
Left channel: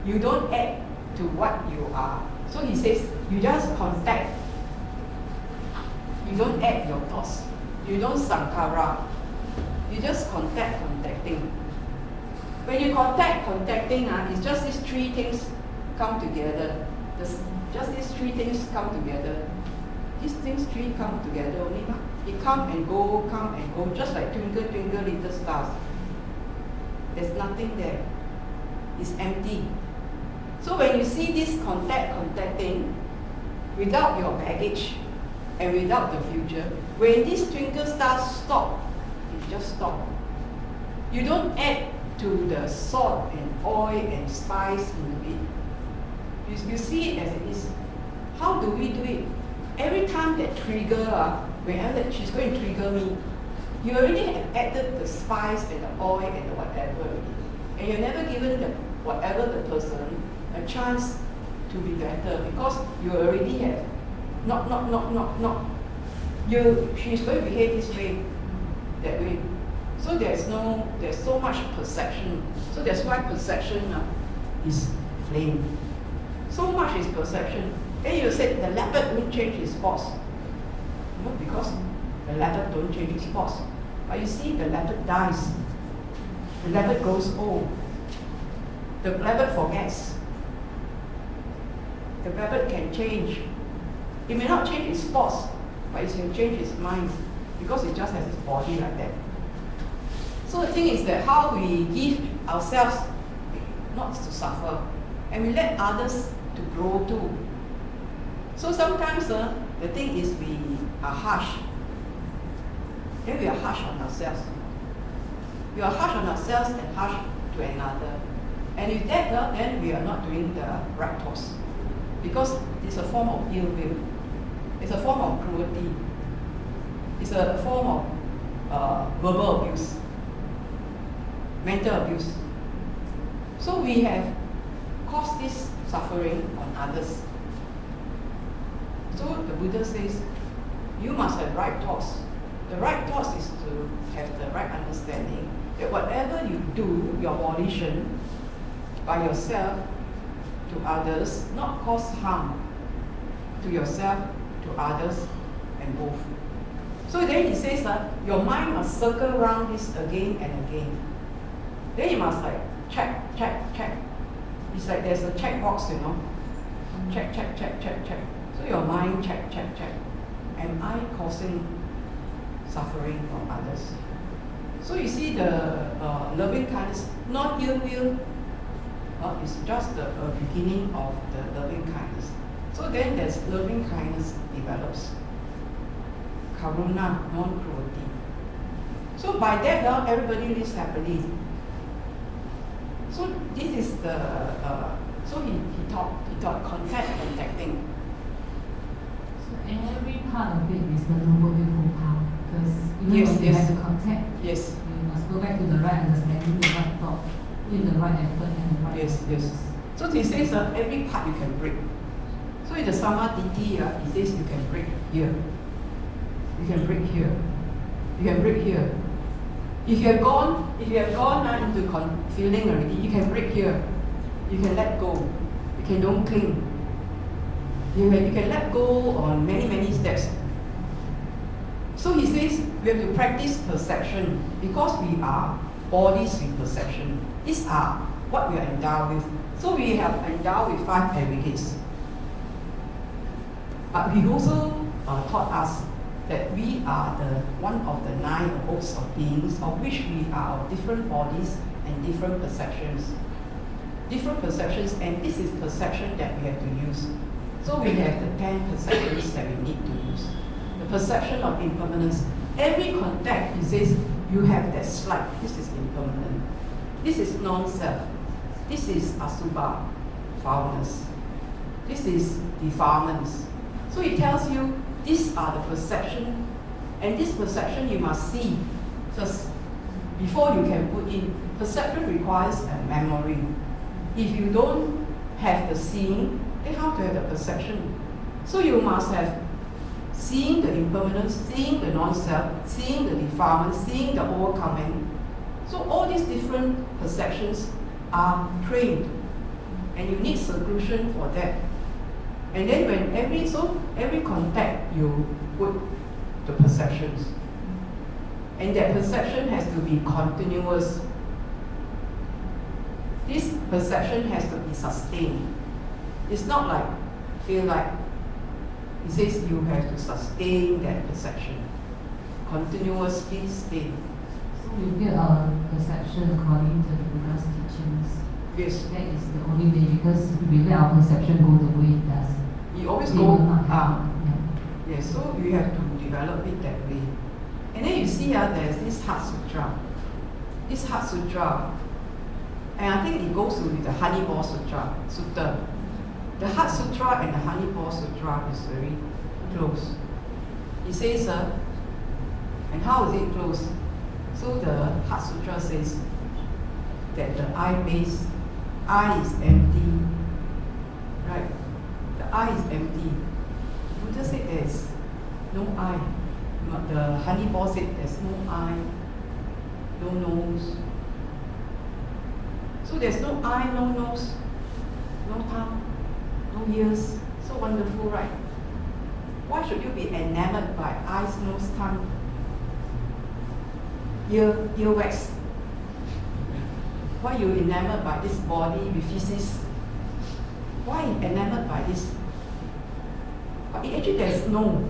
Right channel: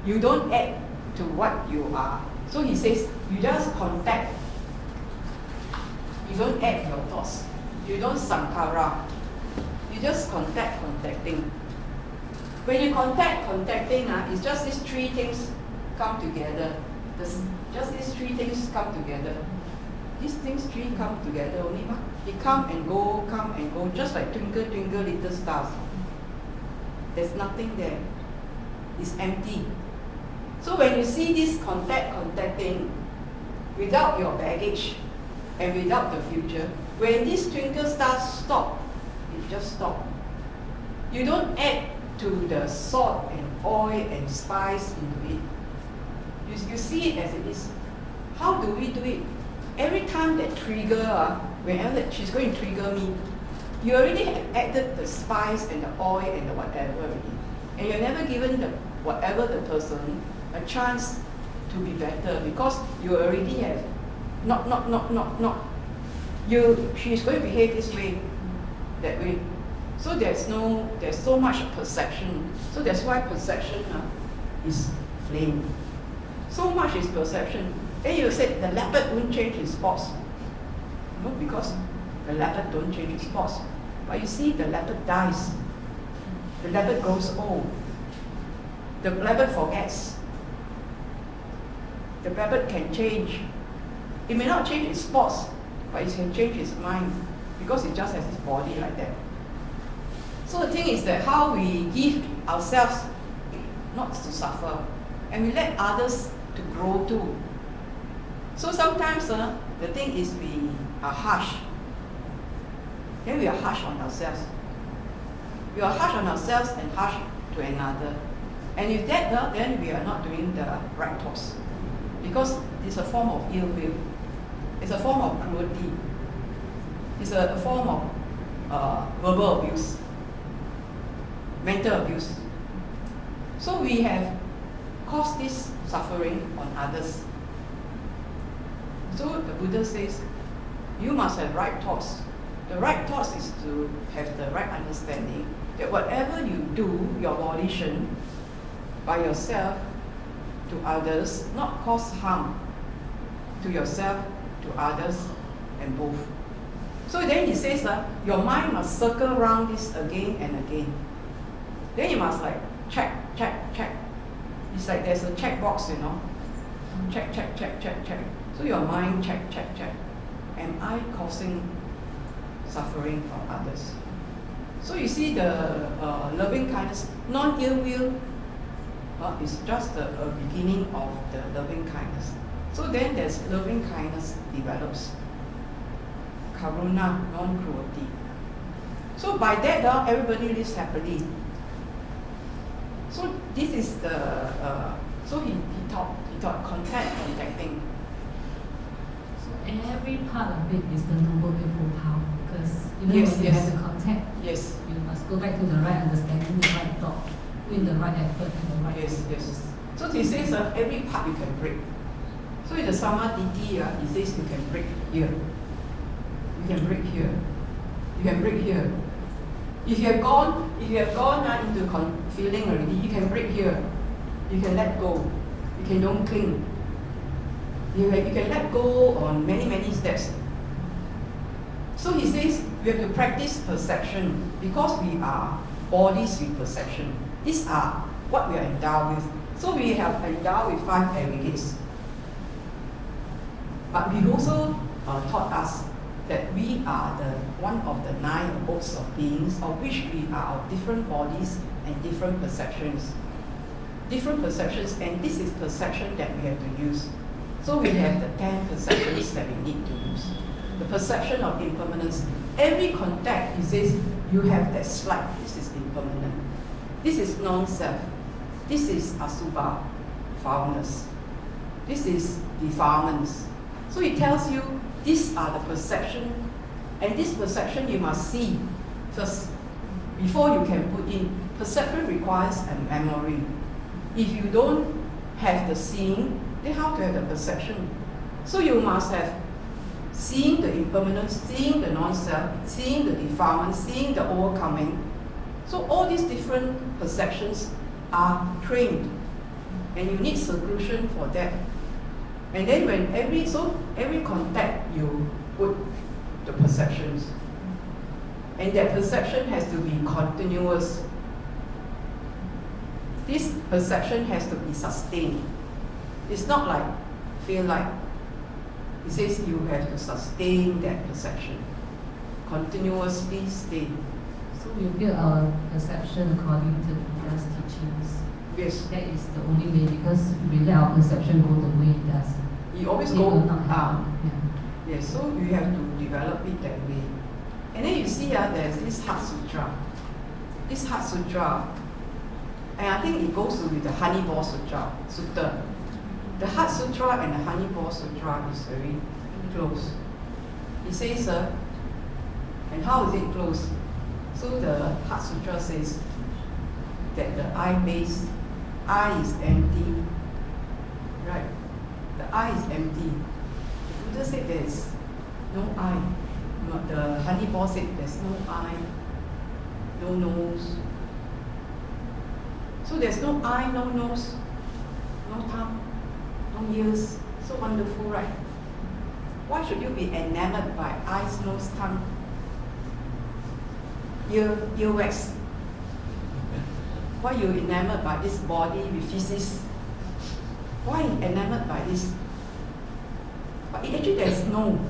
You don't add to what you are. So he says, you just contact. You don't add your thoughts. You don't sankhara. You just contacting. When you contacting, it's just these three things come together. Just these three things come together. These things three come together only. They come and go, just like twinkle, twinkle, little stars. There's nothing there. It's empty. So when you see this contacting, without your baggage and without the future, when these twinkle stars stop, it just stop. You don't add to the salt and oil and spice into it. You see it as it is. How do we do it? Every time that trigger, whenever she's going to trigger me, you already have added the spice and the oil and the whatever already. And you're never given the whatever the person a chance to be better because you already have she's going to behave this way, that way. So there's so much perception. So that's why perception is flame. So much is perception. Then you said the leopard won't change his spots. No, because the leopard don't change his spots. But you see, the leopard dies. The leopard grows old. The leopard forgets. The leopard can change. It may not change its spots, but it can change its mind because it just has its body like that. So the thing is that how we give ourselves not to suffer, and we let others to grow too. So sometimes the thing is we are harsh. Then we are harsh on ourselves. We are harsh on ourselves and harsh to another. And if that, then we are not doing the right thoughts. Because it's a form of ill will. It's a form of cruelty. It's a form of verbal abuse, mental abuse. So we have caused this suffering on others. So the Buddha says, you must have right thoughts. The right thoughts is to have the right understanding that whatever you do, your volition, by yourself, to others, not cause harm to yourself, to others, and both. So then he says, your mind must circle around this again and again. Then you must like check. It's like there's a check box, you know. Check. So your mind check. Am I causing suffering from others? So you see the loving kindness, non-ill will, is just the beginning of the loving kindness. So then there's loving kindness develops. Karuna, non-cruelty. So by that, everybody lives happily. So this is the, so he taught contacting. So every part of it is the noble eightfold path, because even Yes, when you yes. have the contact, Yes, you must go back to the right understanding, the right thought, put in the right effort and the right yes. So he says every part you can break. So in the Samadhi, he says you can break here. You can break here. You can break here. If you have gone into feeling already, you can break here. You can let go. You can don't cling. You can let go on many steps. So he says we have to practice perception because we are bodies with perception. These are what we are endowed with. So we have endowed with 5 aggregates. But he also taught us that we are one of the 9 abodes of beings, of which we are of different bodies and different perceptions. Different perceptions, and this is perception that we have to use. So we have the 10 perceptions that we need to use. The perception of impermanence. Every contact, he says, you have that slight. This is impermanent. This is non-self. This is asubha, foulness. This is defilements. So he tells you, these are the perception, and this perception you must see first before you can put in. Perception requires a memory. If you don't have the seeing, then how to have the perception? So you must have seeing the impermanence, seeing the non-self, seeing the defilement, seeing the overcoming. So all these different perceptions are trained, and you need solution for that. And then when every contact you put the perceptions, and that perception has to be continuous. This perception has to be sustained. It's not like feel like. He says you have to sustain that perception, continuously stay. So we build our perception according to the Buddha's teachings. Yes. That is the only way, because if we let our perception go the way it does, You always we go will not have Yes, so you have to develop it that way. And then you see there's this Heart Sutra. This Heart Sutra, and I think it goes with the Honey Ball Sutta. The Heart Sutra and the Honey Ball Sutra is very close. He says, and how is it close? So the Heart Sutra says that the eye is empty, right? The eye is empty. The Buddha said there's no eye. The honey ball said there's no eye, no nose. So there's no eye, no nose, no tongue, no ears. So wonderful, right? Why should you be enamored by eyes, nose, tongue, earwax? Why you enamored by this body with physics? Why enamored by this? But actually there's no.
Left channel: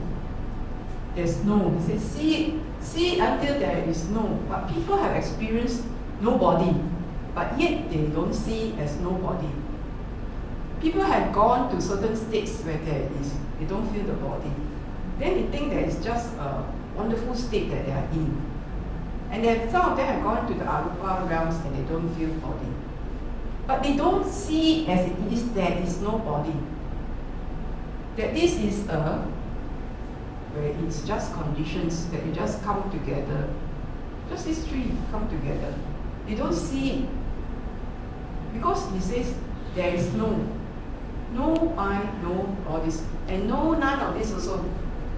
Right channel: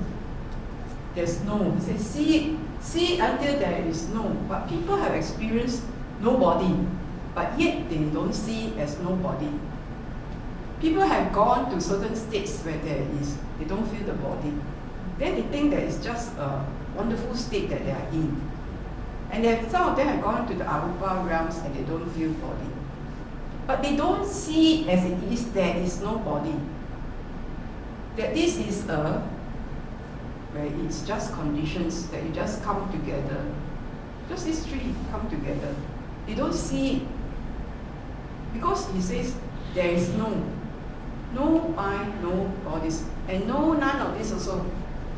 There's no. He says, see it until there is no. But people have experienced no body, but yet they don't see it as no body. People have gone to certain states where they don't feel the body. Then they think that it's just a wonderful state that they are in. And then some of them have gone to the Arupa realms and they don't feel body. But they don't see as it is, there is no body. That this is where it's just conditions, that you just come together. Just these three come together. They don't see it. Because he says there is no I, no bodies, and no none of this also.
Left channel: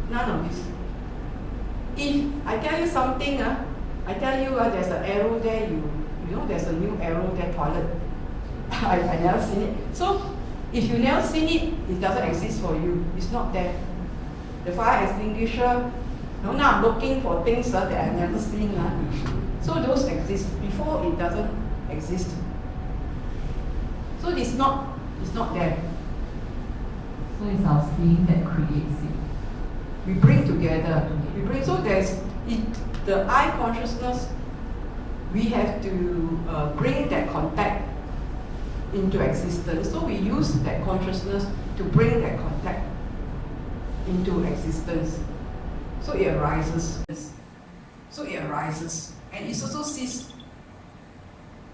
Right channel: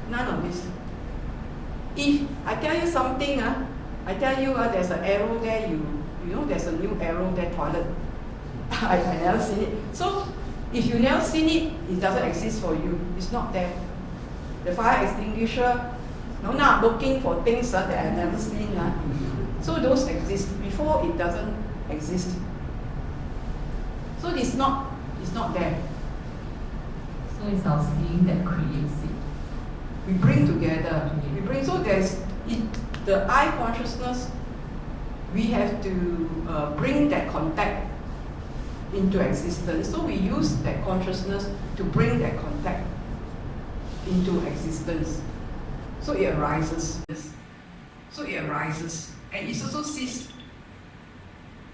None of this. If I tell you something, I tell you there's an arrow there, you know there's a new arrow there, toilet. I never seen it. So if you never seen it, it doesn't exist for you. It's not there. The fire extinguisher, now I'm looking for things that I've never seen. So those exist. Before it doesn't exist. So it's not there. So it's our seeing that creates it. We bring together. We bring, so there's the I consciousness. We have to bring that contact into existence. So we use that consciousness to bring that contact into existence. So it arises. So it arises, and it also ceases.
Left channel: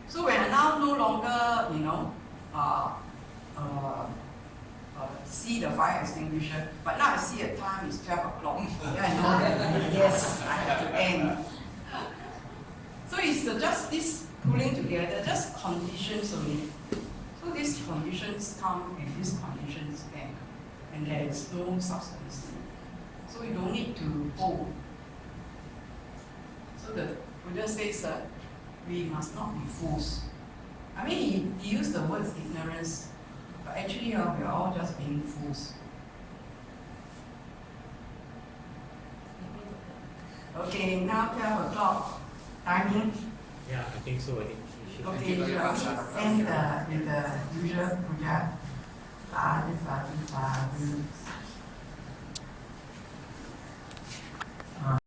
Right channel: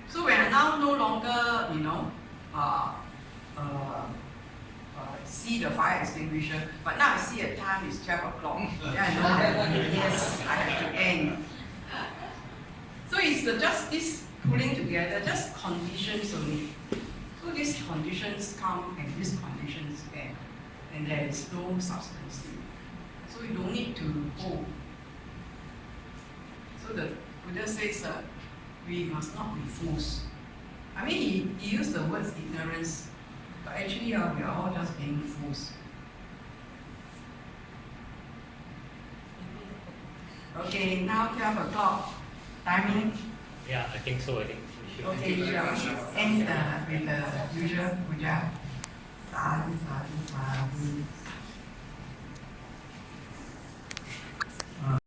So when I now no longer, see the fire extinguisher, but now I see a time, it's 12 o'clock. Then I know that, yes, I have to end. So it's just this pulling together, just conditions only. So these conditions come and these conditions end, and there is no substance. So you don't need to hold. So the Buddha says we must not be fools. I mean, he used the words ignorance, but actually we are all just being fools. Okay, now 12 o'clock. Timing? Yeah, I think so. I think we should. Okay, shall we end with the usual puja? Sadhu, sadhu, sadhu.